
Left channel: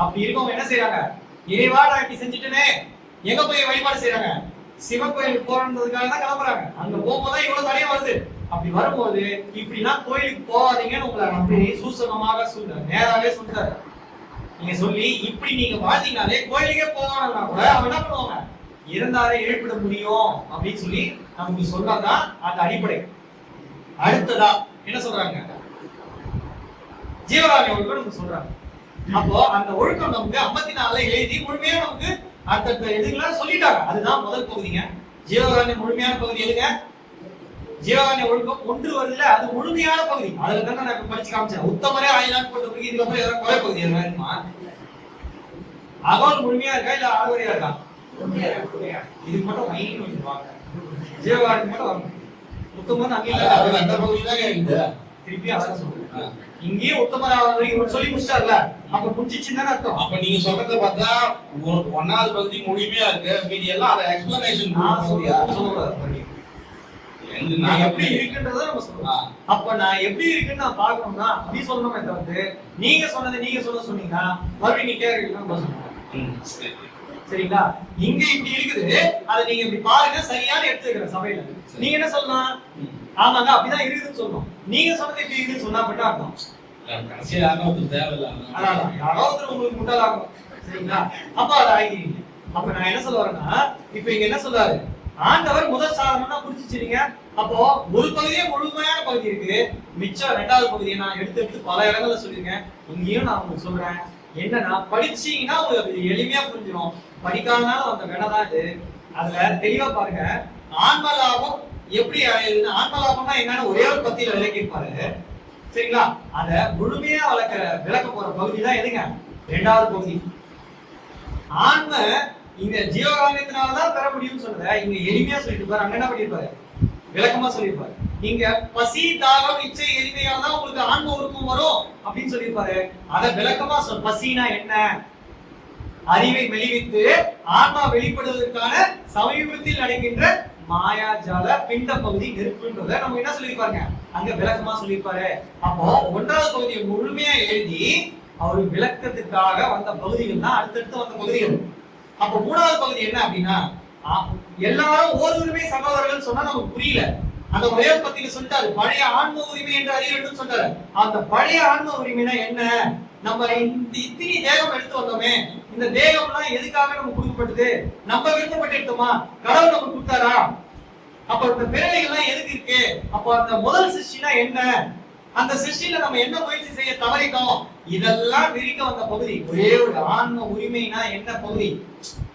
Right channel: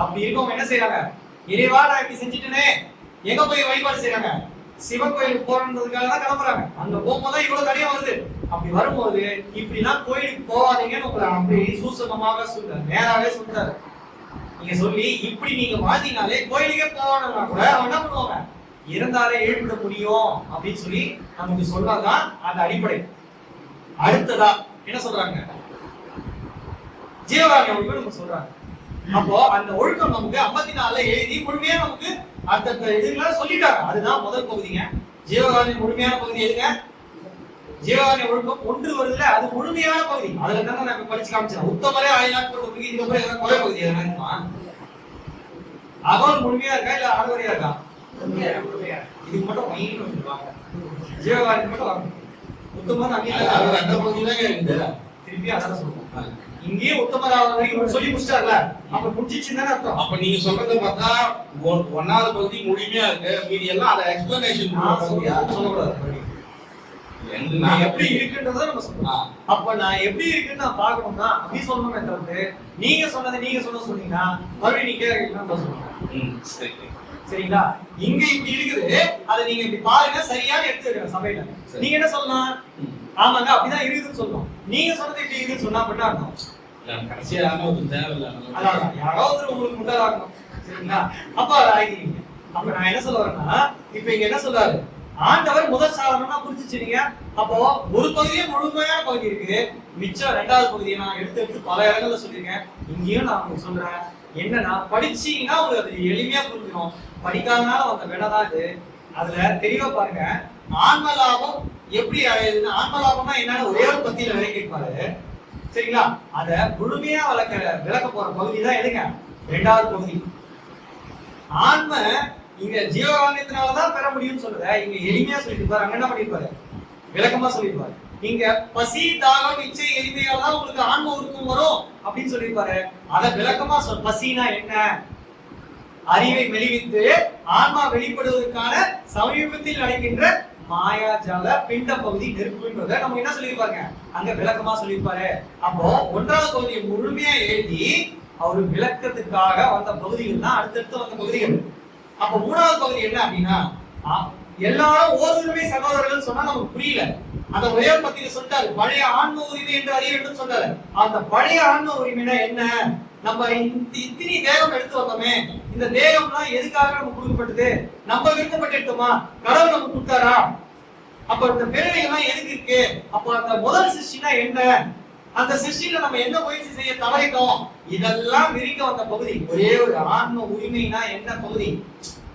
அப்படி இருக்கவங்க என்ன செய்யறாங்க, இறைவா நான் இப்படி செஞ்சுட்டேனே, எங்க போய் வழிபாடு செய்யறாங்க, சிவன் கோயிலுக்கு போறதுக்காக தான் கிளம்புறாங்க. அங்க போகும்போது இவ்வளவு தடையா வருது. அப்படி வரும்போது இப்படிலாம் கோயிலுக்கு போகாதீங்கன்னு உங்களை அப்படி சூசகமாக நேராவே சொல்லிட்டாரு. நீங்க சொல்லி இப்படி நீங்க வாழ்ந்தீங்கனாலே கோயிலுக்கே போவானா கூட அவங்க என்ன பண்ணுவாங்க, இறந்தாரை எழுப்பிட முடியும் அப்படின்னு சொல்லி நமக்கு சொன்னதான் அந்த அடிப்படை. அடுத்ததா என்ன சொல்றாங்க? ஜீவகாருண்ய ஒழுக்கம் நமக்கு சொல்றாங்க. அப்போ அந்த ஒழுக்கம் நமக்கு 54 எழுதி முழுமையா நமக்கு அடுத்த இதுலாம் சொல்லிட்டாங்க. அதுதான் முதல் பகுதிங்க. ஜீவகாருண்ய முழுமையான பகுதி எதுங்க? ஜீவகாருண்ய ஒழுக்கம் 1 வருதுல, அது முழுமையான பகுதி. அதுல தான் நான் இப்ப படிச்சு காமிச்சேன். உத்தமரே ஆயினாட் போட்ட பகுதி. இதுக்கு அப்புறம் எதாவது குறை பகுதி எதனா இருக்குமா? அகோல் முழுமையா இருக்கா இல்ல ஆறுவரையா இருக்கா? இதுக்கு மட்டும் மைண்ட் வந்துருவாங்க. ஜீவகாருண்யம் மட்டும் வரணும். உத்தமர் அந்த பகுதி தான் இருக்கு. திருப்பி அதான் சொல்றேன். இங்கேயே உத்தமராவது வரைக்கும் சொல்லி முடிச்சிட்டார்ல, அப்ப முடிஞ்சிச்சுன்னு தானே அர்த்தம். அப்ப நீங்க சொல்றத பார்த்தா 1வது பகுதி முழுமையா இருக்கு, மீதி எல்லாம் அத எக்ஸ்பிளனேஷன் சொல்லக்கூடாது. நான் எப்படி இருக்குன்றத நம்ம சொல்லலாம். அப்ப நான் எப்படி இருக்குன்னு நான் பார்க்கணும்னா அப்படி சொல்லணுமே தவிர்த்து நீங்க சொன்னது சொன்னீங்கன்னா மறுபடியும் நீங்க கேட்கலாம் சொல்லுங்க. சரிங்களா? இங்க இப்படி இருக்குது, அதை நீங்க இப்படி பாருங்க, சரியான எடுத்து வைக்கிற சபையில நீங்க என்ன சொல்லலாம்? ஆமாங்க அப்படிதான் இருக்குதுன்னு சொல்லணும். நீங்க சொன்னது இப்படி இருக்குன்னு சொன்னா மட்டும் அர்த்தம். யாராவது உங்களுக்கு முட்டாளாகணும். சரிங்களா? அப்ப அதை ஆகிக்கிறீங்க. அப்ப நான் என்ன சொல்ல வரேன்னா, இப்ப இங்க என்ன சொல்றாரு? ஆண்டவர் முதல் சாதனம்னா புரிஞ்சுச்சுங்க. அப்போ ஒரு பகுதியே முழுமையான பகுதி இருக்கு, மிச்சம் 2வது பகுதியை நான் எடுத்து பல இடங்கள்ல சொல்லியிருக்கேன். இங்கேயும் நான் உங்களுக்கு சொல்றேன். என்னன்னா படிச்சீங்கன்னா உங்களுக்கு அது எளிமையா புரிஞ்சிடும். படிக்காதனால வந்த வேலைதான் இது. அதுல தெளிவா பாருங்க. ஆன்ம லாபம் எப்படி ஆயுதுன்னு, ஆன்ம லாபம்னா என்னன்னு ஒரே ஒரு பத்தியில விளக்கிருப்பாரு. சரிங்களா? அத முழுமையா விளக்க போற பகுதி தான் எதுங்க? 2வது பகுதி. ஆன்ம இங்க ஜீவகாருண்யத்தினாலதான் பெற முடியும்னு சொன்னத இங்க எளிமையா சொல்லிட்டு பாரு. அங்க என்ன பண்ணிருப்பாரு? விளக்கமா சொல்லிருப்பாரு. இங்க பசி, தாகம், இச்சை, எளிமையால் தான் உங்களுக்கு ஆன்ம உருக்கம் வரும் அப்படின்னு சொல்லிருப்பாரு. அத விளக்கமா பசினா என்ன? அறிவை மெலிவித்து ஆன்மா வெளிப்படுவதற்கான சமீபத்தில் நடக்கின்ற மாயாஜால பிண்ட பகுதி நெருப்புன்றத நம்ம என்ன சொல்லிருப்பாருங்க? அங்க விளக்கமா சொல்லிருப்பாரு. அப்போ 1வது பகுதியை முழுமையா எழுதி அவரு விளக்கத்துக்காக வந்த பகுதிகள் தான் அடுத்தடுத்து வந்த பகுதிகள். அப்ப 3வது பகுதி என்ன அப்படின்னா, எல்லாரும் ஓருரிமை சகோதரர்கள் சொன்னா நமக்கு புரியல. அந்த ஒரே பத்தியில சொல்லிட்டாரு, பழைய ஆன்ம உரிமை என்று அறிய வேண்டும் சொன்னாரு. அந்த பழைய ஆன்ம உரிமைனா என்ன? நம்ம இத்தனை தேகம் எடுத்து வந்தோமே, இந்த தேகம்லாம் எதுக்காக நம்ம கொடுக்கப்பட்டது? நம்ம விருப்பப்பட்டு எடுத்தோமா? கடவுள் நமக்கு கொடுத்தாரா? அப்ப இந்த பிறவைகள்லாம் எதுக்கு இருக்கு? அப்ப அந்த முதல் சிருஷ்டினா என்ன? அந்த சிருஷ்டியில நம்ம என்ன முயற்சி செய்ய தவறிட்டோம்? இதெல்லாம் விரிக்க வந்த பகுதி. ஒரே ஒரு ஆன்ம உரிமைனா என்ன பகுதி?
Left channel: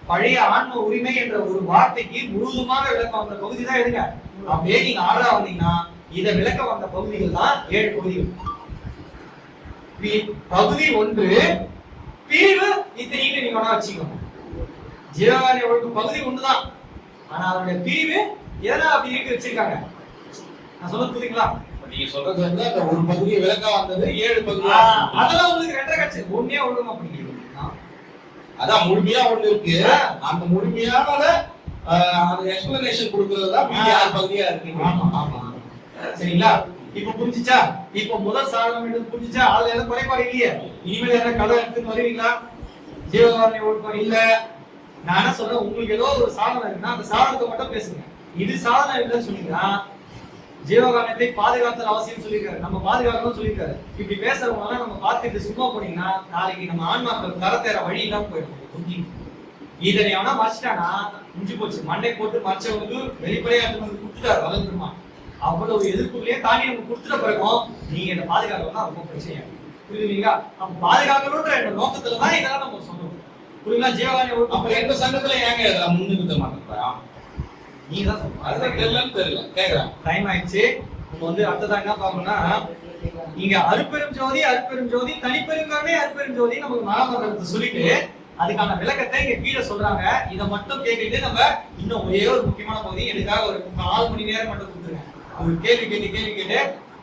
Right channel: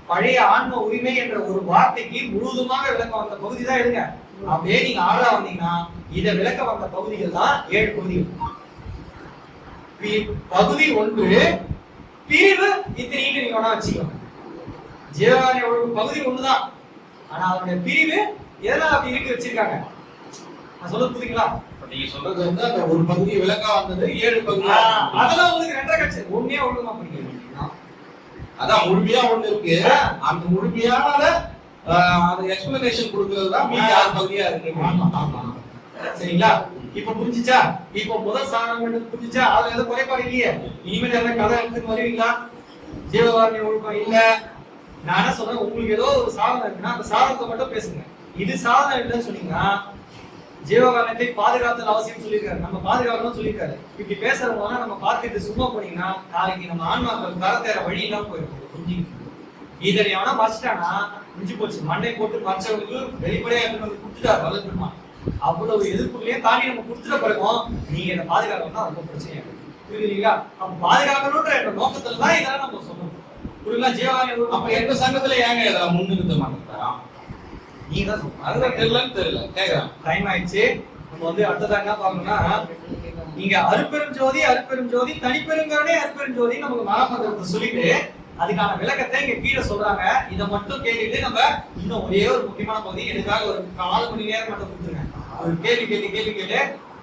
பழைய ஆன்ம உரிமை என்ற ஒரு வார்த்தைக்கு முழுதுமாக விளக்க வந்த பகுதி தான் எடுங்க. அப்படியே நீங்க 6ஆ வந்தீங்கன்னா இதை விளக்க வந்த பகுதிகள் தான் 7 பகுதிகள். பகுதி 1 பிரிவு இத்தனைன்னு நீங்க வேணா வச்சுக்கோங்க. ஜீவகாருண்ய ஒழுங்கு பகுதி 1 தான். ஆனா அதனுடைய பிரிவு எதனால அப்படி இருக்கு வச்சிருக்காங்க? நான் சொல்றது புரியுங்களா? நீங்க சொல்றது வந்து அந்த ஒரு பகுதியை விளக்க வந்தது 7 பகுதி. அதெல்லாம் உங்களுக்கு 2.5 கட்சி ஒண்ணே ஒழுங்கமா படிக்கிறீங்க. அதான் முழுமையா ஒண்ணு இருக்கு. அந்த முழுமையான அது எக்ஸ்பிளனேஷன் கொடுக்கிறது தான் மீதி 6 பகுதியா இருக்கு. ஆமா. சரிங்களா? இப்ப புரிஞ்சுச்சா? இப்ப முதல் சாதனம் என்ன புரிஞ்சுச்சா? அதுல எந்த குறைபாடு இல்லையே. இனிமேல் எந்த கதை எடுத்து வருவீங்களா? ஜீவகாருண்ய ஒழுக்கம் இல்ல. நான் என்ன சொல்றேன், உங்களுக்கு ஏதோ ஒரு சாதனம் இருக்குன்னா அந்த சாதனத்தை மட்டும் பேசுங்க. இது சாதனம் இல்லைன்னு சொன்னீங்கன்னா ஜீவகாருண்யத்தை பாதுகாத்தல் அவசியம் சொல்லியிருக்காரு. நம்ம பாதுகாக்கணும்னு சொல்லியிருக்காரு. இப்படி பேசுறவங்க நம்ம பார்த்துட்டு சும்மா போனீங்கன்னா நாளைக்கு நம்ம ஆன்மாக்கள் கரத்தேற வழி இல்லாம போயிடும். இதனை அவனா மறைச்சிட்டானா முடிஞ்சு போச்சு. மண்டை போட்டு மறைச்சவங்களுக்கு வெளிப்படையா எடுத்து கொடுத்துட்டாரு வளர்ந்துருமா. அவ்வளவு எதிர்ப்புகளையே தாண்டி நம்ம கொடுத்துட்ட பிறகும் நீங்க என்ன பாதுகாக்கணும்னா ரொம்ப பிரச்சனையா புரியுதுங்களா? நம்ம பாதுகாக்கணும்ன்ற என்ற நோக்கத்துல தான் இதெல்லாம் நம்ம சொல்லணும். புரியுங்களா? ஜீவகாருண்ய ஒழுக்கம் அப்ப எந்த சங்கத்துல ஏங்க முன்னிறுத்த மாட்டேங்கிறா? நீங்க தான் சொல்லுங்க. தெரியல. டைம் ஆயிடுச்சு. நம்ம வந்து அடுத்ததா என்ன பார்க்கணும்னா, இங்க அருட்பெரும் ஜோதி தனிப்பெருங்கருணை அருட்பெரும் ஜோதி நமக்கு மகாமந்திரத்தை சொல்லிட்டு அதுக்கான விளக்கத்தை இங்க கீழே சொல்றாங்க. இதை மட்டும் கேட்டுட்டு நம்ம இன்னும் ஒரே ஒரு முக்கியமான பகுதி எனக்காக ஒரு 4 மணி நேரம் மட்டும் கொடுத்துருங்க. ஒரு கேள்வி கேட்டு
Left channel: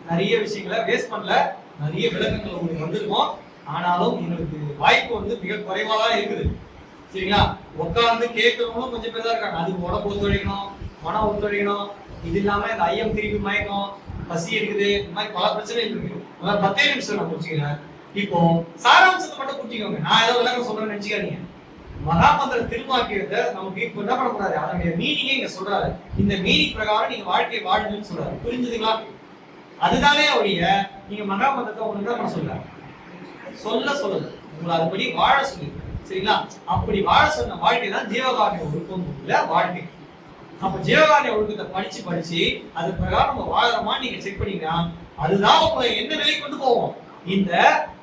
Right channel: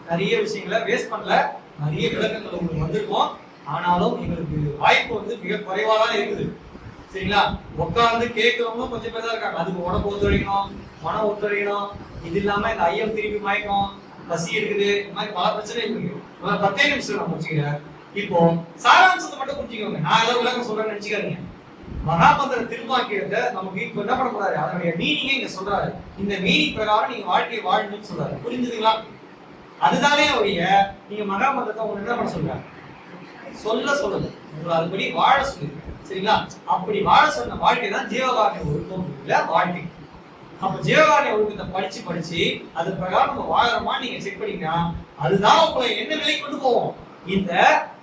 நிறைய விஷயங்களை வேஸ்ட் பண்ணல. நிறைய விளக்கங்கள் உங்களுக்கு வந்திருக்கும். ஆனாலும் எங்களுக்கு வாய்ப்பு வந்து மிக குறைவா தான் இருக்குது. சரிங்களா? உட்கார்ந்து கேட்கறவங்களும் கொஞ்சம் பேர் தான் இருக்காங்க. அதுக்கு உடம்பு ஒத்துழைக்கணும், மனம் ஒத்துழைக்கணும். இது இல்லாம இந்த ஐயம் திருப்பி மயக்கம், பசி இருக்குது, இந்த மாதிரி பல பிரச்சனை இருக்கு. 10 நிமிஷம் நான் முடிச்சுக்கிறேன். இப்போ சாராம்சத்தை மட்டும் புரிஞ்சுக்கோங்க. நான் ஏதோ விளக்கம் சொல்றேன்னு நினைச்சுக்காதீங்க. மகாமந்திர திருவாக்கியத்தை நமக்கு இப்ப என்ன பண்ண போறாரு? அதனுடைய மீனிங்கே இங்க சொல்றாரு. இந்த மீனிங் பிரகாரம் நீங்க வாழ்க்கையை வாழணும்னு சொல்றாரு. புரிஞ்சுதுங்களா? அதுதானே ஒழிய நீங்க மகாமந்திரத்தை உங்களுக்கு என்ன பண்ண சொல்றாரு? சொல்லல உங்களை அதுபடி வாழ சொல்லியிருக்காரு. சரிங்களா? அப்படி வாழ சொன்ன வாழ்க்கை தான் ஜீவகாருண்ய ஒழுக்கம் உள்ள வாழ்க்கை. அப்ப ஜீவகாருண்ய ஒழுக்கத்தை படிச்சு அது பிரகாரம் நம்ம வாழறோமா நீங்க செக் பண்ணீங்கன்னா அதுதான் உங்களை என்ன நிலை கொண்டு போவோம். இந்த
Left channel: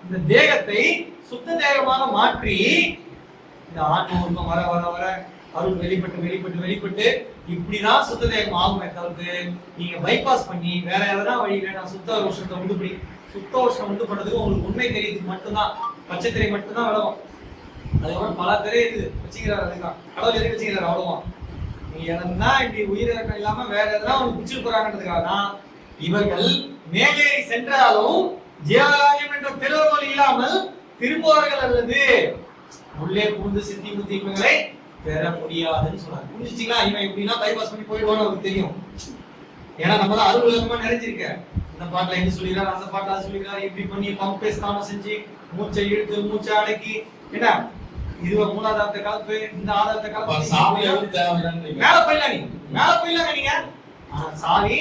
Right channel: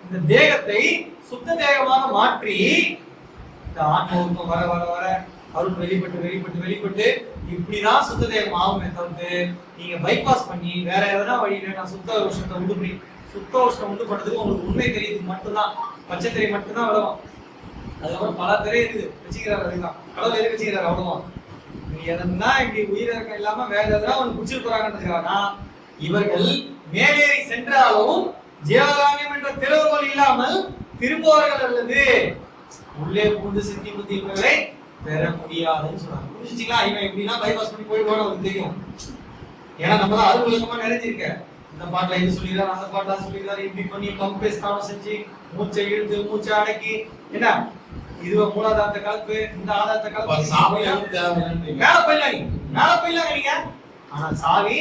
இந்த தேகத்தை சுத்த தேகமாக மாற்றி இந்த ஆன்ம ஒழுக்கம் வர வர வர அருள் வெளிப்பட்டு இப்படிதான் சுத்த தேகம் ஆகுமே தவிர்த்து நீங்க பைபாஸ் பண்ணி வேற எதனா வழியில நான் சுத்த உஷ்ணத்தை உண்டு பண்றதுக்கு உங்களுக்கு உண்மை தெரியறதுக்கு மட்டும்தான் பச்சை திரை மட்டும்தான் விளவும். அதுக்கப்புறம் பல திரை இருக்குது வச்சுக்கிறாரு. அதுதான் கடவுள் எதுக்கு வச்சுக்கிறாரு அவ்வளவா. நீ எதனா இப்படி உயிரிழக்கம் இல்லாம வேற எதனா ஒண்ணு குடிச்சிட்டு போறாங்கன்றதுக்காக தான் இவர்கள் மேலேறி சென்றாலும் ஜீவகாருண்யம் என்ற திறவுகோல் இல்லாமல் திரும்புவார்கள் அல்லது உள்ளே புகுந்து சித்தி புத்தி இவர்களை பெற முடியாதுன்னு சொல்றாங்க. புரிஞ்சுச்சிங்களா? இவன் எப்படின்னா பைபாஸ் பண்ணி போயிடுவான்னு அவருக்கு தெரியும். ஏன்னா நம்ம தான் அருள் விளக்கமா நிறைஞ்சிருக்க. இந்த பாட்டுல இது சொல்லிடுறாரு, அந்த பாட்டுல சொல்லிடுறாரு, இப்படி பண்ணி பம்பே ஸ்தானம் செஞ்சு மூச்சை இழுத்து மூச்சை அடக்கி என்ன இதுவ மூலாதாரத்தை கலப்பு இந்த ஆதாரத்தை கலப்பு மேல போயிடலாம் நீங்க. ஆனா சாவி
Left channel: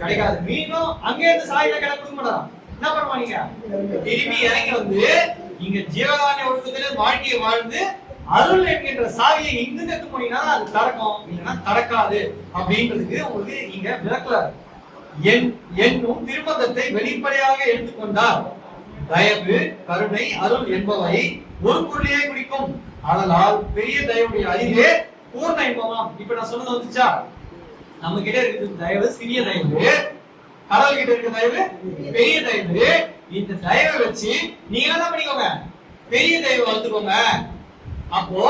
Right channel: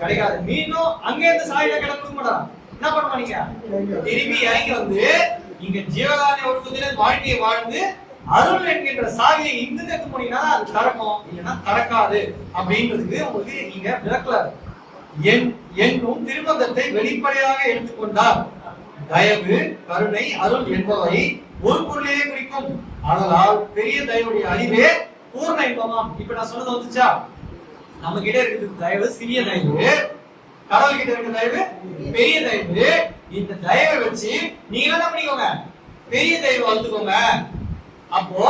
கிடைக்காது. மீண்டும் அங்கே இருந்து சாவியில கிடைக்க கொடுக்க மாட்டான். என்ன பண்ணுவா நீங்க திரும்பி இறங்கி வந்து இங்க ஜீவகாருண்ய ஒழுக்கத்திலே வாழ்க்கையை வாழ்ந்து அருள் என்கின்ற சாவியை இங்கிருந்து எடுத்து போனீங்கன்னா அது திறக்கும், இல்லைன்னா திறக்காது அப்படின்றதுக்கு உங்களுக்கு நீங்க விளக்கல. என்னும் திருமந்தத்தை வெளிப்படையாக எடுத்துக்கொண்டார் தயவு கருணை அருள் என்பவை ஒரு பொருளையே குறிக்கும். அதனால் பெரிய தயவுடைய அறிவே பூர்ண இன்பமாம். இப்ப நான் சொன்னது வந்துச்சா? நம்ம கிட்ட இருக்குது தயவு சிறிய தயவு, கடவுள் கிட்ட இருக்க தயவு பெரிய தயவு. இந்த தயவை வச்சு நீங்க என்ன பண்ணிக்கோங்க, பெரிய தயவை வளர்த்துக்கோங்க. அப்போ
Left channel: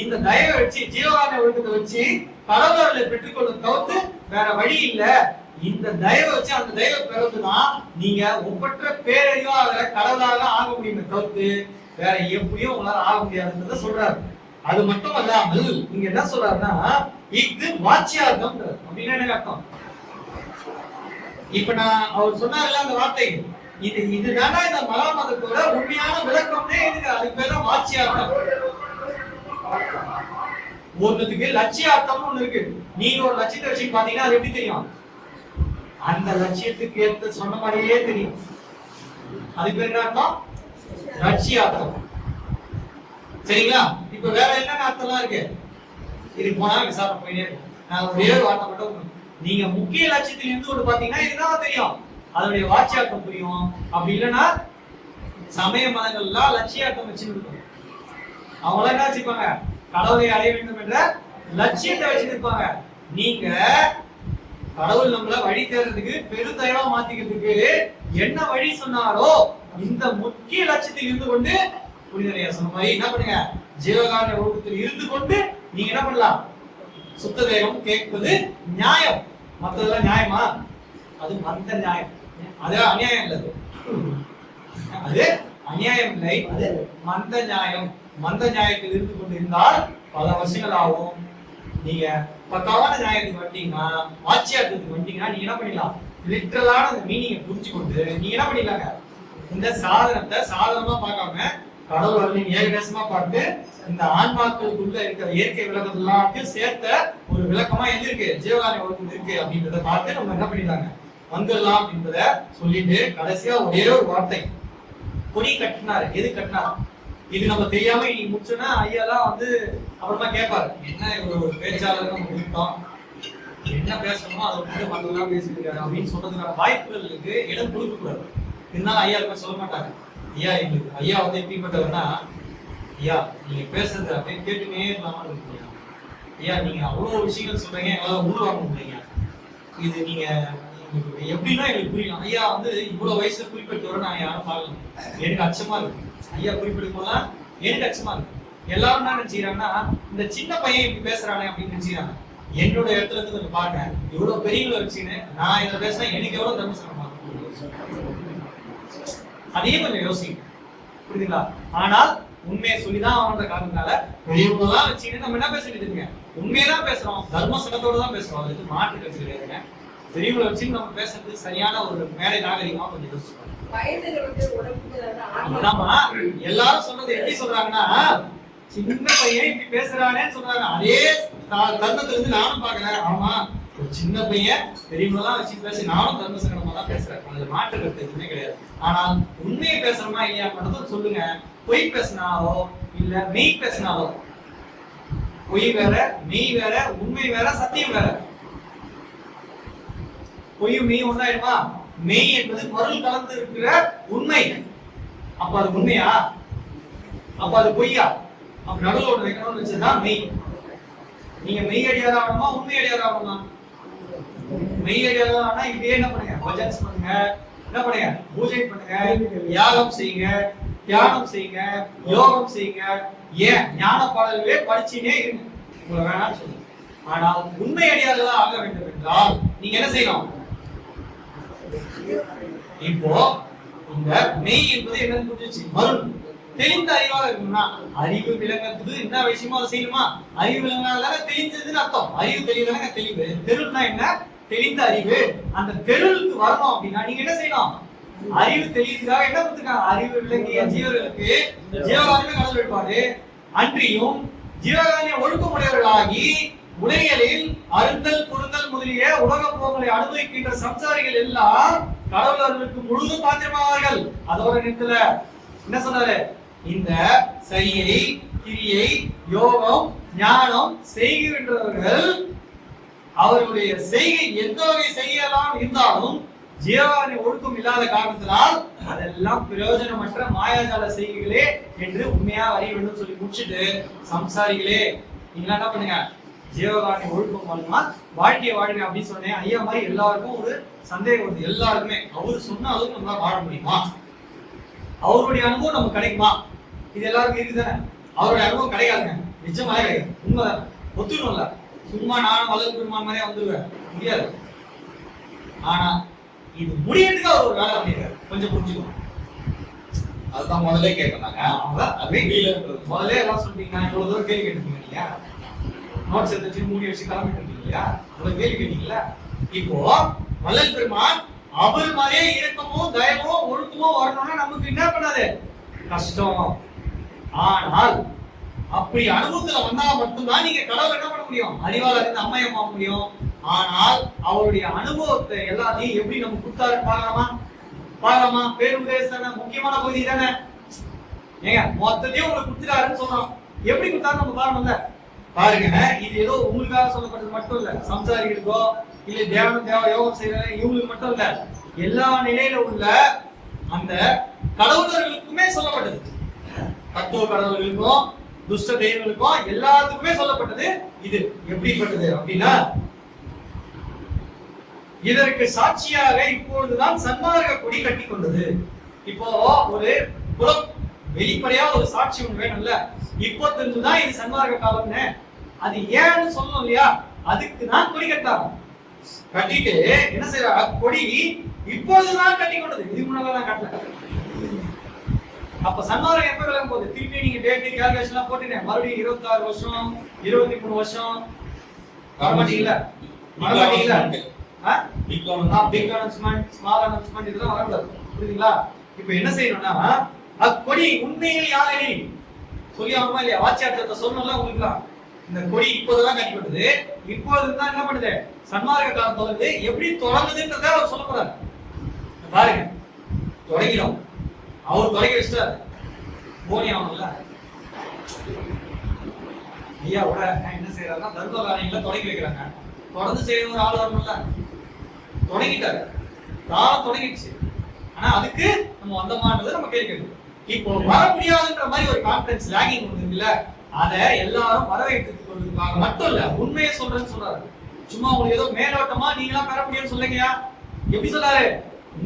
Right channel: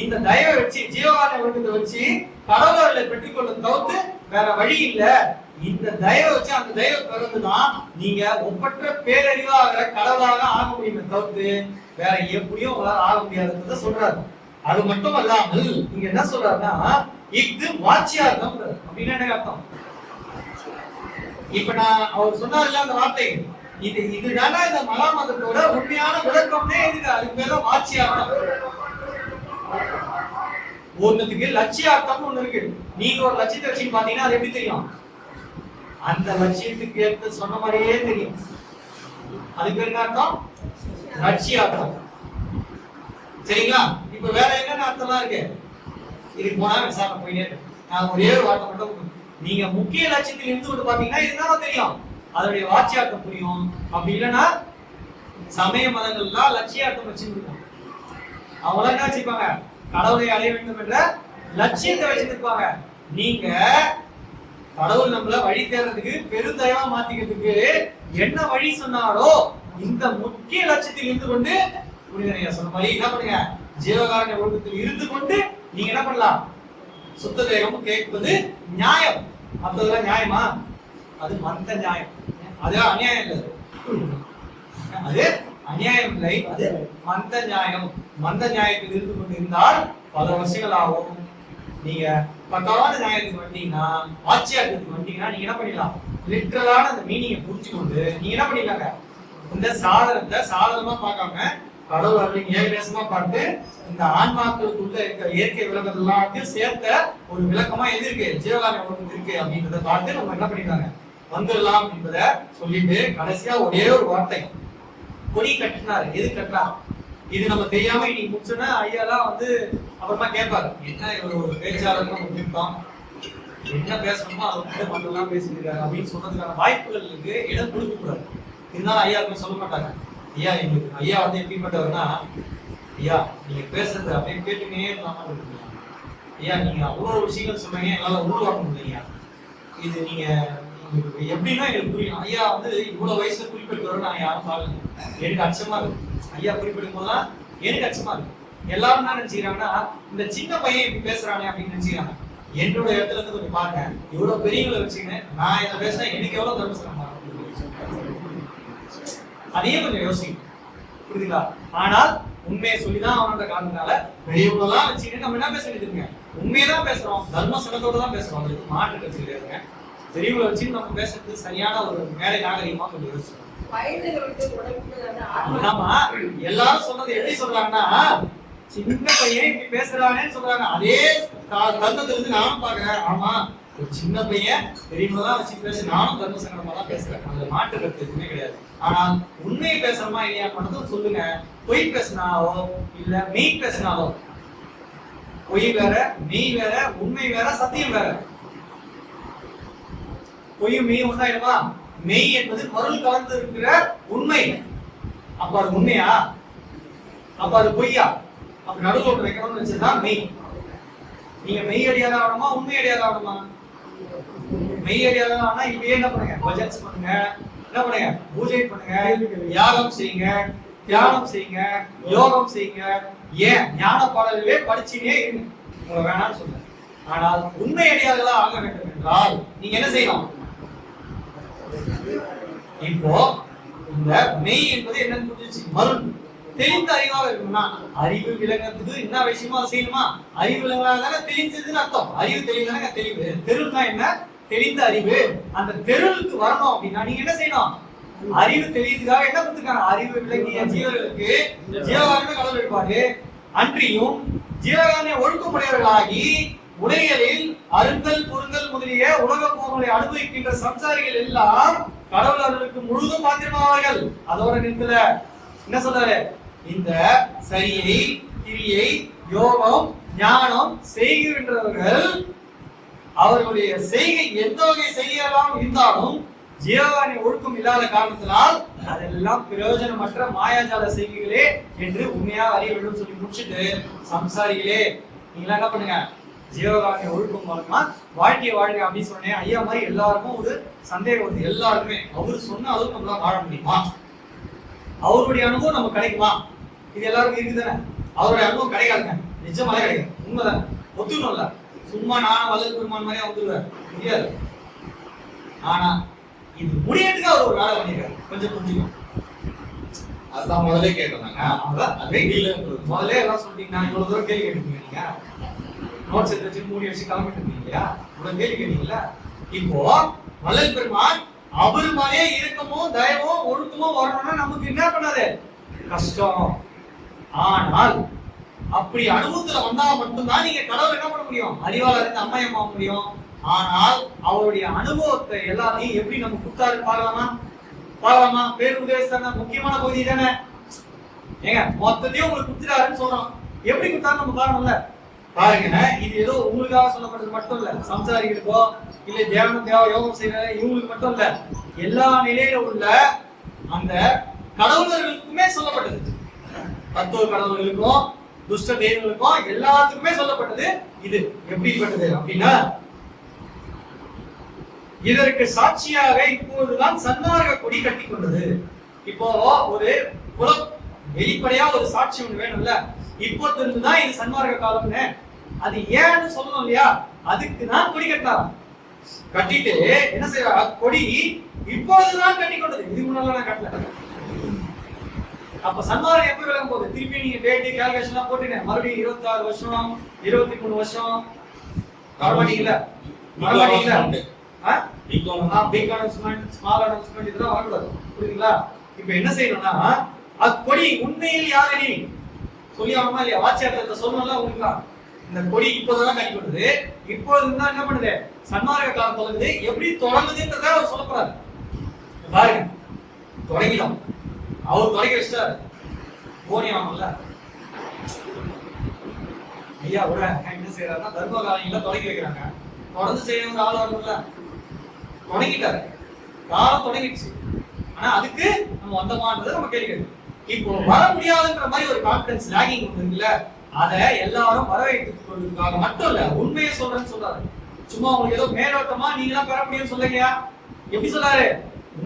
இந்த தயவை வச்சு ஜீவகாருண்ய ஒழுக்கத்தை வச்சு கடவுளை பெற்றுக்கொள்ள தவிர்த்து வேற வழி இல்ல. இந்த தயவை வச்சு அந்த தயவை பிறந்துதான் நீங்க ஒப்பற்ற பேரறிவாக கடவுளாக ஆக முடியுமே தவிர்த்து வேற எப்படியும் உங்களால ஆக முடியாதுன்றத சொல்றாரு. அது மட்டும் அல்லாமல் இங்க என்ன சொல்றாருன்னா இது வாட்சியார்த்தம். அப்படின்னா என்ன அர்த்தம்? இப்ப நான் அவர் சொன்னார்ல அந்த வார்த்தை, இதுதானா இந்த மகா மதத்தோட உண்மையான விளக்கம்னே இதுக்கு. அதுக்கு பேர் தான் வாட்சியார்த்தம். ஒண்ணுத்துக்கு லட்சியார்த்தம்னு ஒண்ணு இருக்கு. நீங்க ஒரு லட்சியத்தை வச்சு பாத்தீங்கன்னா அது எப்படி தெரியும்? அந்த லட்சியத்துக்கு ஏற்ற சொன்ன மாதிரியே தெரியும். அதுக்கு பேர் என்ன அர்த்தம்? லட்சியார்த்தம். சரிங்களா? இப்ப வேற என்னென்ன அர்த்தம்லாம் இருக்கு இதுக்கு போனா விசாரணை போயிட்டே இருக்கு. நான் ஒரே ஒரு வார்த்தை மட்டும், நீங்க முக்கிய லட்சியத்தில் இருந்து கொண்டு பாத்தீங்கன்னா இதுதான் தெரியும், அதனுடைய வாட்சியார்த்தம் புரியும். அப்படி இல்லைன்னா சமய மதங்கள்லாம் லட்சியார்த்தம் வச்சுருக்கோம். அவங்க என்ன வச்சிருப்பாங்க, கடவுளை அடைய வேண்டும் என்ற லட்சியத்தை வச்சிருப்பாங்க. நீங்க கடவுள் நம்மள வழி தேர்றதுக்கு பெருந்தயவா மாத்திக்கிறதுக்கு என்ன வழி சொன்னாரோ இந்த முக்கிய லட்சியத்தில் இருந்து கொண்டு புரிதனையா சொன்ன மாதிரி என்ன பண்ணுங்க, ஜீவகாருண்ய ஒழுக்கத்தில் இருந்து கொண்டு நீங்க என்ன பண்ணலாம், சுத்த தேகம் கேட்பது நியாயம். மற்றதெல்லாம் நியாயமா? அது மந்த நியாயம். அது அநியாயம் இல்லை, அது அநியாயம் இல்லை, அது மந்த நியாயம். மந்த நியாயத்தில் இருந்து கொண்டு இருந்தால் பல வருஷங்கள் ஆகும். நீங்க பக்காவான நியாயத்துக்கு வந்துட்டீங்கன்னா, வாட்சியார்த்தத்துக்கு வந்துட்டீங்கன்னா நீங்க என்ன பண்ணிடலாம், லிட்டரலான அந்த மீனிங்கை புரிஞ்சு கொண்டு நீங்க என்ன பண்ணிடலாங்க, இந்த சாதனத்தை சாதனமா பார்க்காம கடவுள் அருளின் ஏகதேசமா பார்த்து இந்த ஆன்மாக்களுக்குள்ள இருக்க இயற்கை விளக்கம் எல்லாத்தையும் சேர்த்த ஒரு விளக்கமா எது இருக்கு, ஜீவகாருண்ய ஒழுக்கம் இருக்கு அப்படின்றத பார்த்து நம்ம என்ன பண்ணிடலாங்க வந்துடலாம் என்பதை சொல்லிட்டு கடைசியா ஒரே ஒரு வார்த்தை, கொடி கட்டினாரு. எது கட்டினார்? இது நம்ம தெரியாம இன்னைக்கு முடிச்சோன்னா ஐயாலாம் வந்து அப்புறமா கேட்பாரு, என்ன இவர் ஒரு பேச்சாளர் நம்ம கொடுத்தோம், என்ன பேசணுமோ அதை வந்து மற்றெல்லாம் பேசியிருக்காரு அப்படின்னு சொல்றதுக்கான வாய்ப்புகளுக்கு இடம் கொடுக்க கூடாது. இருந்தாலும் ஐயா இருக்க சொல்ல மாட்டாங்க. ஐயா எங்களுக்கு ஐயா வந்து எப்படிப்பட்டவர்னா, ஐயா நீங்க பேசுறது அப்படின்னு கேட்டுனே இல்லாம இருக்கீங்க, ஐயா நீங்க அவ்வளவு விஷயங்கள் சொல்றீங்க, எங்களால உருவாக்க முடியலைங்க, இது நீங்க எப்படின்னா எங்களுக்கு புரியும். ஐயா வந்து இவ்வளவு வயசுல குறிப்பிட்டு வர நான் யாரும் பார்க்கல, எனக்கு அச்சமா இருக்கு. ஐயா குறிப்பிடும் போதெல்லாம் எனக்கு அச்சமா இருக்கு. எல்லாரும் என்ன நினைச்சுக்கிறாங்கன்னா, இந்த சின்ன பையன் இப்படி பேசுறானே அப்படின்னு நினைச்சுக்கிறாங்க. என்னோட இடத்துல இருந்து கொஞ்சம் பாருங்க, இவ்வளவு பெரியவங்களை வச்சுன்னு நான் இதை பேசுறேன், எனக்கு எவ்வளவு தர்மசனமா அதையும் கொஞ்சம் யோசிக்கும். புரியுதுங்களா? ஆனால் உண்மையை சொல்லிதான் அவனோட காரணத்தால பெரியவங்களெல்லாம் வச்சுக்கிட்டு நம்ம என்ன பேச வேண்டியதுங்க, உண்மையதான் பேசுறோம், தர்மசனத்தோட தான் பேசுறோம். அதுக்கு மாற்று கட்சி கிடையாதுங்க. பெரியவங்களை வச்சு நம்ம பேசுறது சரியான ஒரு மேடை நாகரிகமா கொஞ்சம் யோசிச்சோம். ஆமா, எல்லாரும் சொல்றது எப்படி சொல்றாங்கன்னா, சின்ன பையன் இப்படி பேசுறானேன்னு சொல்றாங்க. அதே தருணத்துல இருந்து நானும் பாக்குறேன், ஆமா ஒரு சின்ன பையன் பெரியவங்களாம் வச்சு பேசி நானும் தர்ம சங்கடமா தான் பேசுறேன், அதுல மாற்று கருத்து எதுவுமே கிடையாது. ஆனால் உண்மையை பேசுறோமா இல்லையா மட்டும் சொல்லுங்க. பொய் பேசினாவோ இல்ல மெய் பேசினாவோ, பொய் வேற மெய் வேற, உண்மை வேற சத்தியம் வேற. பொய்யும் மெய்யும் ஒன்றாயிடுமா? மெய் என்பது மருள் கலந்து இருக்கிற உண்மை. அப்ப அது உண்மையா? அப்ப அது பொய்யா? அப்ப நடுவில் ஒன்று வைக்கணும்னு வச்சதுதான் மெய். நீங்க மெய் அடியார் ஆகணுமா உண்மை அடியார் ஆகணுமா? மெய் அடியார் ஆனா இப்பயே என்ன பண்ணுங்க, பஜன்ஸ் பண்ணுங்க, என்ன பண்ணுங்க, பூஜை பண்ணுங்க, யாகம் செய்யுங்க, தியானம் செய்யுங்க, யோகம் செய்யுங்க, ஏன் ஞான பாடல்களே படிச்சுனே இருங்க, உங்களை வேணாம்னு சொல்லுங்க. ஆனால் உண்மை அடியார்களா ஆக வேண்டும் என்றால் நீங்க என்ன செய்யணும்? இப்போ இந்த மெய் என்பது என்னன்னு புரிஞ்சிச்சு, மருள் தெளிந்த அறிவாக இருக்கணும்னா அறிவு விளங்குறதுக்கு என்ன விஷயமோ அதை செய்யணுமா? அறிவு விளங்கினால தெளிஞ்சதுன்னு அர்த்தம். அறிவு தெளிவுதானங்க தெளிவு. தெருள்னா என்ன? தெளிந்த அறிவு. அந்த தெருளுக்கு வரணும் அப்படின்னா நீங்க என்ன செய்யணும்? அறிவு தெளிவுக்காக என்ன கொடுத்துருக்காங்க? அறிவு விளங்கிய ஜீவர்களுக்கு ஜீவகாரண கடவுள் வழிபாடு அன்றியும் ஜீவகாரணிய ஒழுக்கமுடையவர்களாகி உலகியலில் அருந்தல் பொருந்தல் முதலிய உலக போகங்களை அனுபவிக்கின்ற சம்சாரிகள் எல்லாம் கடவுள் அவர்களுக்கு முழுதும் பாத்திரமாவார்கள். அதோட நிறுத்தல என்ன சொல்றாரு? இந்த சரியை கிரியை யோகம் ஞானம் செய்கின்றவர்கள் அவர்களுடைய செய்கை எந்த வகை செய்யலாம் இருந்தாலும் ஜீவகாரணி ஒழுக்கம் இல்லாத காரணத்தினால் அதெல்லாம் பிரயோஜனமற்ற மாயாஜால செய்கைகளே என்று உண்மையா அறிய வேண்டும் சொல்லி முடிச்சுட்டு, சம்சாரிகளே நீங்களா என்ன பண்ணுங்க, ஜீவகாரணி ஒழுக்கம் மூலமா வாழ்க்கையை வாழுங்க அப்படின்னு சொன்னேன். ஐயா மாதிரி எல்லாருக்கும் ஒரு சந்தேகம் வருது. எல்லாருக்குமே அவர் சொன்ன அளவுக்கு நம்மளால வாழ முடியுமா? அவருடைய அனுபவம் நமக்கு கிடைக்குமா? இது எல்லாருக்கும் இருக்குதானே? அவருடைய அனுபவம் கிடைக்காதுங்க, நிஜமாலே கிடையாது. உண்மைதானே? ஒத்துக்கணும்ல. சும்மா நானும் வள்ளல் பெருமான் மாதிரியே வந்துடுவேன் முடியாது. ஆனா இது முடியறதுக்கு அவர் ஒரு வேலை பண்ணிருக்காரு, கொஞ்சம் புரிஞ்சுக்கோ. அதுதான் முதல்ல கேட்டேன். முதல்ல எல்லாம் சொல்லிட்டீங்கன்னா இவ்வளவு தூரம் கேள்வி கேட்டுருப்பீங்க. நீங்க நோட்ஸ் எடுத்து வச்சு மூடி வச்சு கிளம்பிட்டு இருந்தீங்க இல்லையா? இவ்வளவு கேள்வி கேட்டீங்கல்ல. இப்போ வள்ளல் பெருமான் அவர் மாதிரியே இறக்கமும் தயவும் ஒழுக்கமும் வரணும்னா நமக்கு என்ன பண்ணாது? கஷ்டம். ஆனால் அப்படி அனுபவத்துல வந்தா மட்டும்தான் நீங்க கடவுள் என்ன பண்ண முடியும்? அறிவால இருந்து அம்மையம்மா முடியும். ஆனால் அவருடைய அனுபவத்தை எல்லாத்தையும் எப்படி நம்ம கொடுத்தாருன்னு பார்க்கலாமா? பேருபதேசம் முக்கியமான பகுதி தானே. ஏங்க மொத்தத்தையும் உங்களுக்கு கொடுத்துட்டாருன்னு சொல்றோம், எப்படி கொடுத்தாரு நம்ம பார்க்கணும்ல. பாருங்க, இது ஏதோ உங்களுக்காக சொல்லப்பட்டது மட்டும் இல்ல, சம்சாரிகளுக்கோ இல்ல தியானம் யோகம் செய்யற இவங்களுக்கு மட்டும் இல்ல, எல்லா நிலையில உள்ள அந்த கடவுளர்களுக்குமே சொல்லப்பட்டது. தத்துவ கடவுள்களுக்கும் துஷ்ட தெய்வங்களுக்கும் எல்லாத்துக்குமே சொல்லப்பட்டது. இது எப்படிப்பட்டது அப்படின்னா, இதற்கு சாட்சியாக இப்பொழுதுதான் சன்மார்க்க கொடி கட்டி கொண்டது. இப்போ ஒரு புலம் வெளிப்படையா ஒரு சாட்சி ஒண்ணு வேணும்ல. இப்போ தெரிஞ்சுதான் இது சன்மார்க்க காலம்னு. அது ஏன்னு சொல்லணும் இல்லையா? அதுக்கு தான் கொடி கட்டாரம். கட்டிட்டு என்ன செய்யற? கொடி இப்பொழுதுதான் கட்டி கொண்டது, இதுக்கு முன்னால நான் கட்டல. அப்ப சன்மார்க்கம் எப்ப விளங்கும் போது? திருப்பி நீங்க டேட்டு கால்குலேஷன் எல்லாம் போட்டுங்க, மறுபடியும் 26 வருஷம் 23 வருஷம் வரமாட்டீங்களா? பிக் அனௌன்ஸ்மெண்ட், ஸ்மால் அனௌன்ஸ்மெண்ட் இதெல்லாம் வரக்கூடாது. புரியுதுங்களா? இப்ப என்ன செய்யணும்னா, அக்கொடி உண்மையில் யாரெனில் சொல்லி ஆகணுமா இல்லையா? வாட்சியார்த்தத்தை சொல்லணும்ல உங்களுக்கு. இந்த கொடி இப்போதான் கட்டி கொண்டது, இப்போதுதான் என்ன பண்ணுது? சன்மார்க்க காலம் தொடங்குது. எப்படி தொடங்குதுன்றத அவர் சொல்ல போறாரு. பாருங்க, தொடங்கிடும். அவர் தொடங்கி வச்சிட்டாரு. போனி ஆகணும்ல. ஐயா கூட என்ன செய்யறாருன்னா, தர்ம காரியங்களை தொடங்கி வைக்கிறாங்க. தொடர்ந்து செய்ய ஒரு ஆள் வரணும்ல. தொடங்கிட்டாரு, காலம் தொடங்கிடுச்சு. ஆனா அதுக்கு நம்ம வந்தோமான்றது நம்ம கேள்வி கேட்கணும். இப்போ வர முடியாதுன்ற மாதிரி ஒரு கான்பிடன்ஸ் லாகிங் இருக்குல்ல, அதை எல்லாரும் வரவேற்றுக் கொள்வதற்காக மட்டும் இல்ல, உண்மையை சொல்றேன்னு சொல்றாரு. சும்மா உங்களுக்கு ஏதோ மேலோட்டமா நீங்களா பெற முடியும்னு சொல்லுங்கயா. எப்படி சொல்றாரு?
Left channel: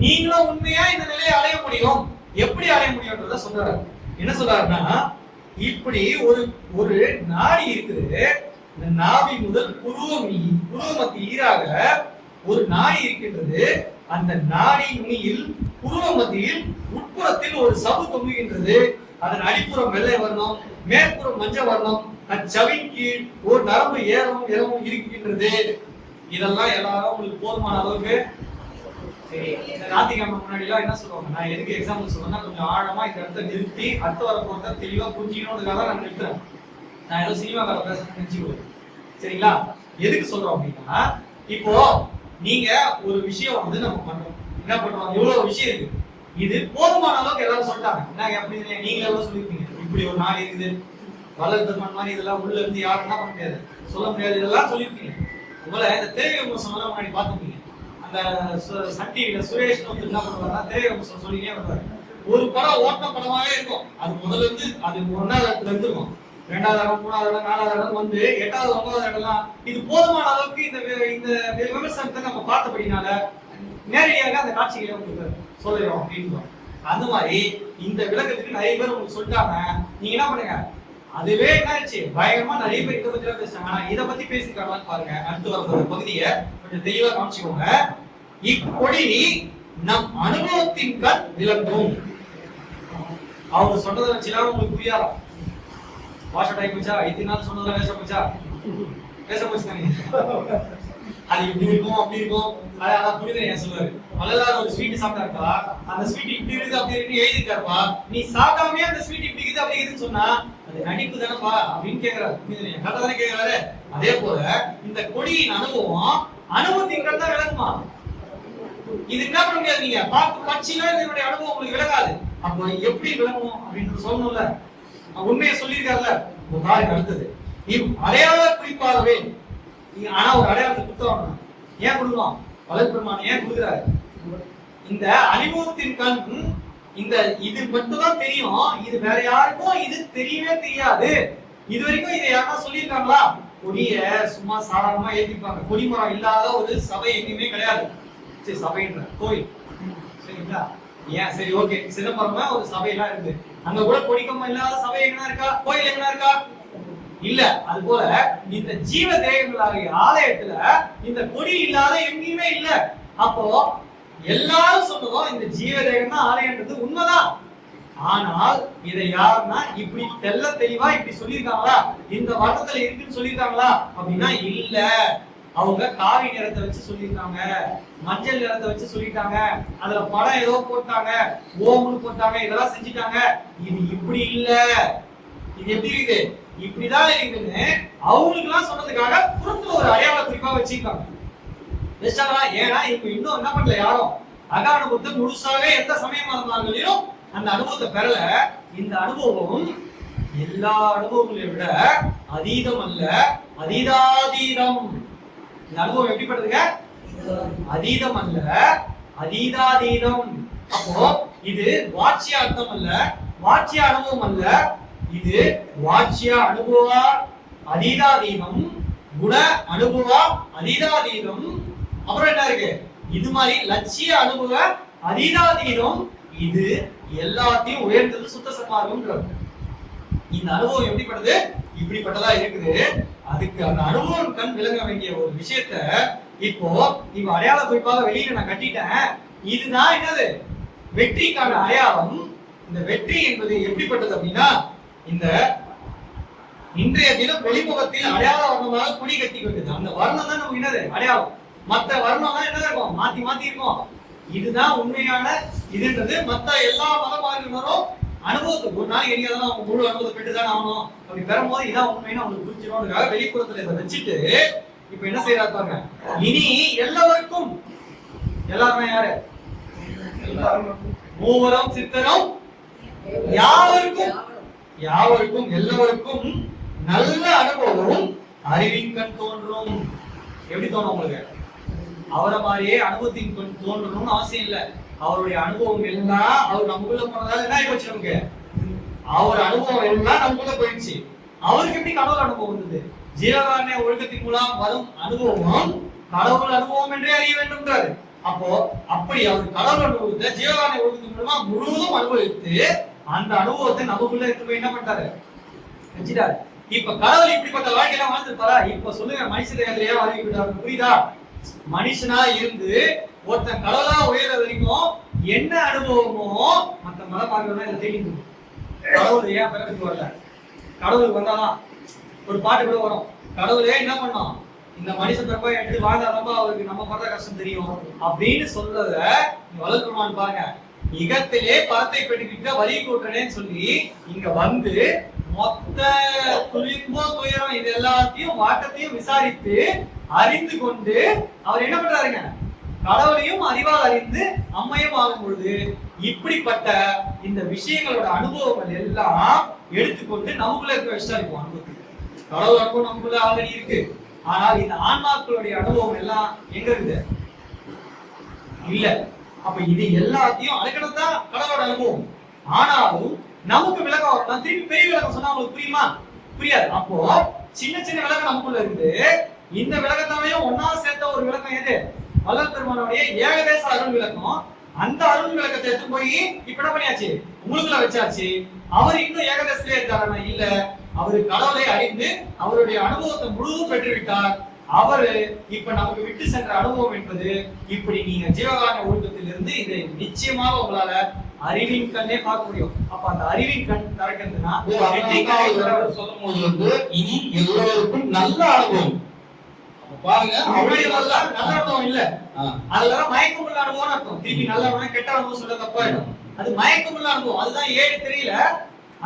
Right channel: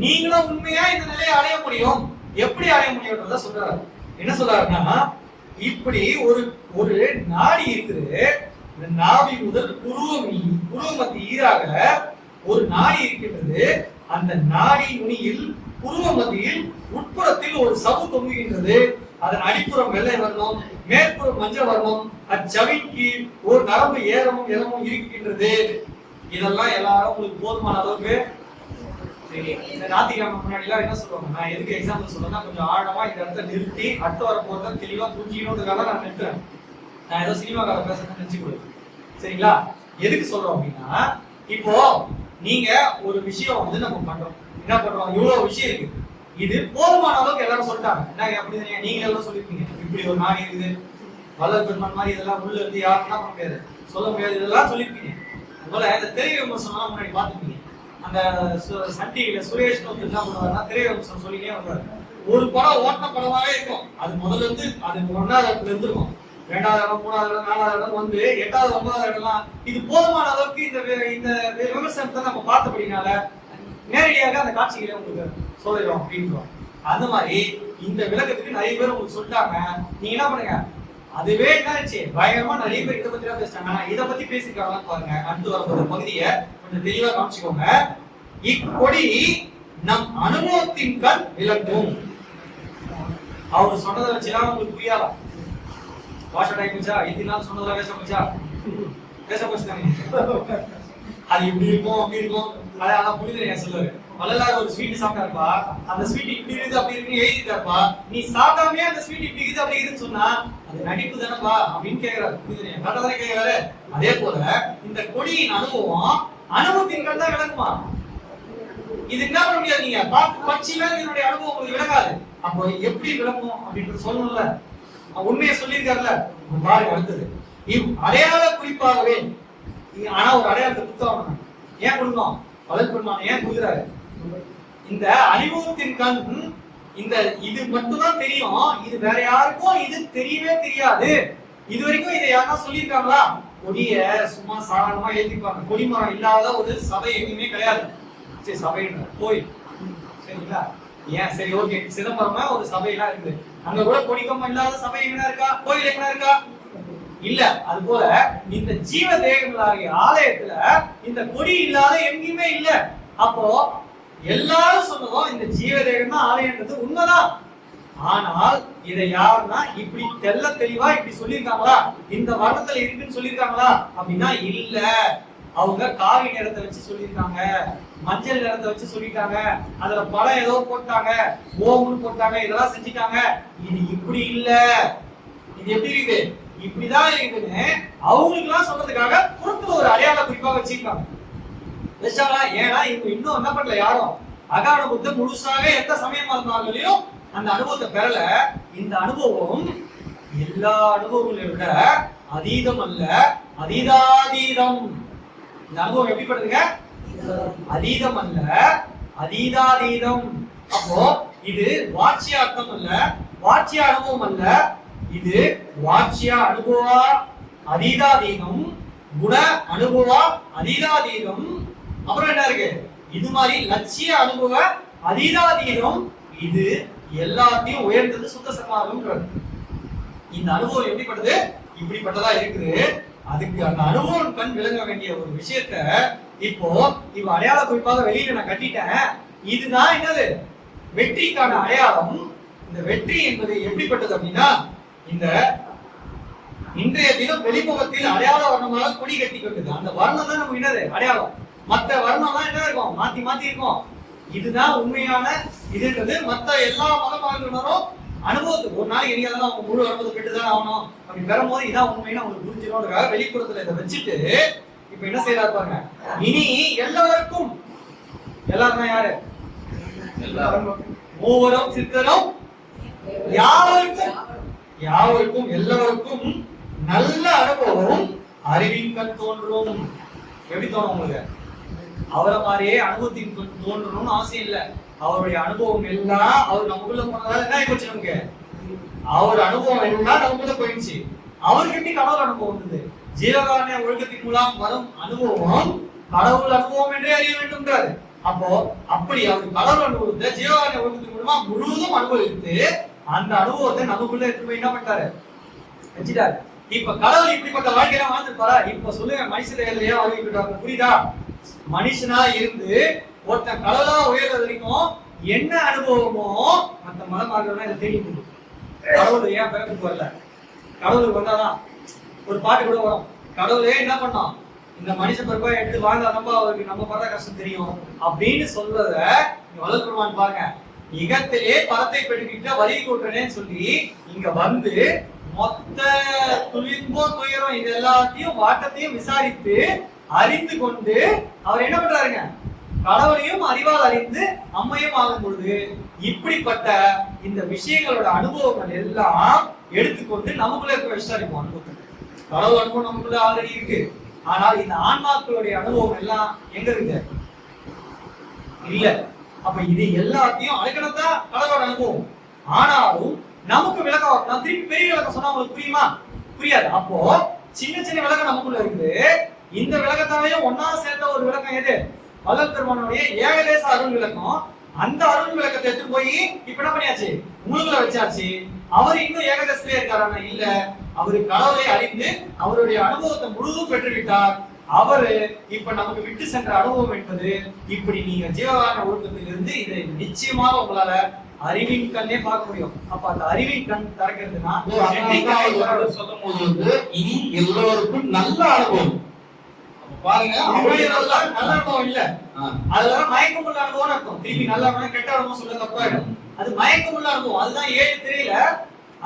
நீங்களும் உண்மையா இந்த நிலையை அடைய முடியும். எப்படி அடைய முடியும்ன்றத சொல்றாரு. என்ன சொல்றாருன்னா, இப்படி ஒரு நாடி இருக்குது. இந்த நாவி முதல் புருவ மத்திய ஈராக ஒரு நாடி இருக்கின்றது. அந்த நாடி நுனியில் புருவ மத்தியில் உட்புறத்தில் ஒரு சவு தொங்குகின்றது. அதன் அடிப்புறம் வெள்ளை வர்ணம், மேற்புறம் மஞ்சள் வர்ணம். அச்சவின் கீழ் ஒரு நரம்பு ஏறவும் இறவும் இருக்கின்றது. இதெல்லாம் எல்லாரும் உங்களுக்கு போதுமான அளவுக்கு சரி. இந்த ஞாயிற்றுக்கிழமை முன்னாடி எல்லாம் என்ன சொல்லுவாங்க, நான் எதுக்கு எக்ஸாம்பிள் சொல்றேன்னா, கொஞ்சம் ஆழமா இந்த இடத்த நிறுத்தி அடுத்த வர போறத தெளிவா புரிஞ்சுக்கணுன்றதுக்காக நான் நிறுத்துறேன். நான் ஏதோ சினிமாக்கார பேசுறேன்னு நினைச்சு கொடு, சரிங்களா? எதுக்கு சொல்றோம் அப்படின்னா, இப்போ நீங்க ஒரு விஷயம் வந்து நம்ம பண்றோம், என்ன பண்றோம், இவ்வளவு விஷயம் இருக்கு, இது போதுமான அளவுக்கு எல்லாரும் சொல்லிட்டாங்க. என்ன அப்படி நீங்களே எவ்வளவு சொல்லிருப்பீங்க, இப்படி ஒரு நாடு இருக்குது, வள்ளல் பெருமான் மாதிரி இதெல்லாம் உள்ள இருந்து யாரும் என்ன பண்ண முடியாது, சொல்ல முடியாது, இதெல்லாம் சொல்லிருப்பீங்க. உங்களை இந்த திரை விமர்சனம் முன்னாடி பார்த்துப்பீங்க. அந்த சன் டிவில சுரேஷ்னு ஒருத்தர் என்ன பண்ணுவாருன்னா திரை விமர்சனம் சொல்லினே வருவாரு. ஒரு படம் ஓட்ட படமாவே இருக்கும், அது முதல்ல இருந்து அது 1வது இடத்துல இருந்திருக்கும், 2வது இடம், 3வது இடம், 4வது இடம் வந்து 8வது 9வது இடம்லாம் இது போதுமான அளவுக்கு இந்த விமர்சனத்தை நம்ம பார்த்தபடினால நேரடியாக அந்த காட்சிகளை உங்களுக்கு சொல்லிடுறோம் அப்படின்றோம். அந்த மாதிரி இந்த விளக்கத்துக்கு நிறைய பேர் உங்களுக்கு சொல்லிட்டாங்க. நீங்க என்ன பண்ணுங்க, அதுவே என்னாச்சு பயங்கரமா நிறைய பேர் இதை பத்தி எல்லாம் பேசிட்டாங்க. ஆனா இதை பத்தி பேசிருக்காங்களான்னு பாருங்க. அடுத்து வர பகுதியை கொஞ்சம் தெளிவா காமிச்சுக்கோங்க. இக்கொடி நம் அனுபவத்தின் கண் விளக்கும். அவர் சொன்னதை வச்சுலாம் உங்களுக்கு புரியாதா? வாஷ டைம் போச்சா, இத்தனை நாள் சொன்னதெல்லாம் பேச போச்சு தானே. அது இப்படி இருக்கும் அப்படி இருக்கும், அதான் புரியுது சொல்லுவாரு. வள்ளலார் ஒரு ஸ்வீட் சாப்பிட்டாருப்பா, அந்த ஸ்வீட் இப்படி இருக்கு அப்படி இருக்குன்னு எழுதிட்டாருப்பா, நீ சாப்பிடாமே அந்த ஸ்வீட் இப்படி இருக்குது அப்படி இருக்குன்னு சொன்னா அது நடிப்பு தானப்பா அப்படின்னு கேக்குறாரு. புரியுது கரெக்டா தானே கேக்குறாரு. அதே போல இந்த கொடியின் அனுபவத்தின் கண் தான் விளக்குமா. இது என்ன பண்ண முடியாது, நீங்க பார்த்து பட்சியில இதனுடைய அனுபவம் உங்களுக்கு விளக்காது. அப்போ எப்படி விளக்கும் அப்படின்னு சொல்லணும்ல, உண்மையை சொல்லியிருக்காருல்ல. பாருங்க அடுத்தது, அடையாள குறிப்பாகவே. ஆனா ஒரு அடையாளத்தை புத்தகம் ஏன் கொடுக்கணும், வள்ளல் பெருமானை ஏன் கொடுக்குறாரு? இந்த அனுபவத்தின் கண், இந்த இது மட்டும் தான் தெரியும், இது வேற யாருக்கும் இது தெரியவே தெரியாது. இது வரைக்கும் இதை யாரா சொல்லியிருக்காங்களா? கொடிய சும்மா சாதாரணமா ஏத்திப்பாங்க. கொடிமரம் இல்லாத ஒரு சபை எங்கேயுமே கிடையாது. சரி சபைன்ற கோயில் சரிங்களா, ஏன் சரி ஓகே, சிதம்பரமா ஒரு சபையெல்லாம் இருக்கு, அங்க கூட கொடிக்கம்பம் இல்லாத சபை எங்கன்னா இருக்கா, கோயில் எங்கன்னா இருக்கா? இல்ல. அது போல இந்த ஜீவ தேகங்களாகிய ஆலயத்துல இந்த கொடி இல்லாத எங்கேயுமே இல்ல. அப்போ எல்லாரும் சொன்னதும் இந்த ஜீவ தேகம் தான் ஆலயன்றது உண்மைதான். ஆனால் இதை யாருன்னா இப்படி தெள்ள தெளிவா இப்படி சொல்லியிருக்காங்களா, இந்த வர்ணத்துல இருக்குன்னு சொல்லியிருக்காங்களா அப்படின்னா இல்ல. அவங்க காவி நிறத்தை வச்சு சொல்லியிருக்காங்க, மஞ்சள் நிறத்தை வச்சு சொல்லிட்டாங்க, அதுல படம் ஏதோ போட்டாங்க, ஓம்னு போட்டாங்க, இதெல்லாம் செஞ்சுட்டாங்க. இது இப்படி இல்ல, இது எப்படி இருக்குது, இப்படிதான் இருக்குன்னு அவங்களுக்கு எல்லாம் சொல்றதுக்காக புறத்துல ஒரு அடையாள குறிப்பா வச்சிருக்காங்க. ஏன்னா இப்ப இன்னும் என்ன பண்ணல, யாரும் அக அனுபவத்தை முழுசாக எந்த சமயமா இருந்தாலும் அந்த அனுபவத்தை பெறல. இந்த அனுபவம் எல்லா அனுபவங்களையும் விட அதீதம் அல்ல, அதீதாதீதம். இந்த அனுபவம் எப்படிப்பட்டதுங்க? அதீதம் அல்ல, அதீதாதீதம். அப்போ இது வாட்சிய அர்த்தம் அல்ல, வாட்சிய அனுபவம் அல்ல, இது வாட்சிய அனுபவ அதீதாதீதம், குண அனுபவ அதீதாதீதம். அப்புறம் என்ன இருக்கு, இது மாதிரி லட்சிய அனுபவ அதீதாதீதம். இது எல்லாத்தையும் உயர்ந்தது சுத்த சன்மார்க்கம்ன்றது. இந்த அனுபவம் எப்படிப்பட்டது, இப்படிப்பட்டதா இருக்குது. அதுக்கு அந்த அனுபவம் கண் விளங்க வேண்டிய ஒரு விஷயத்த இப்போ இவ அடையாள குறிப்பாக வெளியில நான் கட்டிட்டேன். இதுதான் என்னது, வெற்றிக்கான அடையாளம். இந்த வெற்றி என்பது எப்படிப்பட்டது அப்படின்னா, இந்த இன்றைய தினம் வெளிமுகத்தில் அடையாள வர்ணமாக குடி கட்டி கொண்டது. அந்த வர்ணம் தான் நமக்கு என்னது அடையாளம். மற்ற வர்ணம் தான் என்ன இருக்கும், மாத்தி மாத்தி இருக்கும். இதுதான் உண்மையான இதுன்றது. மற்ற எல்லா மதமார்களும் அனுபவத்துக்கு ஒரு நாளைக்கு எங்கேயாவது அவங்க முழு அனுபவத்தை பெற்றுதான் ஆகணும். அப்படி பெறும்போது இதான் உண்மைன்னு அவங்களுக்கு புரிஞ்சிடும். வெளிப்புறத்துல இதை வச்சுட்டு இப்ப என்ன செய்யறாரு பாருங்க, இனி எல்லாருக்கும், எல்லாருமே யாரு, மூவரும் சித்தரும் யாவருக்கும், யாவருக்கும் எல்லாருக்கும் நல்ல அனுபவம் அறிவின் கண் தோன்றும். எப்படி தோணும் உங்களுக்கு? அவரை மாதிரியே அனுபவத்தின் கண் தோன்றணும்னு அவசியம் இல்லை. அவருடைய அனுபவம் எல்லாம் அவர் நமக்குள்ள போனதால என்ன ஆகி போச்சு, நமக்கு அவர் அனுபவம் எல்லாம் நமக்குள்ள போயிடுச்சு. அவருக்கு எப்படி கடவுள் அனுபவம் வந்தது? ஜீவகாருண்ய ஒழுக்கத்தின் மூலம் வரும் அனுபவம் கடவுள் அனுபவம் என்றே அறிய வேண்டும்ன்றாரு. அப்போ அப்படி அவர் கடவுள் அனுபவத்தை ஜீவகாருண்ய ஒழுக்கத்தின் மூலமா முழுவதும் அனுபவித்து அந்த அனுபவத்தை நமக்குள்ள எடுத்து போய் என்ன பண்ணிட்டாரு, வச்சுட்டாரு. இப்ப கடவுள் இப்படிப்பட்ட வாழ்க்கையில வாழ்ந்துருப்பாரா? இப்ப சொல்லுங்க, மனுஷ தேவையிலேயே அறிவிக்கிட்டாரு. புரியுதா? மனுஷனா இருந்து ஒருத்தன் கடவுளா உயர்ற வரைக்கும் என்ன அனுபவமோ மற்ற மதமார்கள் இதை தெரியும். கடவுள் ஏன் பிறப்புக்கு வரல, கடவுளுக்கு வந்தாதான் ஒரு பாட்டு கூட வரும், கடவுளே என்ன பண்ணோம், இந்த மனுஷ பிறப்பா எடுத்து வாழ்ந்தாதான் அவருக்கு நம்ம படுற கஷ்டம் தெரியும் அப்படின்னு சொல்றத வள்ளல் பெருமான் பாருங்க. இகத்திலே பரத்தை பெற்றுக்கிட்ட வரி கூட்டுறேன்னு சொல்லி இங்க வந்து மொத்த துன்போ துயரம் இது எல்லாத்தையும் வாட்டத்தையும் விசாரித்து அறிந்து கொண்டு அவர் என்ன பண்றாருங்க, கடவுளையும் அறிவால் அறிந்து அம்மையும் ஆகும் பொழுது இப்படிப்பட்ட இந்த விஷயங்களோட அனுபவங்கள் எல்லாம் எடுத்துக்கொண்டு நமக்குள்ள இருக்க விஷயம் இருக்கும். அனுபவத்துக்கு கடவுள் அனுபவம் நமக்குள்ள ஆல்ரெடி இருக்கு. ஆனால் இந்த ஆன்மாக்களுடைய அனுபவம் எல்லாம் எங்க இருக்குது? இல்ல. அப்ப இது எல்லாத்தையும் அடக்கணத்தான் கடவுளோட அனுபவம். ஆனாலும் நமக்கு விளக்கம் வரலாம். திருப்பி பெரிய விளக்கம் சொன்னா உங்களுக்கு புரியுமா? புரியாது. அப்போ சின்ன சின்ன விளக்கம் நமக்குள்ள இருக்குது. இந்த விளக்கத்தாலையும் ஒன்னா சேர்த்த ஒரு விளக்கம் எது? வள்ளல் பெருமானுடைய ஏகதேச அருள் விளக்கம். அந்த அருள் விளக்கத்தை எடுத்து போய் இப்ப என்ன பண்ணியாச்சு, உங்களுக்குள்ள வச்சாச்சு. அவர் இன்னும் ஏகதேசத்திலே இருக்காரா? இல்ல. அவரு கடவுளை அறிந்து அவருடைய அனுபவத்தை முழுதும் பெற்றுவிட்டார். அவரு இப்ப நமக்கு விட்டு சென்ற அனுபவம் என்பது இப்படி நீங்க ஜீவகாரண ஒழுக்கத்திலிருந்து இதை நிச்சயமாக உங்களால அறிவின் கண்ணே பார்க்க முடியும். அப்ப அந்த அறிவின் கண் திறக்கிறதுனா சொல்லும் போது வந்து இனி எல்லோருக்கும் நல்ல அனுபவம் பாருங்க. நல்ல அனுபவம் இல்ல, அதுதான் மயக்கமுள்ள அனுபவம் அர்த்தம். திருப்பி நல்ல அனுபவம் கெட்ட அனுபவம் சொல்ல தப்பாயிடும். அது மயக்கமுள்ள அனுபவம். அதுதான் 7 திரையில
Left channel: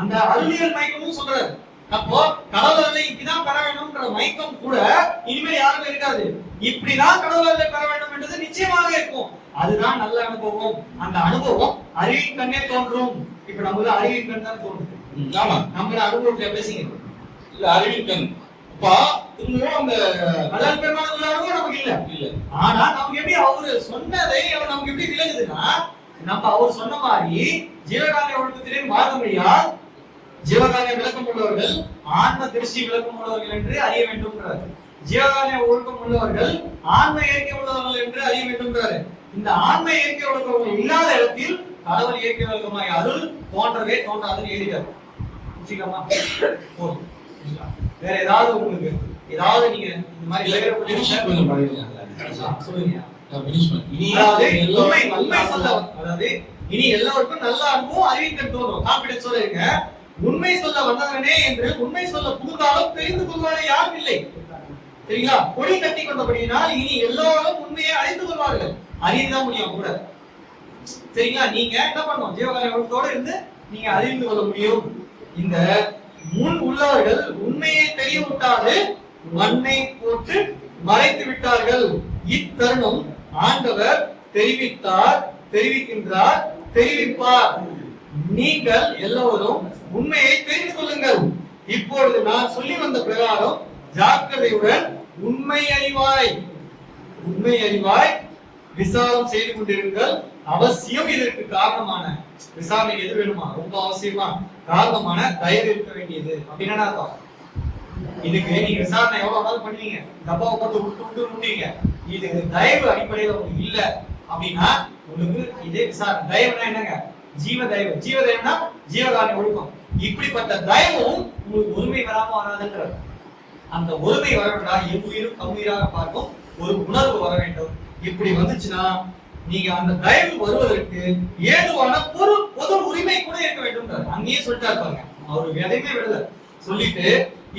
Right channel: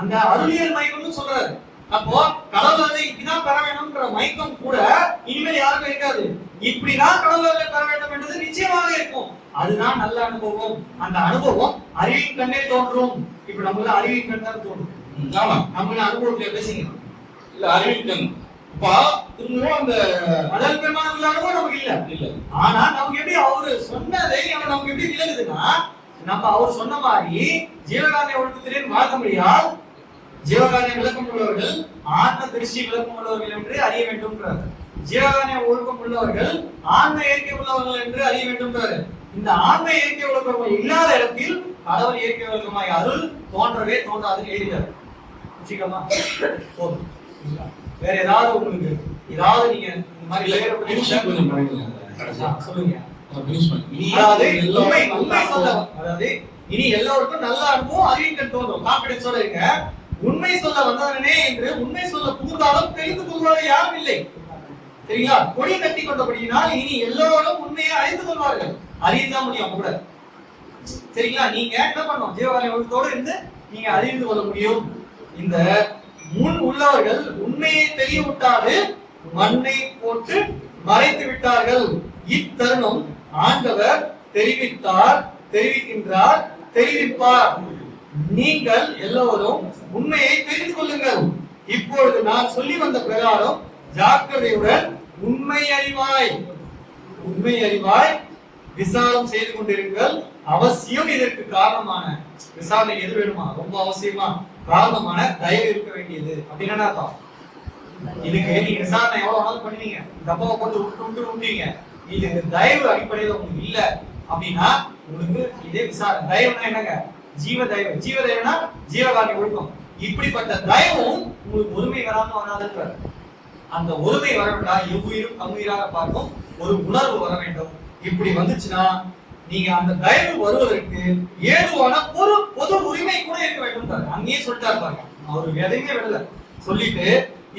அந்த அருளியல் மயக்கம்னு சொல்றாரு. அப்போ கடவுளை இப்படிதான் பெற வேண்டும்ன்ற மயக்கம் கூட இனிமேல் யாருக்கும் இருக்காது. இப்படிதான் கடவுளை பெற வேண்டும் என்றது நிச்சயமாக இருக்கும். அதுதான் நல்ல அனுபவம். அந்த அனுபவம் அறிவின் கண்ணே தோன்றும். இப்ப நம்மள அறிவின் கண் தான் தோன்றும். நம்மள அனுபவத்தை பேசுங்க இல்ல, அறிவின் கண் அந்த வள்ளல் பெருமான் உள்ள அனுபவம் நமக்கு இல்ல. ஆனா நமக்கு எப்படி அவரு சொன்னதை அவர் நமக்கு எப்படி விளங்குதுன்னா, நம்ம அவர் சொன்ன மாதிரி ஜீவகாரண ஒழுக்கத்திலே மாதமொழியால் ஜீவகாரண விளக்கம் உள்ளவர்கள் ஆன்ம திருஷ்டி விளக்கம் உள்ளவர்கள் என்று அறிய வேண்டும்ன்றார். ஜீவகாரண ஒழுக்கம் உள்ளவர்கள் ஆன்ம இயற்கை உள்ளவர்கள் என்று அறிய வேண்டும்ன்றாரு. இந்த ஆன்ம இயற்கை ஒழுக்கம் இல்லாத இடத்தில் கடவுள் இயற்கை ஒழுக்கமாய் அருள் தோன்றவே தோன்றாதுன்னு எழுதிட்டார். சீக்கிரமா போதும். வேற ஏதாவது உங்களுக்கு ஏதாவது நீங்க இந்த மாதிரி சொல்லுங்க. அதாவது உண்மை சொல்ல, அதாவது இனி எல்லோருக்கும் நல்ல அனுபவம் அறிவிக்கன் தோன்றும். கான்பிடன்ஸோட இருங்க. உண்மை சொல்ல வந்தவனே என்று உண்மை சொல்ல புகுந்தாலும் தெரிந்து கொள்வாரு யாரும் இல்லை. சரிங்களா? கொடி கட்டி கொண்டபடியினால் இனி எல்லோரும் உண்மையை அறிந்து கொள்வார்கள். அறிந்துதான் முடியும் கூட. சரிங்களா? நீங்க என்ன பண்ணணும்? ஜீவகாரண ஒழுக்கத்தோட இருந்து நீங்க அறிந்து கொள்ள முடியும். இந்த முன் உள்ளவர்கள் உண்மையை தெரிய விட்டாது மண்ணை போட்டு மறைத்து விட்டார்கள். இத்தருணம் ஆண்டவர் தெரிவித்தார், தெரிவிக்கின்றார், தெரிவிப்பார். நீங்கள் எல்லோரும் உண்மையை தெரிந்து கொள்ளுங்கள். இப்பொழுது நான் சொல்லி வந்த பிரகாரம் ஜாக்கிரதையுடன் உண்மை அறிவாய் விசாரம் செய்து கொண்டிருங்கள். அவசியம் இதற்கு காரணமான விசாரணை எது வேணுமா? ரொம்ப அவசியமா காரணமான தயவு இருக்க வேண்டியது. அப்படின்னா அர்த்தம். இதுக்கு நீங்க விசாரணை எவ்வளவு வேணாலும் பண்ணுவீங்க, டப்பாவை போட்டு விட்டு விட்டீங்க. இதுக்கு தயவு அடிப்படையில் உங்களுக்கு இல்ல அப்படின்னா உங்களுக்கு இதே விசாரணை. தயவுனா என்னங்க? ஜீவ தயவு. ஜீவ தயவுனா ஜீவகாரண ஒழுக்கம். இப்படிப்பட்ட தயவும் உங்களுக்கு ஒருமை வராம வராதுன்றார். அந்த ஒருமை வர வேண்டாம். எவ்வுயிரும் தம்முயிராக பார்க்கும் ஒரு உணர்வு வர வேண்டும். இப்படி வந்துச்சுன்னா நீங்க அந்த தயவு வருவதற்கு ஏதுவான ஒரு பொது உரிமை கூட இருக்க வேண்டும். அங்கேயே சொல்லிட்டா இருப்பாங்க. அவரு எதையுமே விடல. சொல்லிட்டு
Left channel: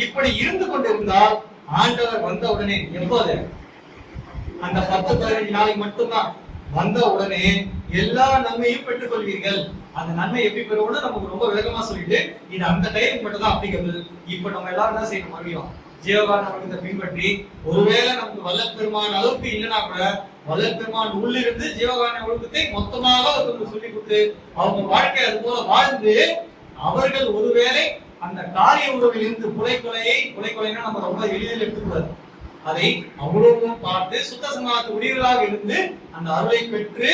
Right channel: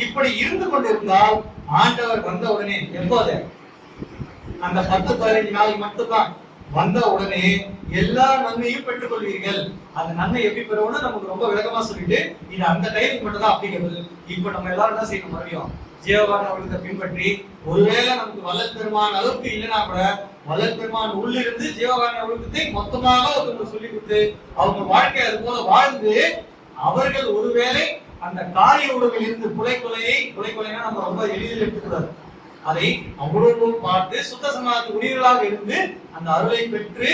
இப்படி இருந்து கொண்டிருந்தால் ஆண்டவர் வந்த உடனே, எப்போது? அந்த 10-15 நாளைக்கு மட்டும்தான். வந்த உடனே எல்லா நன்மையும் பெற்றுக் கொள்வீர்கள். அந்த நன்மை எப்படி பெறுவோம்னு நமக்கு ரொம்ப விளக்கமா சொல்லிட்டு இது அந்த டைமுக்கு மட்டும் தான் அப்ளிகபிள். இப்ப நம்ம எல்லாரும் என்ன செய்யணும்? மறுபடியும் ஜீவகாரண ஒழுக்கத்தை பின்பற்றி, ஒருவேளை நமக்கு வள்ளல் பெருமான் அளவுக்கு இல்லைன்னா கூட வள்ளல் பெருமான் உள்ளிருந்து ஜீவகாரண ஒழுக்கத்தை மொத்தமாக ஒருத்தவங்களுக்கு சொல்லி கொடுத்து அவங்க வாழ்க்கை அது போல வாழ்ந்து அவர்கள் ஒருவேளை அந்த காரிய உறவிலிருந்து கொலைனா நம்ம ரொம்ப எளிதில் எடுத்துக்கூடாது. அதை அவ்வளவு பார்த்து சுத்த சமாஜத்து உரியவர்களாக இருந்து அந்த அருளை பெற்று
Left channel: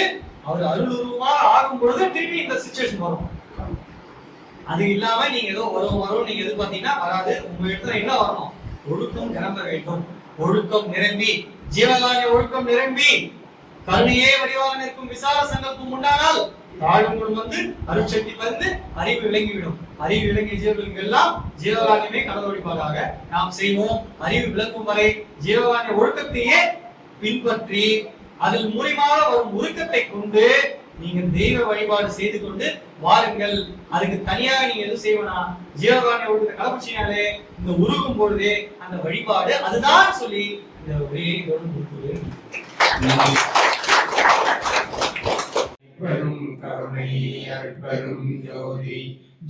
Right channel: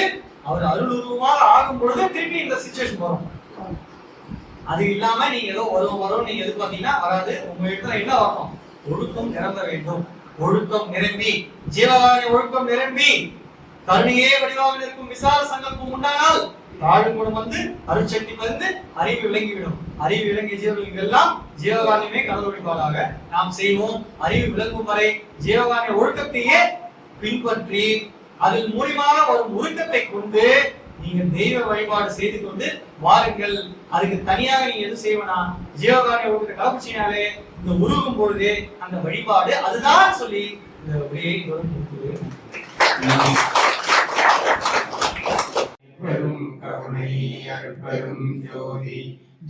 அவர் அருளுருவமாக ஆகும் பொழுது திருப்பி இந்த சிச்சுவேஷன் வரும். அது இல்லாம நீங்க ஏதோ வரும் நீங்க எதிர்பார்த்தீங்கன்னா வராது. உங்க இடத்துல என்ன வரணும்? ஒழுக்கம் நிரம்ப வேண்டும். ஒழுக்கம் நிரம்பி, ஜீவகாரண ஒழுக்கம் நிரம்பி, கருணையே வடிவாக நிற்கும் விசார சங்கல்பம் உண்டானால் தாழும் குணம் வந்து அருட்சக்தி வந்து அறிவு விளங்கிவிடும். அறிவு விளங்கிய ஜீவர்களுக்கு எல்லாம் ஜீவகாரணமே கடவுள் வழிபாடாக நாம் செய்வோம். அறிவு விளங்கும் வரை ஜீவகாரண ஒழுக்கத்தையே பின்பற்றி அதில் மூலியமாக வரும் உருக்கத்தை கொண்டு நீங்க தெய்வ வழிபாடு செய்து கொண்டு வாருங்கள். அதுக்கு தனியாக நீங்க எது செய்வனா ஜீவகாரண ஒழுக்கத்தை கலப்பிச்சினாலே இந்த உருகும் பொழுதே அந்த வழிபாடு அதுதான் சொல்லி இந்த உரையை இதோடு முடிக்கிறேன். பெரும் கருணை அருட்பெரும் ஜோதி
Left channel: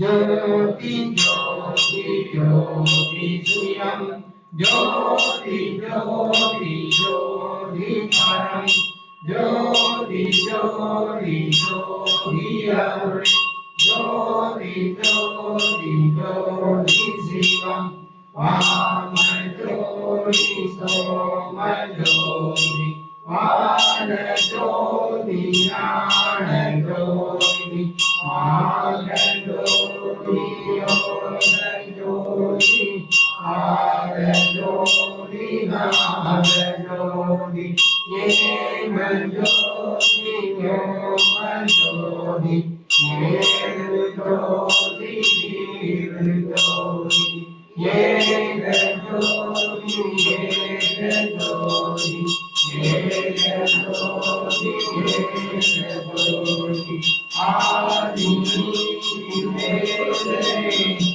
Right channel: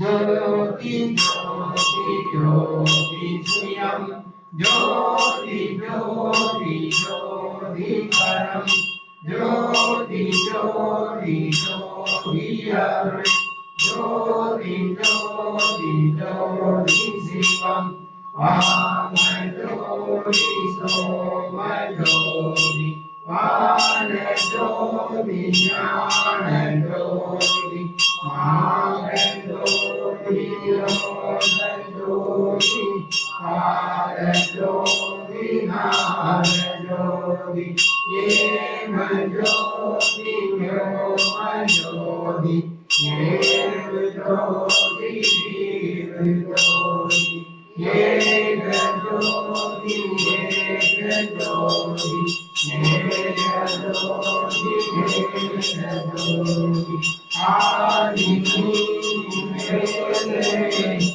ஜோதி ஜோதி ஜோதி சுயம் ஜோதி ஜோதி ஜோதி பரம் ஜோதி ஜோதி ஜோதி அருள் ஜோதி ஜோதி ஜோதி சிவம் வாம ஜோதி சோம ஜோதி வான ஜோதி ஞான ஜோதி மாக ஜோதி யோக ஜோதி ஆர ஜோதி நார ஜோதி ஏக ஜோதி யோம ஜோதி ஏழு ஜோதி வீரு ஜோதி ஏக ஜோதி ஏக ஜோதி ஏக ஜோதி ஏக ஜோதி ஆதி நீதி வேதனை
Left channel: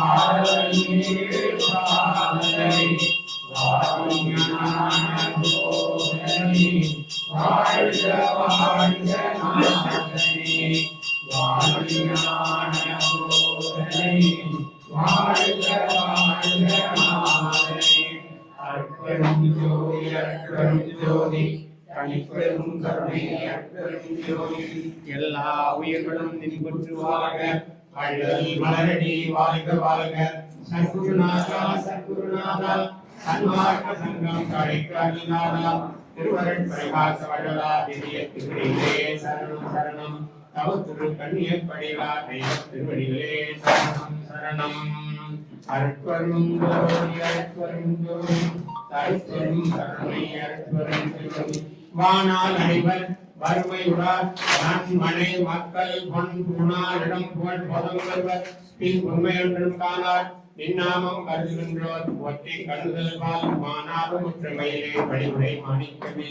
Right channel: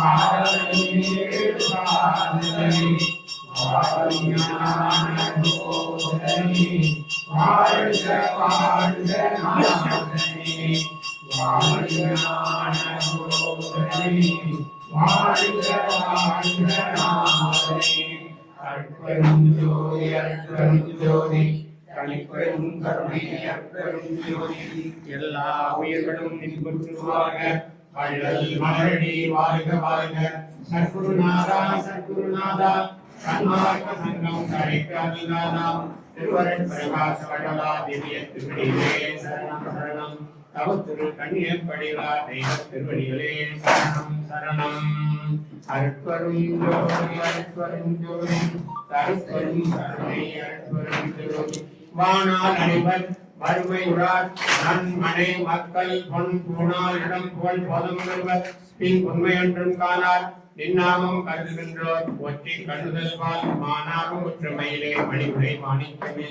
ஆதியே பாதனை வாஞான போதனை வாழ்க வாழ்க நாதனை வாஞான போதனை வாழ்க வாழ்க நாதனை அற்பரும் ஜோதி அற்பரும் ஜோதி தனிப்பெரும் கருணை அற்பரும் ஜோதி எல்லா உயிர்களும் இன்புற்றுவாக வள்ளல் மலரடி வாழ்க வாழ்க சத்குருநாதா சத்குருநாதா சன்மார்க்க சங்கம் தழைக்காதிநாதா திருவருட் பிரகாச வள்ளலா திவ்ய திருவடிகளே சரணம் சரணம் தவ திரு கண்ணியப்படிலா தெய்வ திருவடிகளே சரணம் சரணம் அற்பரும் ஜோதி அற்பரும் ஜோதி தற்பெரும் கருணை அற்பரும் ஜோதி வானால் அனைவர் வறுமை உறார் நன்மனை மக்கள் பொன் பூணால் இடம் புகழ் போதம் வருவர் பின் உண்மை ஒன்றும் காணார் நின்னாமம் கருதுகின்றோர் ஒற்றி கண்டுதல் வாழ் மானாக முற்றுமையிலே வழிமுறை மாணிக்கமே